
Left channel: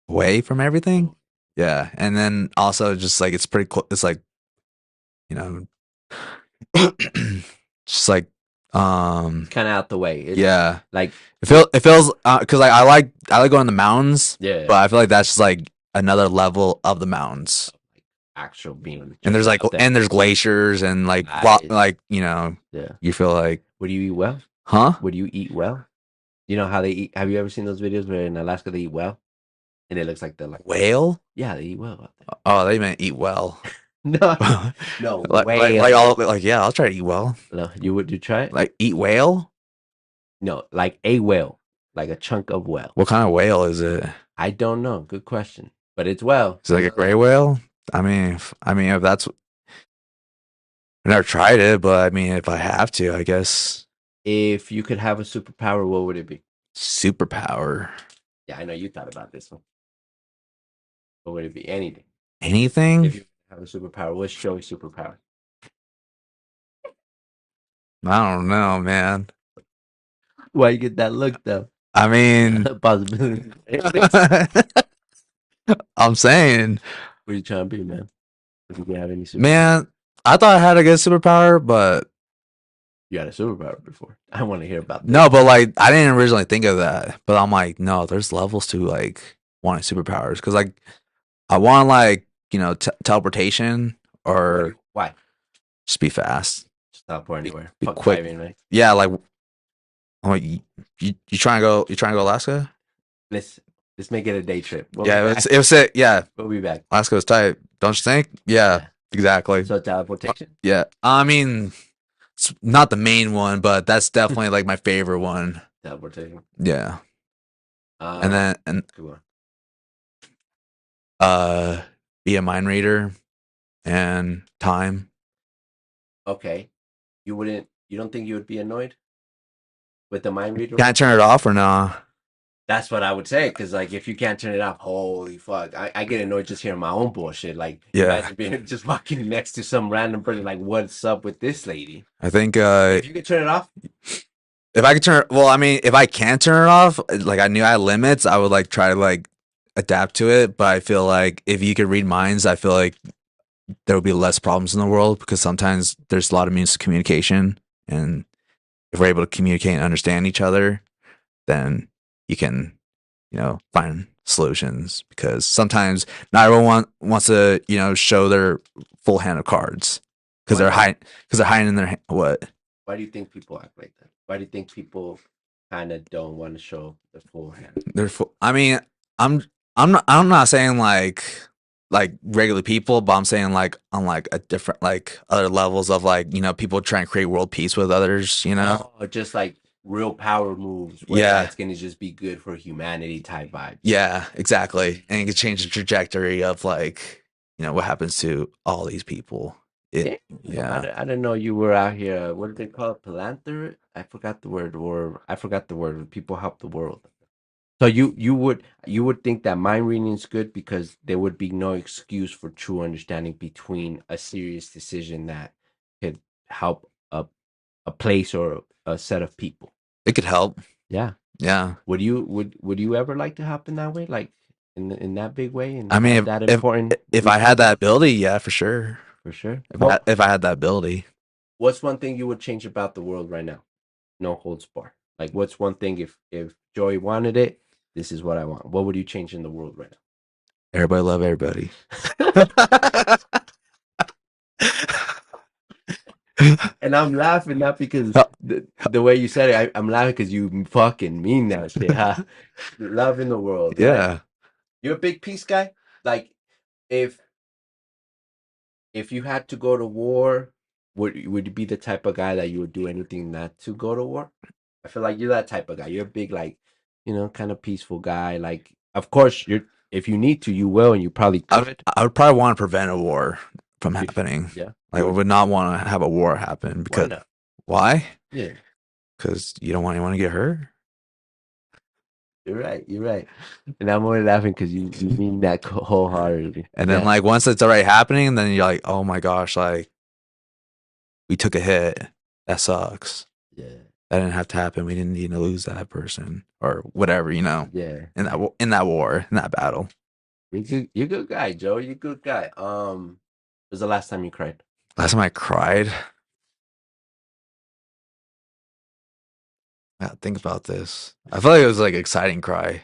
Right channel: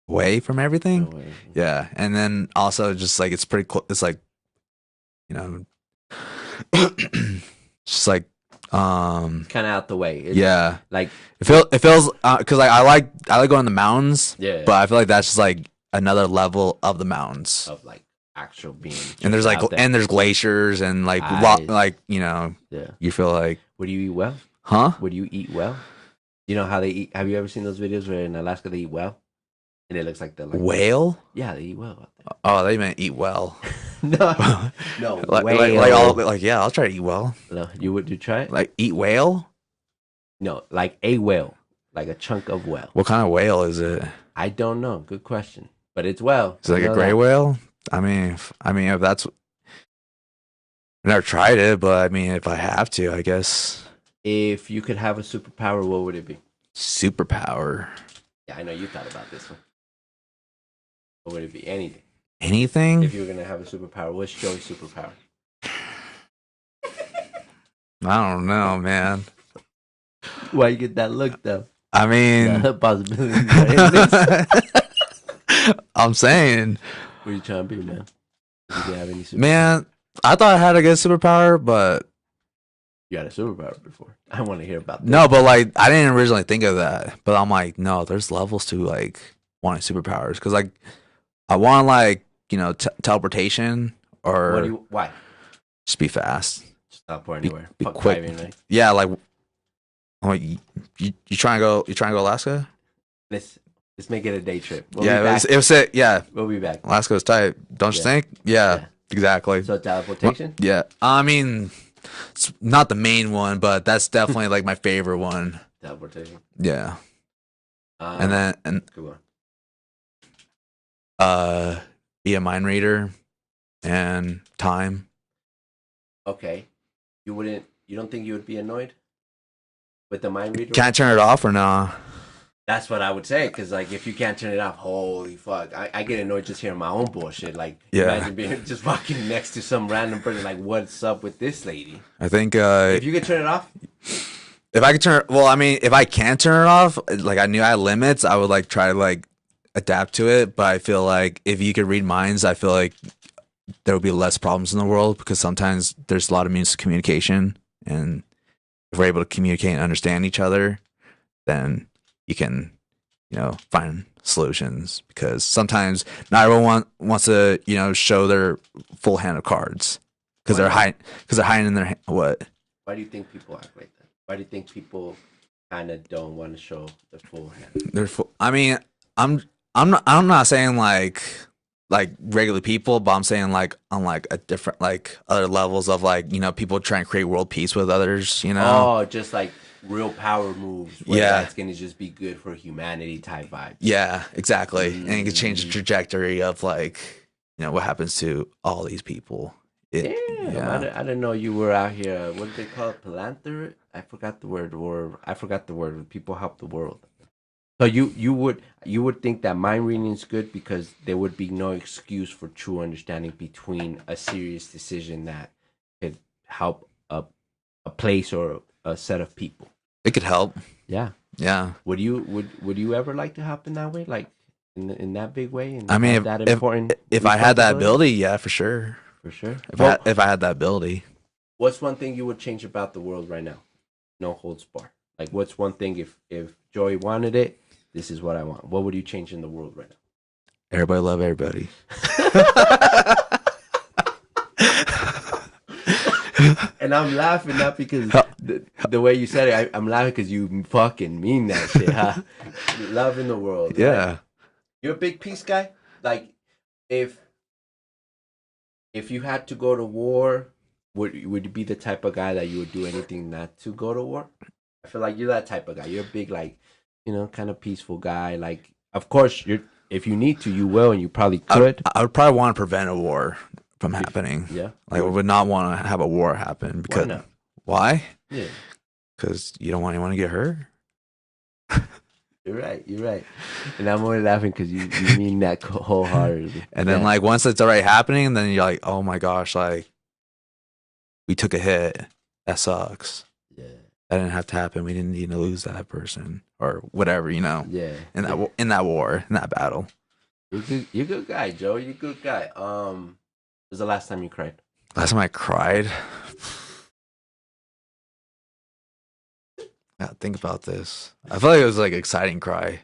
away from everything. Hawaii. Yeah, and then also just like it's pretty cool. It's like you know, just like Kind of out the way. It's yeah. Like It feels because like I like going to the mountains, yeah. but I feel like that's just like another level of the mountains. Of like actual being. And there's like out there. and there's glaciers and like Nice. like Yeah. you feel like Would you eat well? huh? Would you eat well? You know how they eat? Have you ever seen those videos where in Alaska they eat well? And it looks like they're like Whale? yeah, they eat well out there. Oh, they meant eat well. No, no, yeah, I'll try to eat well. No, would you try it? Like eat whale? No, like a whale, like a chunk of whale. What kind of whale is it? I don't know. Good question, but it's whale. Is it like a gray whale? If that's, I've never tried it, but I mean, if I have to, I guess. If you could have a superpower, what would it be? Superpower. Yeah, I know you thought about this one. What would it be? Anything. Anything? If you were gonna have a superpower, what's Joey's superpower? I don't know, man. Why you get that look though? I mean, I'm saying. What are you trying to be, man? Did you have any superpower? Man, I thought I had a good superpower, but you had a superpower before. I want to hear about that. No, but like I didn't originally think of that. But I'm like, no, there's levels to like wanting superpowers because like I want like teleportation or why? Just be fast. Stop or anywhere. Be quick. Driving, right? Yeah, like you trying to go? You trying to go Alaska? Let's make it a day trip. It was it. Yeah, we'll be back. Alaska's tight. Don't you think? Yeah, exactly. So teleportation. Yeah, I mean, it's not the main one, but that's definitely like my favorite one. Teleportation. Yeah. And go on. Be a mind reader and time. Okay. You don't think you would be annoyed with the mind reader? Can I turn it off or no? That's what I would say, because like if you can't turn it off, holy fuck, I get annoyed just hearing my own bullshit. Like, imagine being just walking next to some random person, like, what's up with this lady? I think if you could turn it off. If I could turn, well, I mean, if I can turn it off, like I knew I had limits, I would like try to like adapt to it. But I feel like if you could read minds, I feel like there would be less problems in the world because sometimes there's a lot of means of communication, and if we're able to communicate and understand each other, then you can, find solutions. Because sometimes not everyone wants to, show their full hand of cards because they're hiding in their what? Why do you think people act like that? Why do you think people kind of don't want to show their full hand? I mean, I'm not saying like regular people, but I'm saying like on like a different like other levels of like people trying to create world peace with others. Oh, just like real power moves. Yeah, it's gonna just be good for humanity type vibe. Yeah, exactly, and it can change the trajectory of like what happens to all these people. Yeah. I didn't know you were out here. What do they call it? Philanthropist? I forgot the word. People help the world. So you would think that mind reading is good because there would be no excuse for true understanding between a serious decision that could help a place or a set of people. It could help. Yeah. Yeah. Would you ever like to help in that way, like in that big way? I mean, if I had that ability, yeah, for sure. For sure. If I had that ability. What's one thing you would change about the world right now? No holds barred. Like, what's one thing if Joey wanted it? This is what I want. What would you change in the world right now? Everybody love everybody. And I'm laughing not because the way you said it. I'm laughing because you fucking mean that shit. Huh? Love in the world. Yeah. You're a big peace guy. Like, if you had to go to war, would you be the type of guy that you would do anything not to go to war? I feel like you're that type of guy. You're a big, like, kind of peaceful guy. Like, of course, if you need to, you will, and you probably could. I would probably want to prevent a war from happening. Yeah. Like, I would not want to have a war happen because why? Yeah. Because you don't want anyone to get hurt. You're right. And I'm only laughing because you mean that wholeheartedly. And then, like, once it's already happening, then you're like, oh my gosh, like, we took a hit. That sucks. Yeah. That didn't have to happen. We didn't need to lose that person or whatever, Yeah. In that war, in that battle. You're a good guy, Joe. You're a good guy. When was the last time you cried? Last time I cried? Yeah, think about this. I feel like it was like an exciting cry.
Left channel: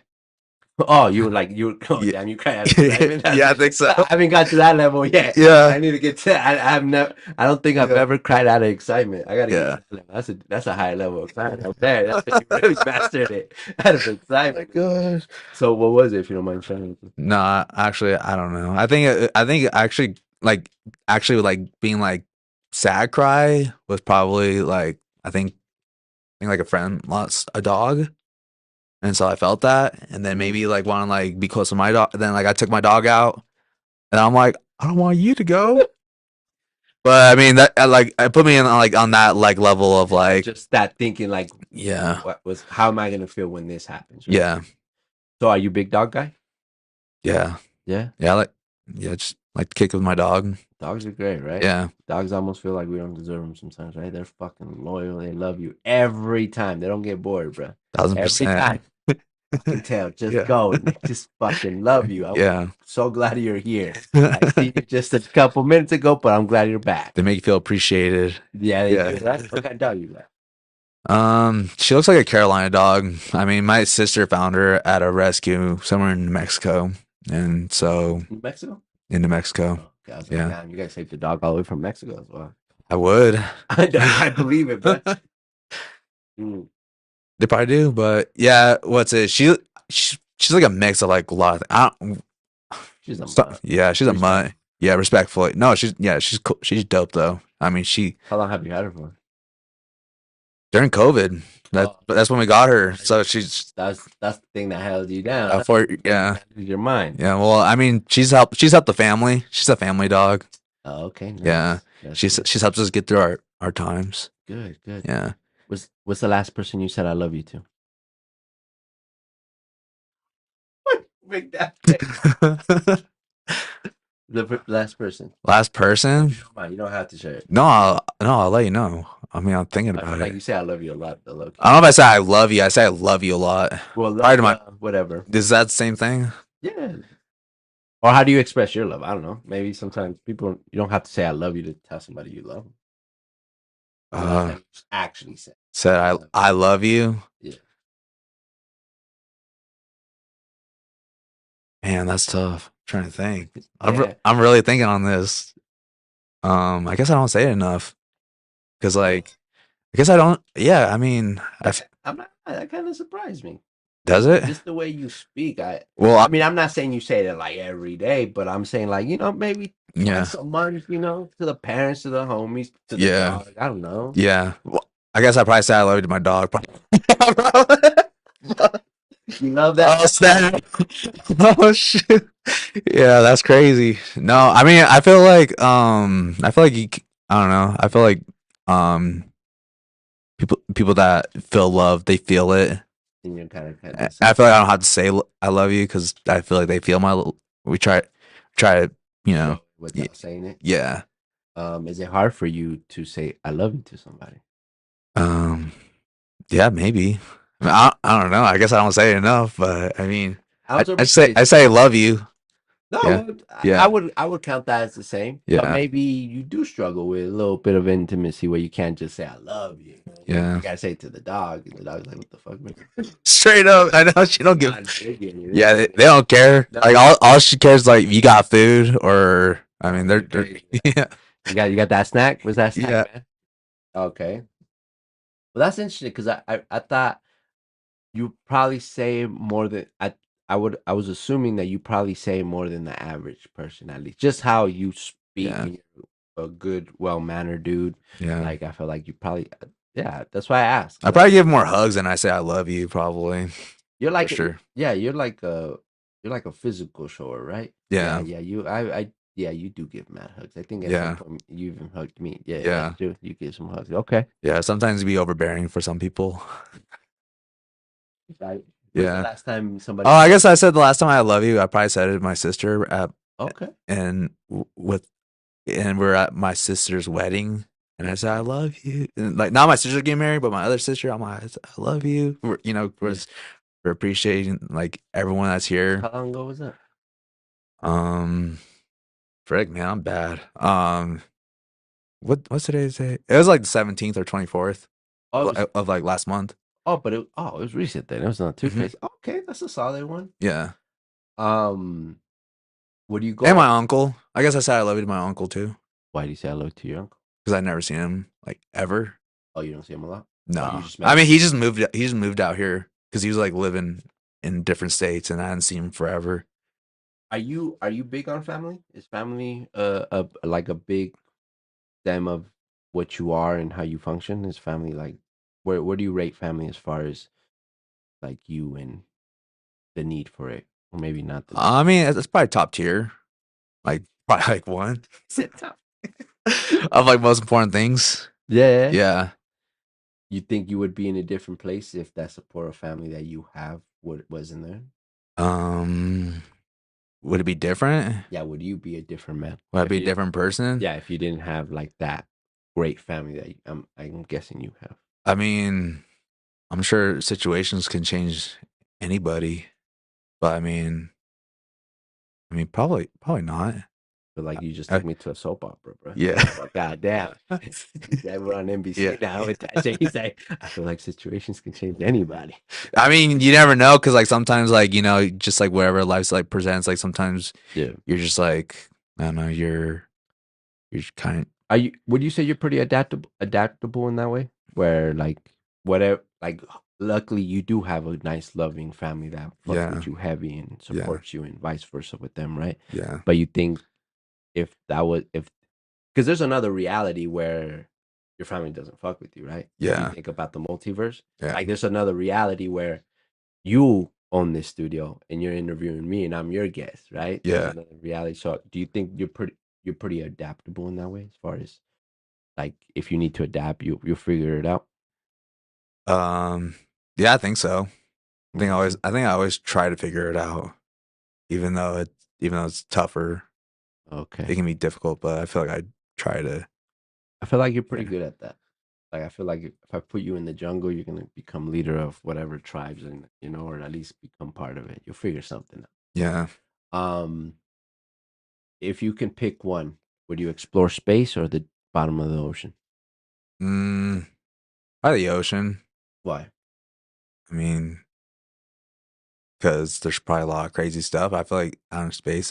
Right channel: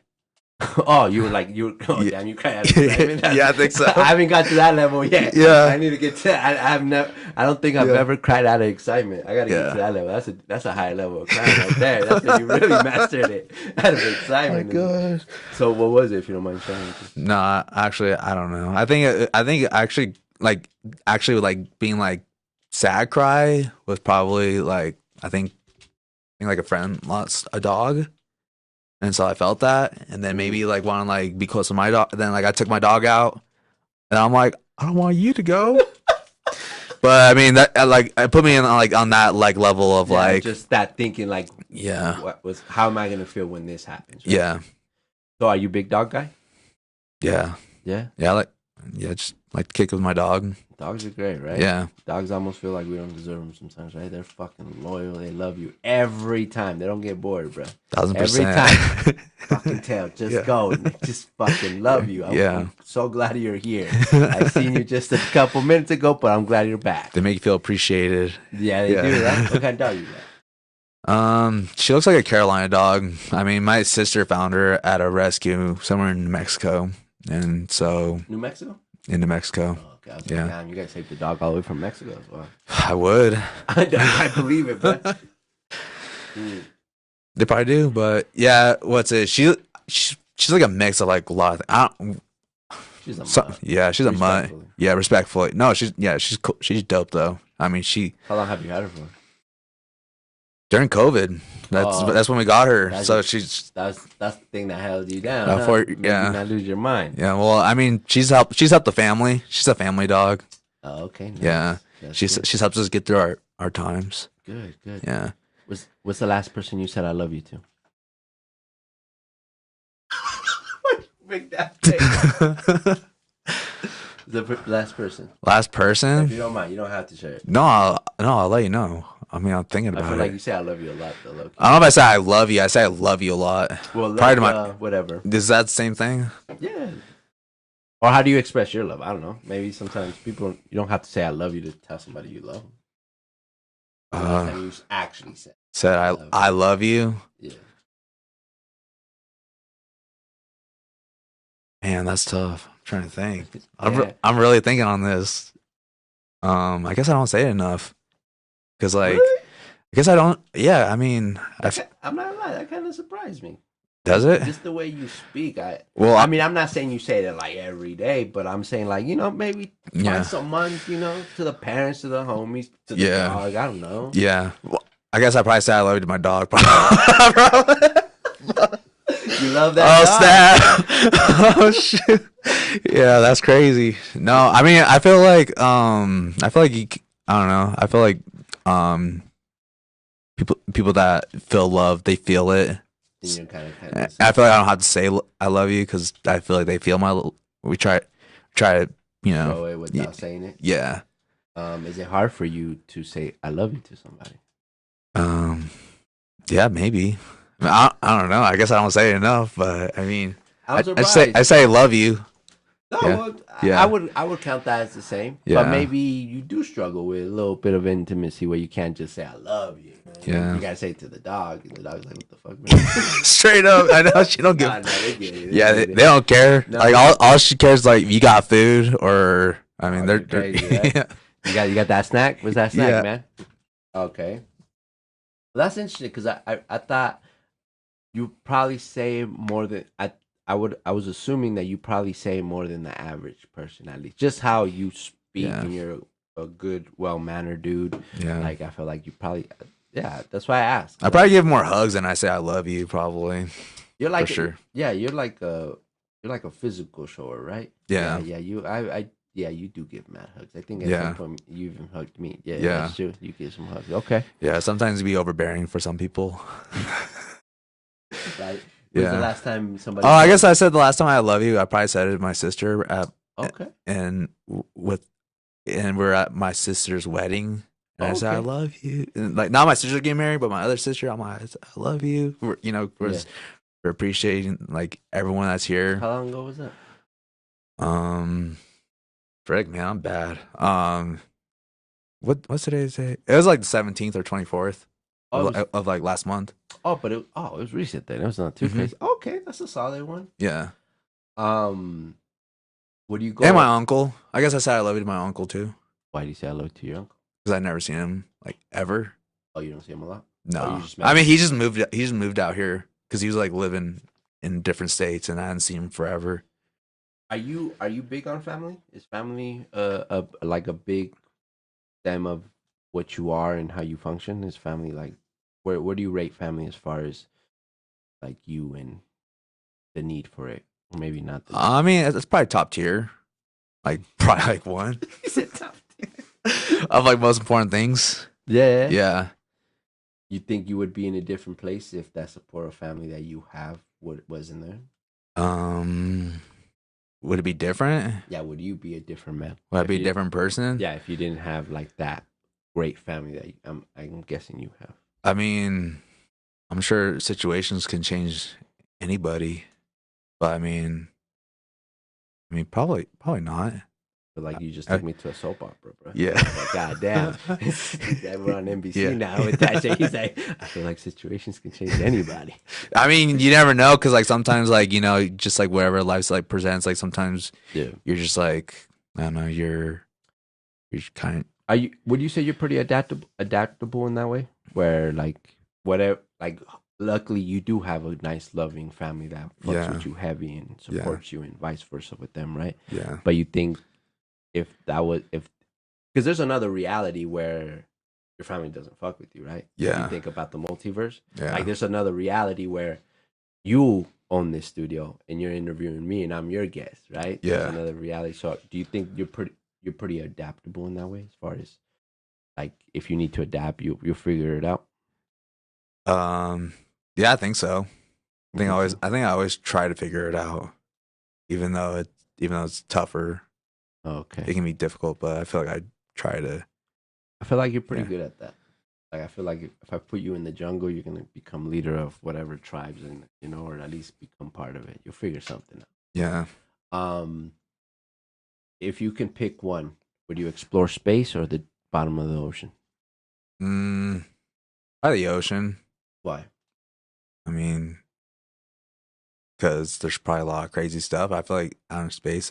Oh, damn, you cried. Yeah, I think so. I haven't got to that level yet. Yeah. I need to get to that. I don't think I've ever cried out of excitement. I gotta get to that level. That's a high level of crying right there. That's when you really mastered it. Out of excitement. Oh my gosh. So what was it, if you don't mind sharing? No, actually, I don't know. I think actually like actually like being like sad cry was probably like I think like a friend lost a dog, and so I felt that, and then maybe like want to like be close to my dog. Then like I took my dog out, and I'm like, I don't want you to go. But I mean that like it put me in like on that like level of like just that thinking like, yeah how am I gonna feel when this happens? Right? yeah So are you a big dog guy? yeah Yeah. yeah yeah just like to kick with my dog. Dogs are great, right? Yeah. Dogs almost feel like we don't deserve them sometimes, right? They're fucking loyal. They love you every time. They don't get bored, bro. 1000%. Every time. Fucking tell, just go. They just fucking love you. I'm so glad you're here. I seen you just a couple minutes ago, but I'm glad you're back. They make you feel appreciated. Yeah, they do, right? What kind of dog you got? She looks like a Carolina dog. I mean, my sister found her at a rescue somewhere in New Mexico, and so New Mexico? in New Mexico. Oh, God, yeah. Man, you guys take the dog all the way from Mexico as well. I would. I believe it, but they probably do, but yeah, what's it? She's like a mix of like a lot of. She's a mutt. Yeah, she's a mutt. Yeah, respectfully. No, she's cool. She's dope though. I mean, How long have you had her for? During COVID. That's when we got her. So that's the thing that held you down. Yeah. Not lose your mind. Yeah. Well, I mean, she's helped the family. She's a family dog. Oh, okay. Nice. Yeah. That's She's helped us get through our times. Good. Yeah. What's the last person you said I love you to? Make that face. The last person. Last person? If you don't mind, you don't have to share it. No, I'll let you know. I mean, I'm thinking about I feel it. like you say I love you a lot. I don't know if I say I love you. I say I love you a lot. Well, prior to my whatever. Is that the same thing? Yeah. Or how do you express your love? I don't know. Maybe sometimes you don't have to say I love you to tell somebody you love them. You actually say I love you. Yeah. Man, that's tough. I'm trying to think. I'm really thinking on this. I guess I don't say it enough. Because, like, really? I guess I don't. Yeah, I mean, I'm not lying. That kind of surprised me. Does it? Just the way you speak. I mean, I'm not saying you say it like every day, but I'm saying like, maybe once a month, to the parents, to the homies, to the dog. I don't know. Yeah. Well, I guess I probably say I love you to my dog. You love that dog? Snap. Oh shit. Yeah, that's crazy. No, I mean, I feel like I don't know. I feel like people that feel love, they feel it. I feel like I don't have to say I love you because I feel like they feel we try to show it without saying it. Yeah. Is it hard for you to say I love you to somebody? Yeah, maybe. I don't know. I guess I don't say it enough, but I mean, I say I love you. No, yeah. I would count that as the same. Yeah. But maybe you do struggle with a little bit of intimacy where you can't just say I love you. Yeah. You gotta say it to the dog, and the dog's like, "What the fuck, man?" Straight up, I know she don't give. They don't care. No. Like all she cares like you got food or I mean they're crazy, right? Yeah. You got that snack? What's that snack, man? Okay. Well, that's interesting because I thought you probably say more than I was assuming that you probably say more than the average person, at least. Just how you speak and you're a good, well-mannered dude. Yeah. Like, I feel like you probably, that's why I asked. I probably give more hugs than I say I love you, probably. You're like, for sure. Yeah, you're like a physical shower, right? Yeah. You do give mad hugs. I think from you even hugged me. Yeah, that's true. You give some hugs. Okay. Yeah, sometimes you be overbearing for some people. Right. The last time somebody? Oh, I guess I said the last time I love you. I probably said it to my sister and we're at my sister's wedding, and I said I love you. And like not my sister getting married, but my other sister. I'm like I love you. We're appreciating like everyone that's here. How long ago was that? Frick, man, I'm bad. What's today's day? It was like the 17th or 24th of like last month. Oh, but it was recent then. It was not too crazy. Okay, that's a solid one. Yeah. What do you go? And my uncle. I guess I said I love you to my uncle too. Why do you say I love you to your uncle? Because I've never seen him like ever. Oh, you don't see him a lot? No. I mean, he just moved out here because he was like living in different states, and I hadn't seen him forever. Are you big on family? Is family like a big stem of what you are and how you function? Is family like where do you rate family as far as like you and the need for it? Or maybe not the need. I mean, it's probably top tier. Like probably like one He said tough. of like most important things. Yeah. Yeah. You think you would be in a different place if that supportive family that you have wasn't there? Um, would it be different? Yeah, would you be a different man? Would I If be a you, different person? yeah, if you didn't have like that great family that I'm guessing you have. I mean, I'm sure situations can change anybody, but I mean, probably not. But like you just Uh, took me to a soap opera, bro. yeah. Like, God damn. Yeah, we're on NBC Yeah. now with that shit. He's like, I feel like situations can change anybody. I mean, you never know because like sometimes like just like whatever life's like presents, like sometimes Yeah. you're just like I don't know, you're kind of Are you? Would you say you're pretty adaptable in that way? Where like whatever, like luckily you do have a nice, loving family that fucks yeah, with you heavy and yeah, supports you, and vice versa with them, right? yeah, But you think if that was if because there's another reality where your family doesn't fuck with you, right? If you yeah, think about the multiverse, yeah, like there's another reality where you own this studio and you're interviewing me and I'm your guest, right? There's yeah. another reality. So do you think you're pretty adaptable in that way as far as like if you need to adapt, you figure it out? Um, yeah, I think so. Okay. I think I always try to figure it out, even though it's tougher. It Okay. can be difficult, but I feel like I try to. I feel like you're pretty Yeah, good at that. Like I feel like if I put you in the jungle, you're gonna become leader of whatever tribes and or at least become part of it. You'll figure something yeah. out. If you can pick one, would you explore space or the bottom of the ocean? Mm, by the ocean. Why? I mean, because there's probably a lot of crazy stuff. I feel like out in space,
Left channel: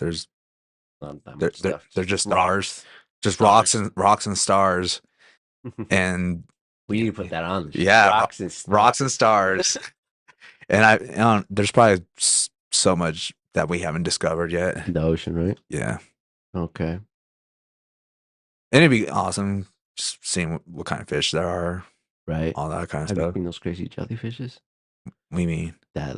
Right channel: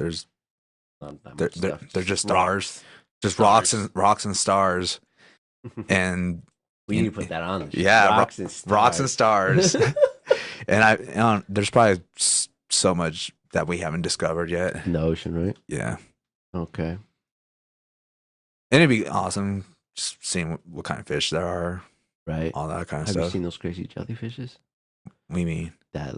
Not that much stuff. they're just stars, Rocks. just Stars. rocks and stars, and We need to put that on the show. yeah, Rocks and rocks and stars. stars. And there's probably so much that we haven't discovered yet. In the ocean, right? Yeah, Okay. and it'd be awesome just seeing what kind of fish there are, Right. all that kind of Have you stuff. seen those crazy jellyfishes? We mean, That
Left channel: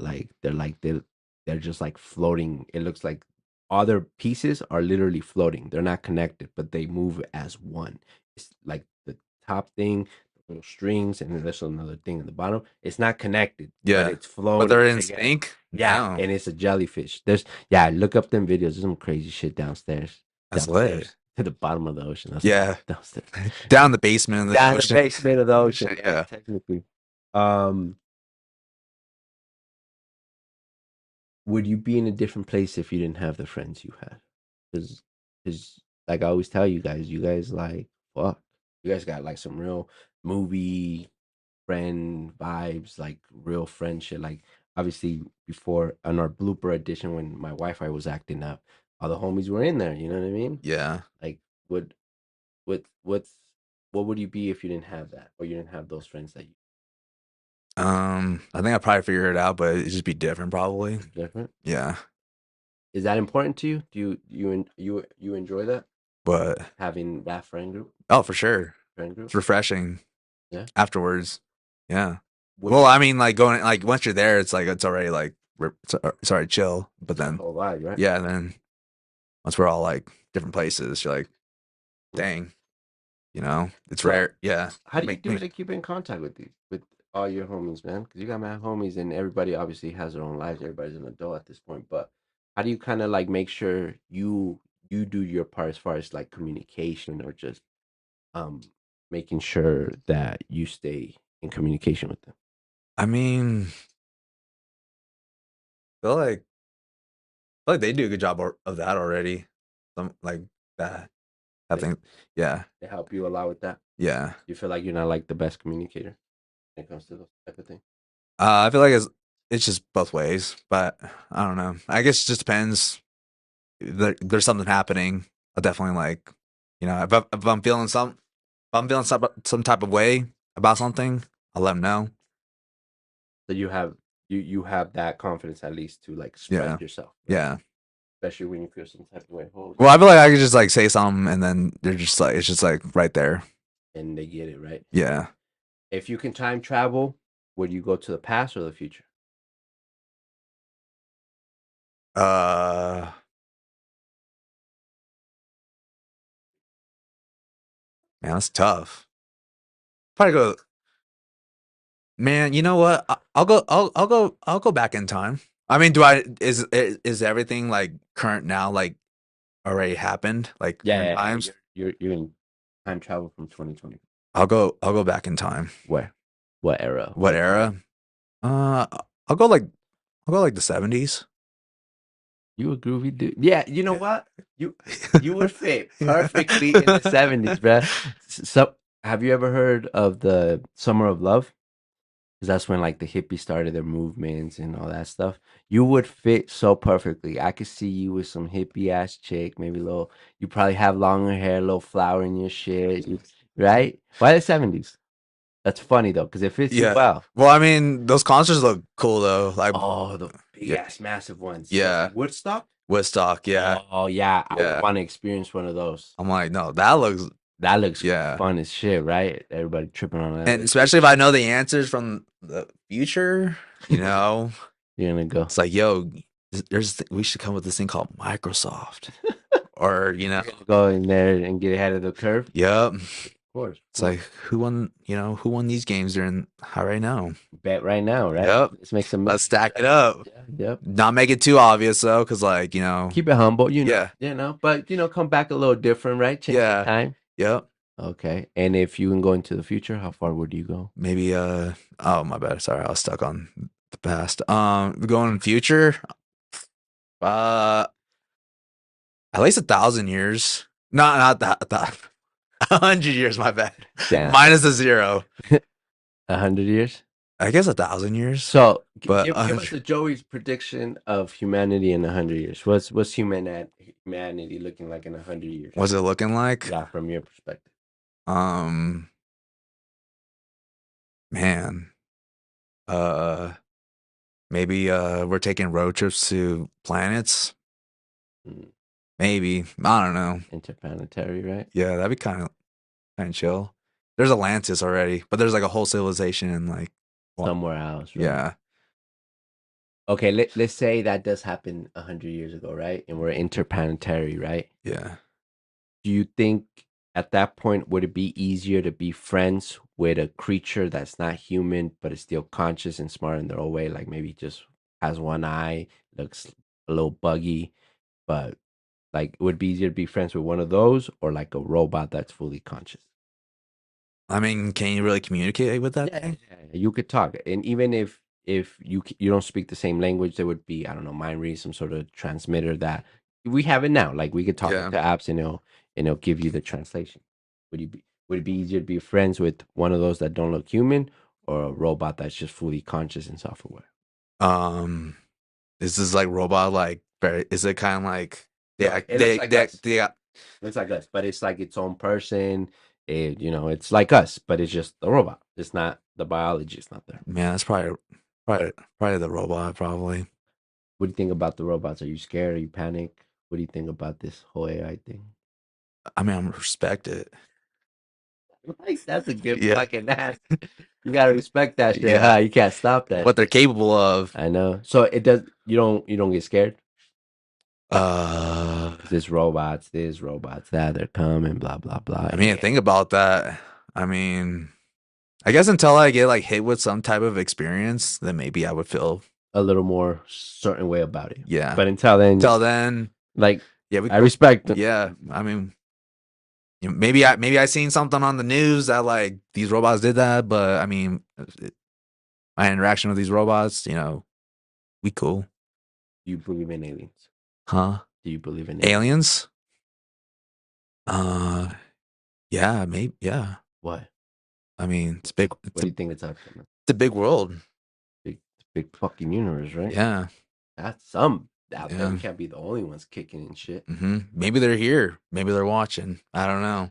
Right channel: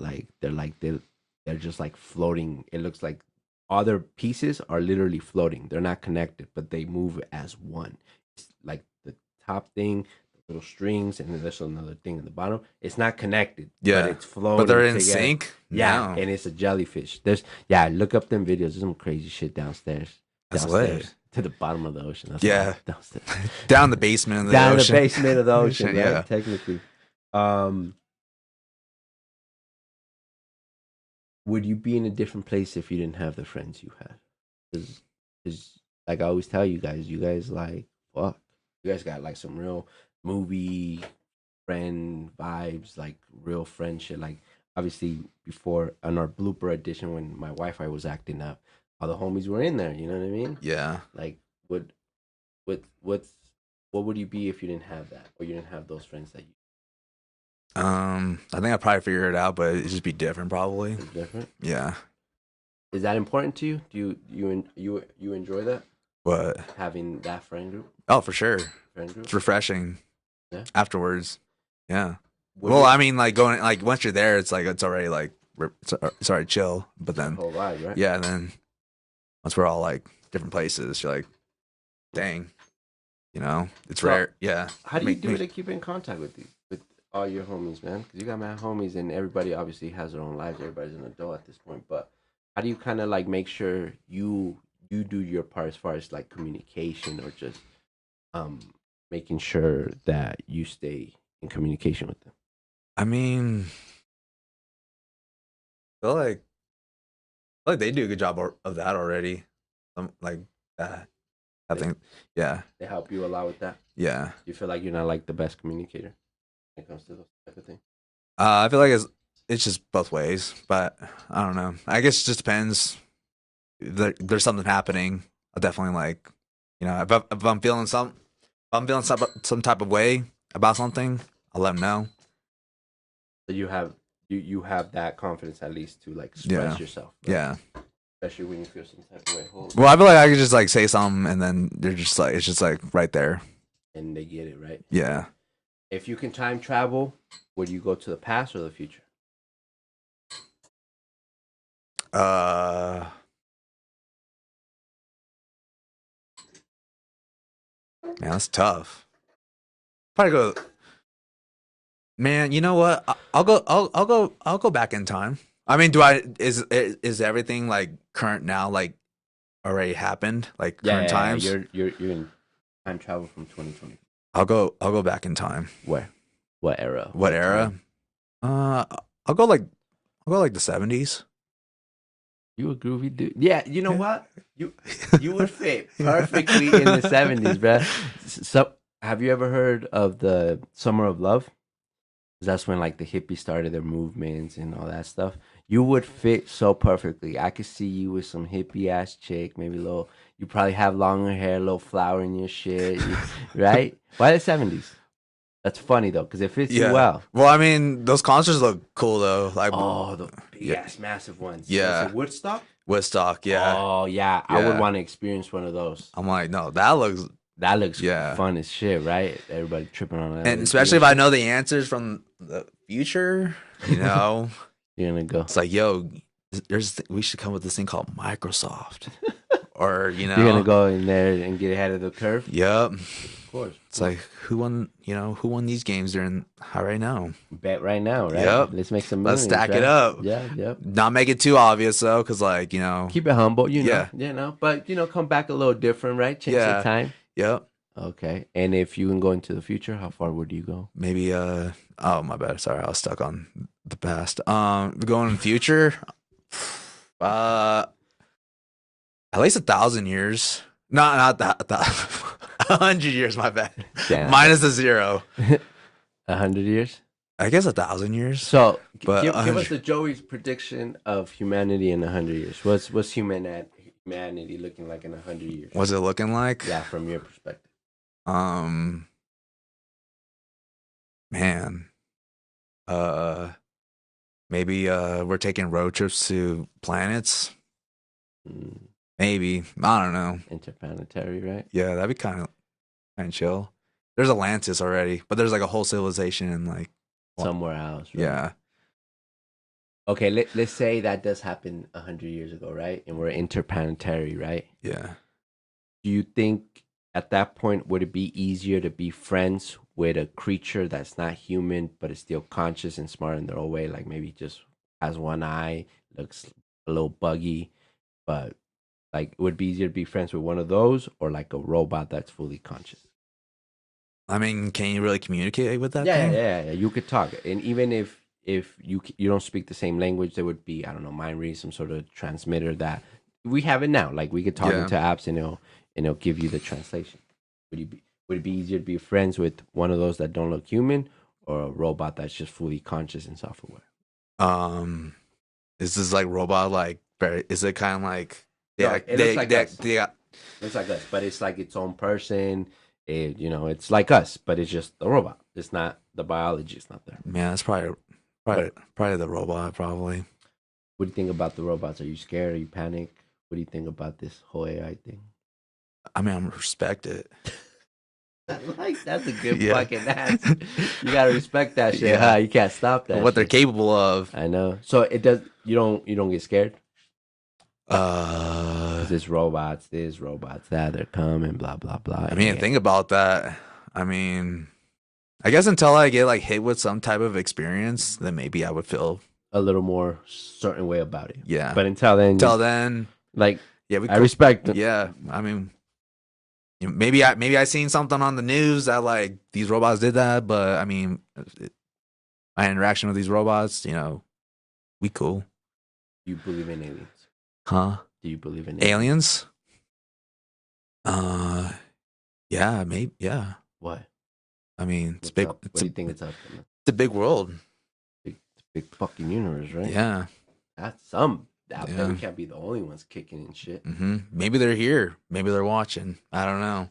they're just like floating. It looks like other pieces are literally floating. They're not connected, but they move as one. It's like the top thing, the little strings, and then there's another thing at the bottom. It's not connected, but yeah, it's but they're floating in together. sync. Yeah, No, and it's a jellyfish. Yeah, look up them videos. There's some crazy shit downstairs. that's lit. To the bottom of the ocean. That's Yeah, downstairs. down the basement of the Down the ocean. basement of the ocean, right? Yeah. Technically. Um, would you be in a different place if you didn't have the friends you had? Because like I always tell you guys like fuck. You guys got like some real movie friend vibes, like real friendship. Like obviously before on our blooper edition when my Wi-Fi was acting up, all the homies were in there. You know what I mean? Yeah. Like what what what's what would you be if you didn't have that or you didn't have those friends that you I think I probably figured it out, but it'd just be different probably. different? Yeah. Is that important to you? Do you enjoy that But having that friend group? oh, for sure. Friend group? It's refreshing Yeah. afterwards. Yeah. Would Well, you- I mean, like going like once you're there, it's like it's already like it's already chill. But then whole vibe, right? yeah, and then once we're all like different places, you're like, dang, it's So, rare. Yeah. How do you Make do me to keep in contact with all your homies, man? Because you got mad homies, and everybody obviously has their own lives. Everybody's an adult at this point, but how do you kind of like make sure you do your part as far as like communication or just um making sure that you stay in communication with them? I mean, I feel like they do a good job of that already. Like that. I think yeah. They help you a lot with that. Yeah. You feel like you're not like the best communicator when it comes to those type of things. I feel like it's just both ways, but I don't know. I guess it just depends. There's something happening. I'll definitely like, if I'm feeling some type of way about something, I'll let them know. So you have that confidence at least to like express Yeah, yourself. Right? yeah, especially when you feel some type of way. Well, I feel like I could just like say something and then they're just like it's just like right there. And they get it right. Yeah. If you can time travel, would you go to the past or the future? Uh, man, that's tough. Probably go. Man, you know what? I'll go. I'll go back in time. I mean, do I? Is everything like current now? Like already happened? Like current times? You're in time travel from 2020. I'll go. I'll go back in time. Where? What era? What era? I'll go like I'll go like the 70s. You a groovy dude. Yeah, you know what? You would fit perfectly in the 70s, bro. So, have you ever heard of the Summer of Love? 'Cause that's when like the hippies started their movements and all that stuff. You would fit so perfectly. I could see you with some hippie ass chick, maybe a little. You probably have longer hair, a little flower in your shit, right? Why the 70s? That's funny though, because it fits you Yeah. well. Well, I mean, those concerts look cool though. Like, Oh, the big yeah, ass massive ones. yeah, Woodstock? Woodstock. Yeah, Oh yeah, I would yeah. want to experience one of those. I'm like, no, that looks, That looks yeah. fun as shit, right? Everybody tripping on that. And especially if I know the answers from the future, you know, You're gonna go. it's like, yo, we should come with this thing called Microsoft, or You're gonna go in there and get ahead of the curve. yep. Of course. It's like who won? You know, who won these games during how right now? Bet right now, right? Yep. Let's make some Let's millions, stack right? it up. Yeah, yep. Not make it too obvious though, because like you know, Keep it humble, Yeah. But come back a little different, right? Change Yeah. the time. yep. Okay. And if you can go into the future, how far would you go? Maybe oh my bad, sorry, I was stuck on the past. Going in the future, uh, at least 1,000 years. No, not that. 100 years. My bad. Damn. Minus a zero. 100 years. I guess 1,000 years. So But, give us the Joey's prediction of humanity in 100 years. What's humanity looking like in 100 years? What's it looking like? Yeah, from your perspective. Man, maybe we're taking road trips to planets. Mm, Maybe I don't know. interplanetary, right? Yeah, that'd be kind of chill. There's Atlantis already, but there's like a whole civilization in like Somewhere else, right? yeah. Okay, let's say that does happen 100 years ago, right? And we're interplanetary, right? Yeah. Do you think at that point would it be easier to be friends with a creature that's not human but is still conscious and smart in their own way, like maybe just has one eye, looks a little buggy, but like it would be easier to be friends with one of those or like a robot that's fully conscious? I mean, can you really communicate with that thing? Yeah. You could talk, and even if you don't speak the same language, there would be, I don't know, mind read, some sort of transmitter that we have it now. Like we could talk Yeah. into apps, and it'll give you the translation. Would it be easier to be friends with one of those that don't look human, or a robot that's just fully conscious and self-aware? Is this like robot like very? Is it kind of like No, it looks like us. they It's like us, but it's like its own person. It's like us, but it's just the robot. It's not the biology. It's not there. man, that's probably the robot probably. What do you think about the robots? Are you scared? Are you panic? What do you think about this whole AI thing? I mean, I respect it. That's a good Yeah. fucking answer. You gotta respect that shit. Yeah. Huh? You can't stop that. What they're capable of. I know. So it does. You don't get scared. Uh, There's robots. There's robots. That they're coming. Blah blah blah. I mean, think about that. I mean, I guess until I get like hit with some type of experience, then maybe I would feel a little more certain way about it. yeah. But until then, Until then, like yeah, we I respect it. yeah. I mean, you know, maybe I seen something on the news that like these robots did that, but I mean, my interaction with these robots, you know, we cool, You believe in aliens? huh? Do you believe in Aliens? Yeah, maybe, yeah. What? I mean, it's What's big. up? What It's do a, you think it's up to? it's a big world. Big fucking universe, right? Yeah. That's some. That Yeah. we can't be the only ones kicking and shit. Maybe they're here. Maybe they're watching. I don't know.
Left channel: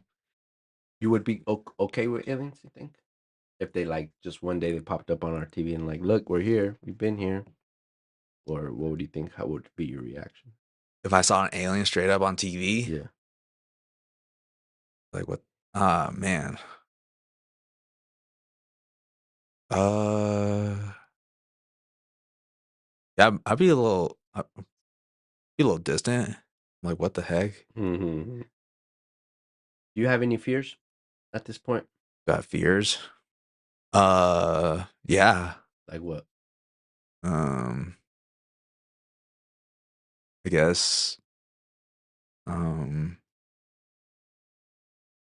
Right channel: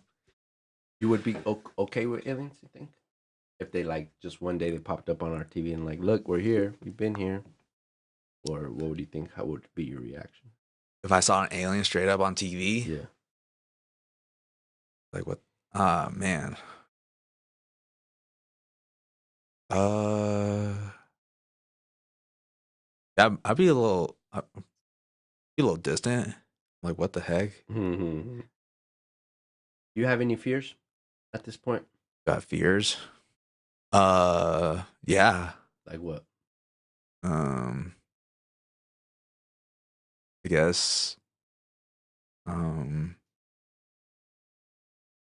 You would be okay with aliens, you think? If they like just one day they popped up on our TV and like, look, we're here, we've been here, or what would you think? How would be your reaction? if I saw an alien straight up on TV, Yeah. like what? Ah, man. Uh, I'd be a little distant. Like, what the heck? Mm-hmm. You have any fears at this point? Got fears? Yeah. Like what? Um, I guess. Um,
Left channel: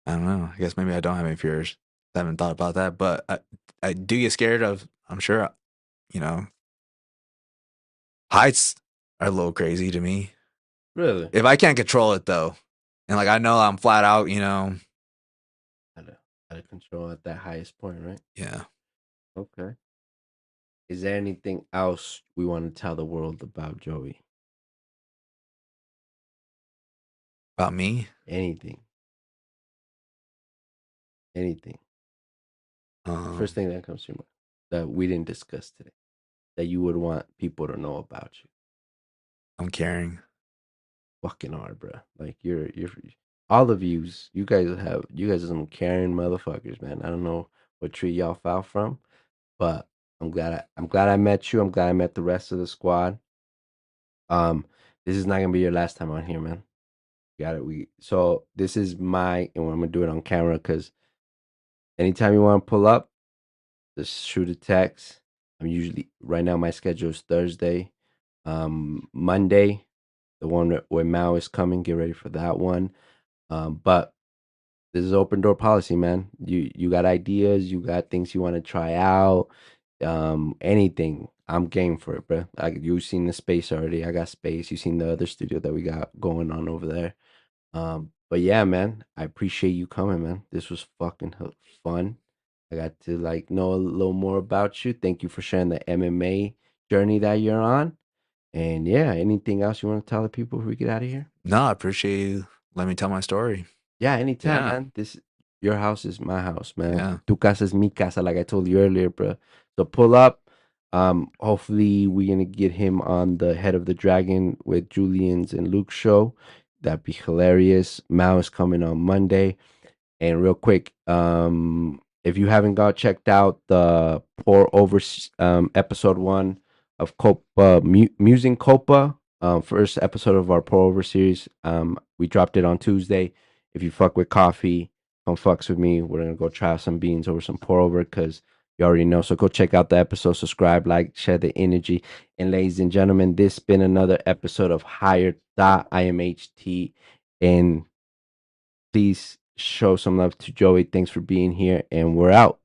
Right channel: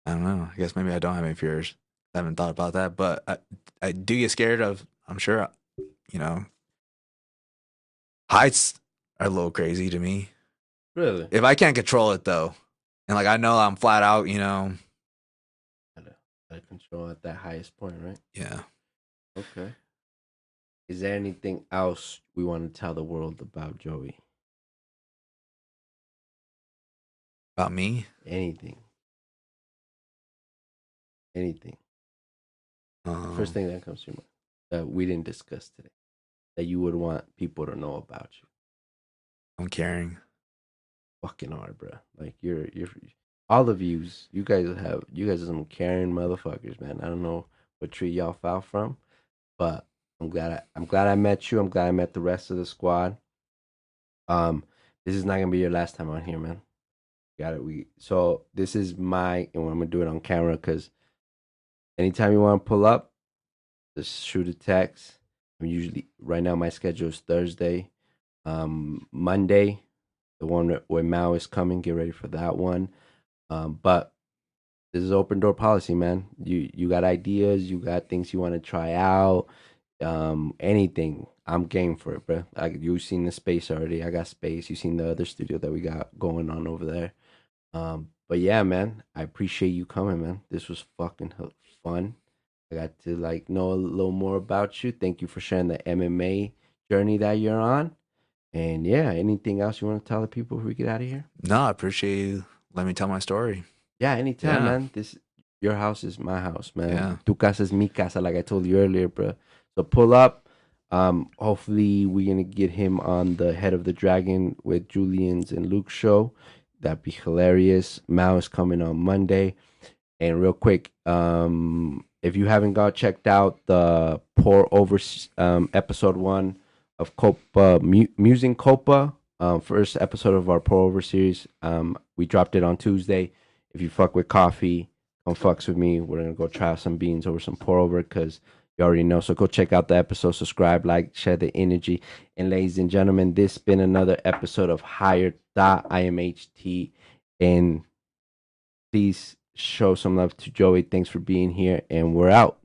I don't know. I guess maybe I don't have any fears. I haven't thought about that, but I do get scared of. I'm sure, you know, heights are a little crazy to me. Really? If I can't control it though, and like I know I'm flat out, Out of control at that highest point, right? yeah. Okay. Is there anything else we want to tell the world about Joey? About me, Anything. Anything. The first um, thing that comes to your mind that we didn't discuss today that you would want people to know about you. I'm caring. Fucking hard, bro. Like you're all the views you guys are some caring motherfuckers, man. I don't know what tree y'all fell from, but I'm glad I met you. I'm glad I met the rest of the squad. Um, this is not gonna be your last time on here, man. Got it. So this is and I'm gonna do it on camera because anytime you want to pull up, just shoot a text. I'm usually right now my schedule is Thursday, Monday, the one where Mao is coming. Get ready for that one. But this is open door policy, man. You got ideas, you got things you want to try out, anything. I'm game for it, bro. You've seen the space already. I got space. You've seen the other studio that we got going on over there. But yeah, man, I appreciate you coming, man. This was fucking fun. I got to like know a little more about you. Thank you for sharing the MMA journey that you're on. And yeah, anything else you want to tell the people before we get out of here? No, I appreciate you letting me tell my story. Yeah, anytime, Yeah, man. Your house is my house, man. yeah. Tu casa es mi casa, like I told you earlier, bro. So pull up. Hopefully we're gonna get him on the Head of the Dragon with Julian's and Luke's show. That'd be hilarious. Mao is coming on Monday. And real quick, if you haven't got checked out the pour over episode 1 of Copa Musing Copa, first episode of our pour over series, we dropped it on Tuesday. If you fuck with coffee, come fucks with me. We're gonna go try some beans over some pour over because you already know. So go check out the episode, subscribe, like, share the energy. And ladies and gentlemen, this has been another episode of Higher Thought. I am HT, and please show some love to Joey. Thanks for being here, and we're out.